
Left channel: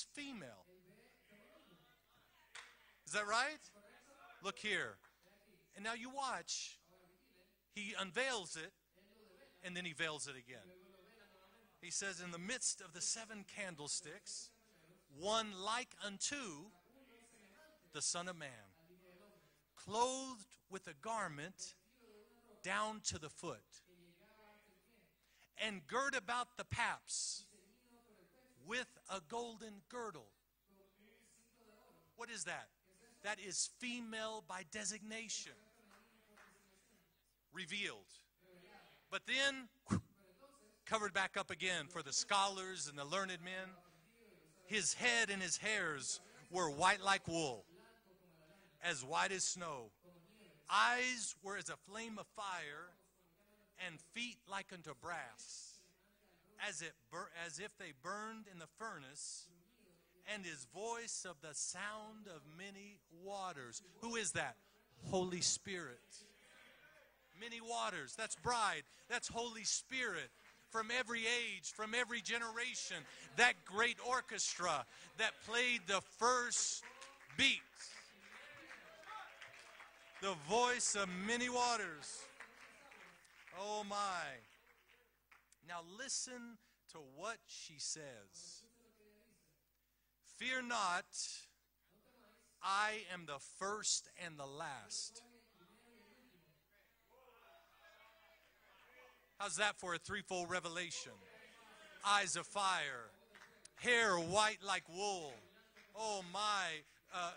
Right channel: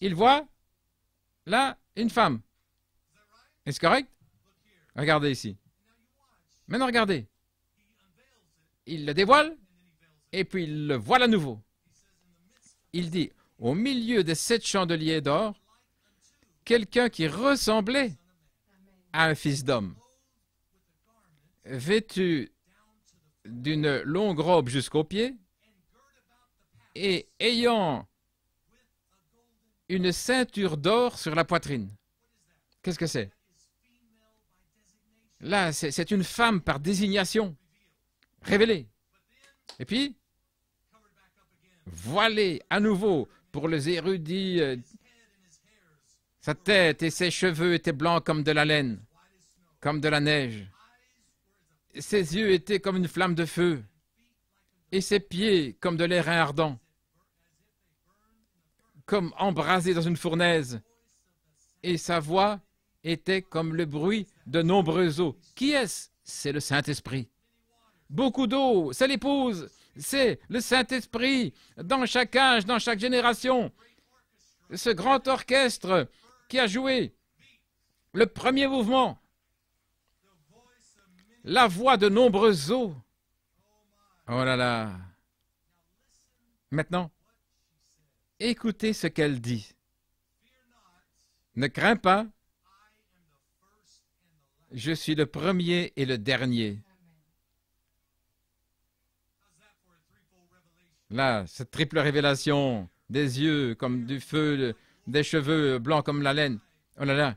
il voit là une femme. Est-ce correct? Regardez ici. Maintenant regardez. Il le dévoile et puis il le voile à nouveau. Il dit, au milieu des 7 chandeliers d'or, quelqu'un qui ressemblait à un fils d'homme, vêtu d'une longue robe jusqu'aux pieds et ayant une ceinture d'or sur la poitrine. Qu'est-ce que c'est? Là, c'est une femme par désignation, révélée. Et puis, voilée à nouveau pour les érudits. Sa tête et ses cheveux étaient blancs comme de la laine, comme de la neige. Ses yeux étaient comme une flamme de feu, et ses pieds comme de l'airain ardent, comme embrasés dans une fournaise. Et sa voix était comme le bruit de nombreuses eaux. Qui est-ce? C'est le Saint-Esprit. Beaucoup d'eau, c'est l'épouse, c'est le Saint-Esprit dans chaque âge, dans chaque génération. Ce grand orchestre qui a joué le premier mouvement, la voix de nombreuses eaux. Oh là là. Maintenant, écoutez ce qu'elle dit. Ne crains pas, je suis le premier et le dernier. Là, cette triple révélation, des yeux comme du feu, des cheveux blancs comme la laine. Oh là là.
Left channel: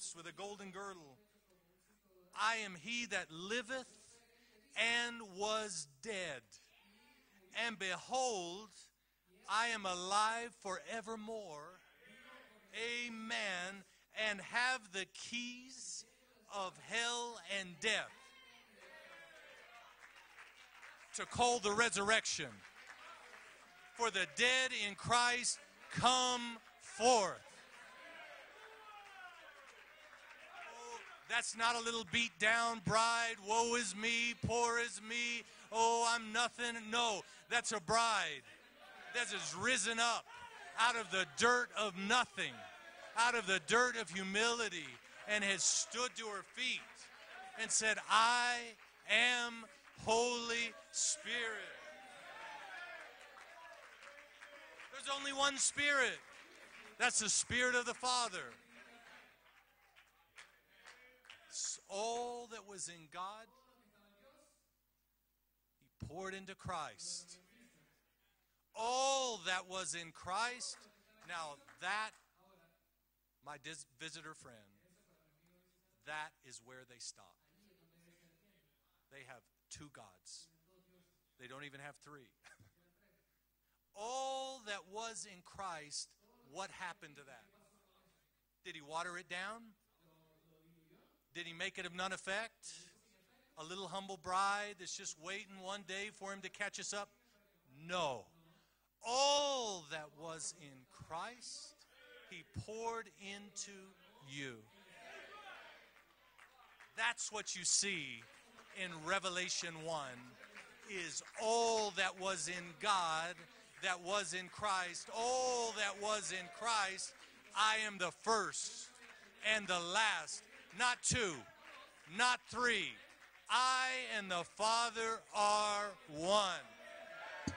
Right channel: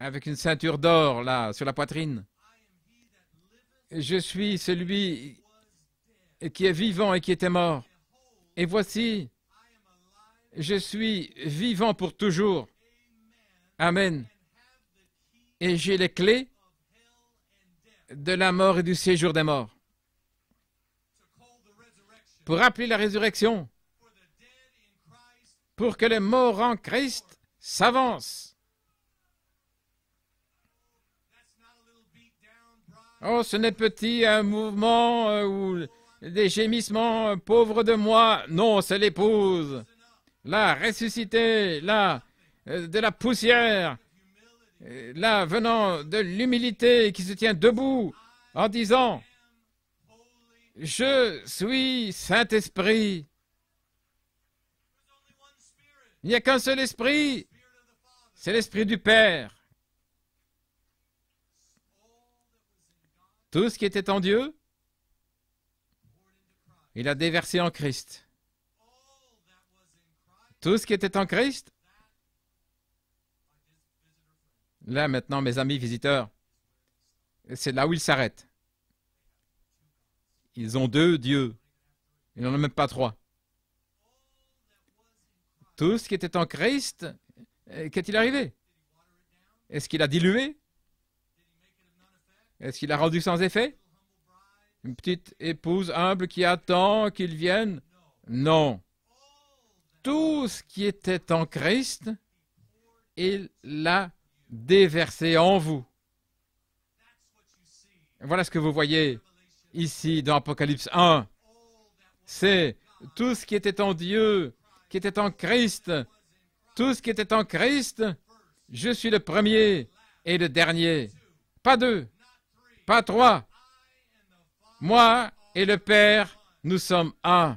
Avec une ceinture d'or, là, sur la poitrine. Je suis celui qui est vivant et qui était mort. Et voici, je suis vivant pour toujours. Amen. Et j'ai les clés de la mort et du séjour des morts. Pour appeler la résurrection, pour que les morts en Christ s'avancent. Oh, ce n'est petit un mouvement ou des gémissements, pauvre de moi. Non, c'est l'épouse. Là, ressuscitée, là, de la poussière, là, venant de l'humilité qui se tient debout en disant, Je suis Saint-Esprit. Il n'y a qu'un seul esprit. C'est l'esprit du Père. Tout ce qui était en Dieu, il a déversé en Christ. Tout ce qui était en Christ, là maintenant mes amis visiteurs, c'est là où ils s'arrêtent. Ils ont 2 dieux. Ils n'en ont même pas 3. Tout ce qui était en Christ, qu'est-il arrivé? Est-ce qu'il a dilué? Est-ce qu'il a rendu sans effet? Une petite épouse humble qui attend qu'il vienne? Non. Tout ce qui était en Christ, il l'a déversé en vous. Voilà ce que vous voyez ici dans Apocalypse 1. C'est tout ce qui était en Dieu, qui était en Christ. Tout ce qui était en Christ, je suis le premier et le dernier. Pas 2, pas 3. Moi et le Père, nous sommes un.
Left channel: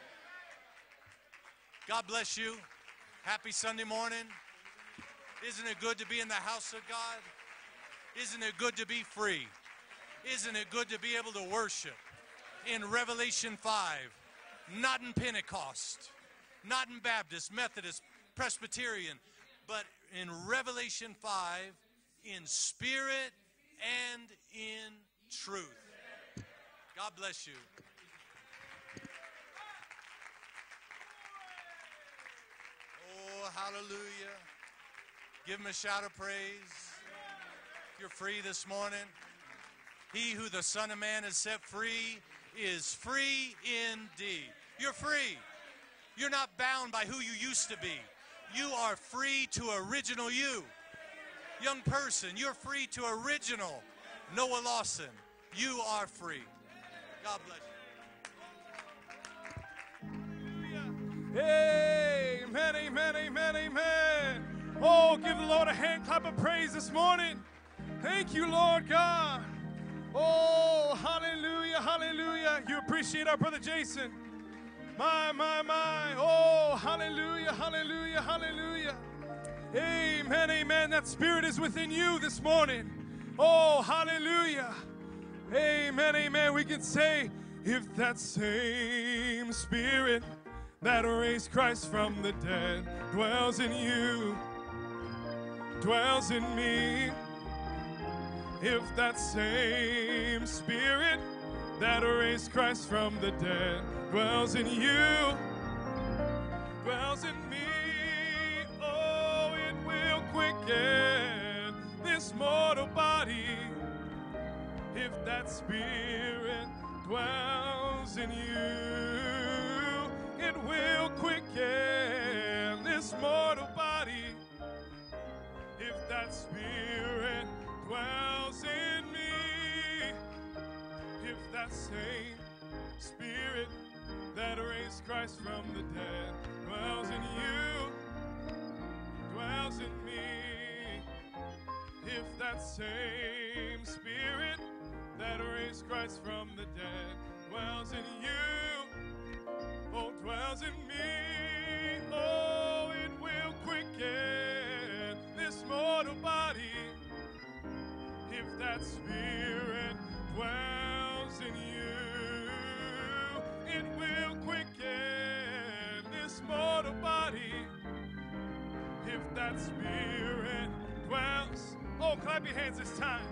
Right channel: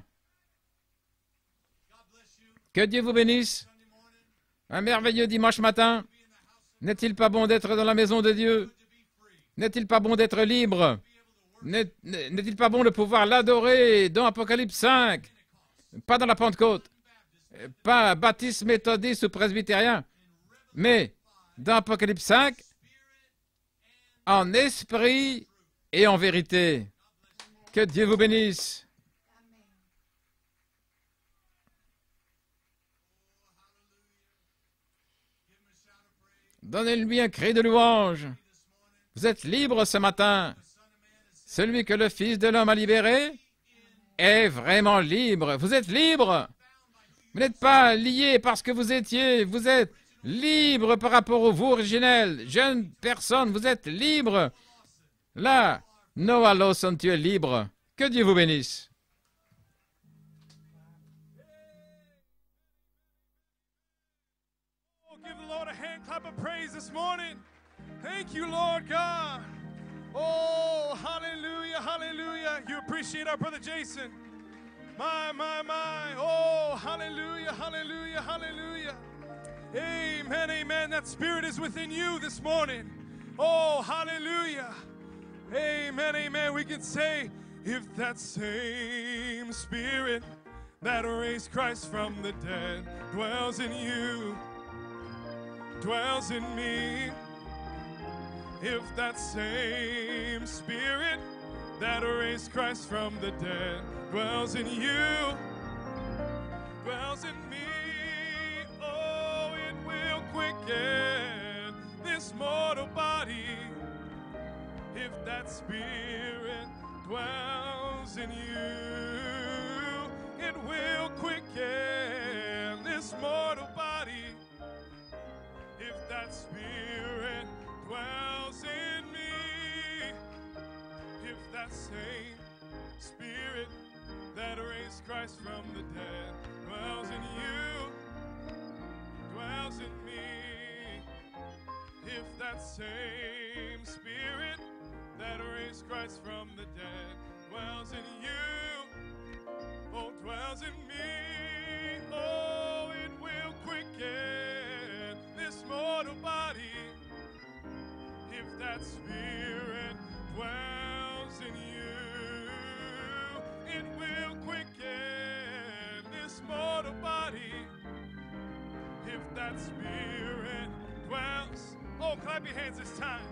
Que Dieu vous bénisse. Un merveilleux dimanche matin. N'est-il pas bon d'être dans la maison de Dieu? N'est-il pas bon d'être libre? N'est-il pas bon de pouvoir l'adorer dans Apocalypse 5? Pas dans la Pentecôte, pas baptiste, méthodiste ou presbytérien, mais dans Apocalypse 5, en esprit et en vérité. Que Dieu vous bénisse. Donnez-lui un cri de louange. Vous êtes libre ce matin. Celui que le Fils de l'homme a libéré est vraiment libre. Vous êtes libre. Vous n'êtes pas lié parce que vous étiez. Vous êtes libre par rapport au vous originel. Jeune personne, vous êtes libre. Là, Noah Lawson, tu es libre. Que Dieu vous bénisse. Amen, amen, amen, amen. Oh, give the Lord a hand clap of praise this morning. Thank you, Lord God. Oh, hallelujah, hallelujah. You appreciate our brother Jason. My, my, my. Oh, hallelujah, hallelujah, hallelujah. Amen, amen. That spirit is within you this morning. Oh, hallelujah. Amen, amen. We can say, if that same spirit that raised Christ from the dead dwells in you, dwells in me, if that same spirit that raised Christ from the dead dwells in you, dwells in me, oh, it will quicken this mortal body. If that spirit dwells in you, it will quicken this mortal body. If that spirit dwells in me, if that same spirit that raised Christ from the dead dwells in you, dwells in me, if that same spirit that raised Christ from the dead dwells in you, oh, dwells in me, oh, it will quicken this mortal body. If that spirit dwells in you, it will quicken this mortal body. If that spirit dwells, oh, clap your hands this time.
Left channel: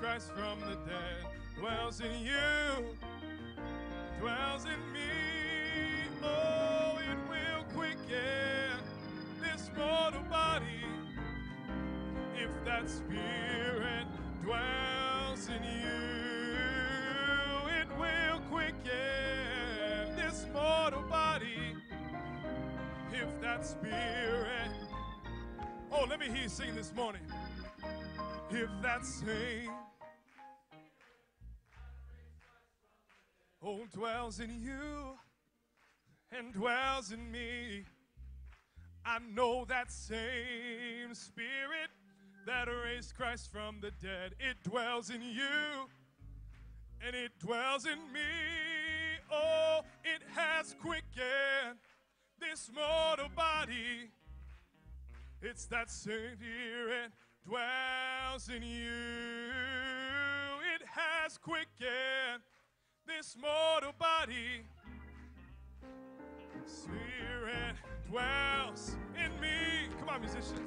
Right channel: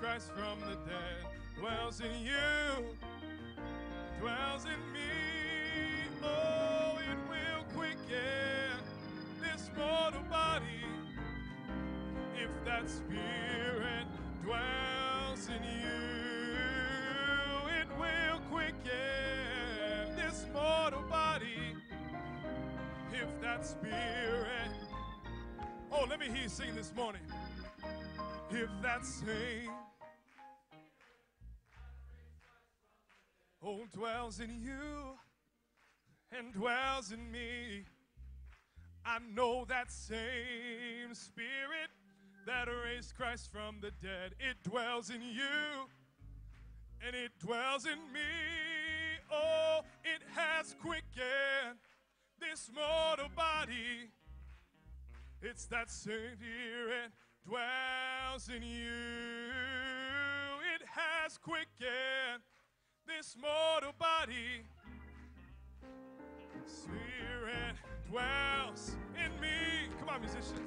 Christ from the dead dwells in you, dwells in me, oh, it will quicken this mortal body. If that spirit dwells in you, it will quicken this mortal body. If that spirit, oh, let me hear you sing this morning. If that same oh, dwells in you and dwells in me. I know that same Spirit that raised Christ from the dead. It dwells in you and it dwells in me. Oh, it has quickened this mortal body. It's that same Spirit dwells in you. It has quickened this mortal body. Spirit dwells in me. Come on, musicians.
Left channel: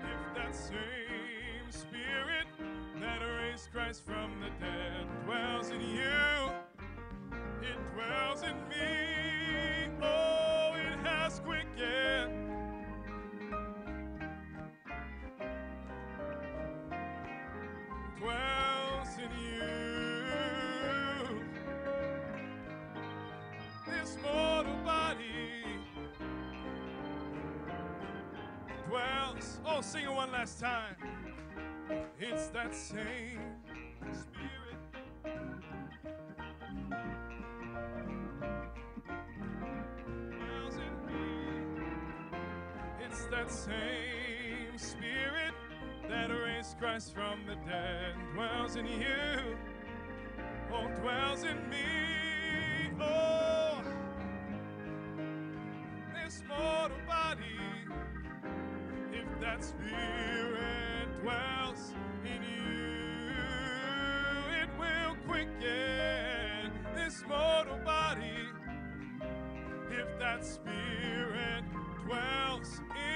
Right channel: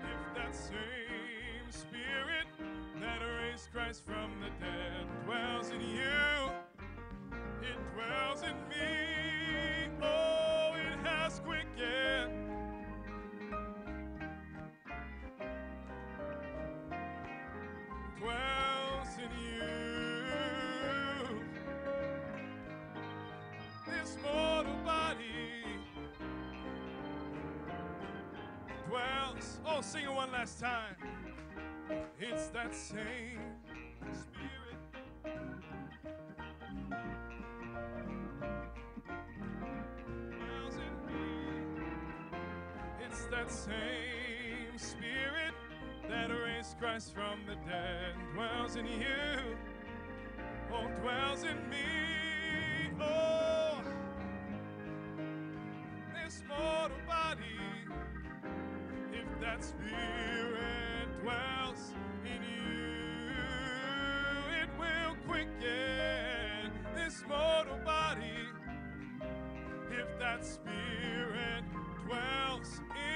If that same Spirit that raised Christ from the dead dwells in you, it dwells in me. Oh, it has quickened. Dwells in you. This mortal body dwells. Oh, sing it one last time. It's that same Spirit. Dwells in me. It's that same Spirit that raised Christ from the dead. Dwells in you. Oh, dwells in me. Oh, this mortal body. If that Spirit dwells in you, it will quicken this mortal body. If that Spirit dwells in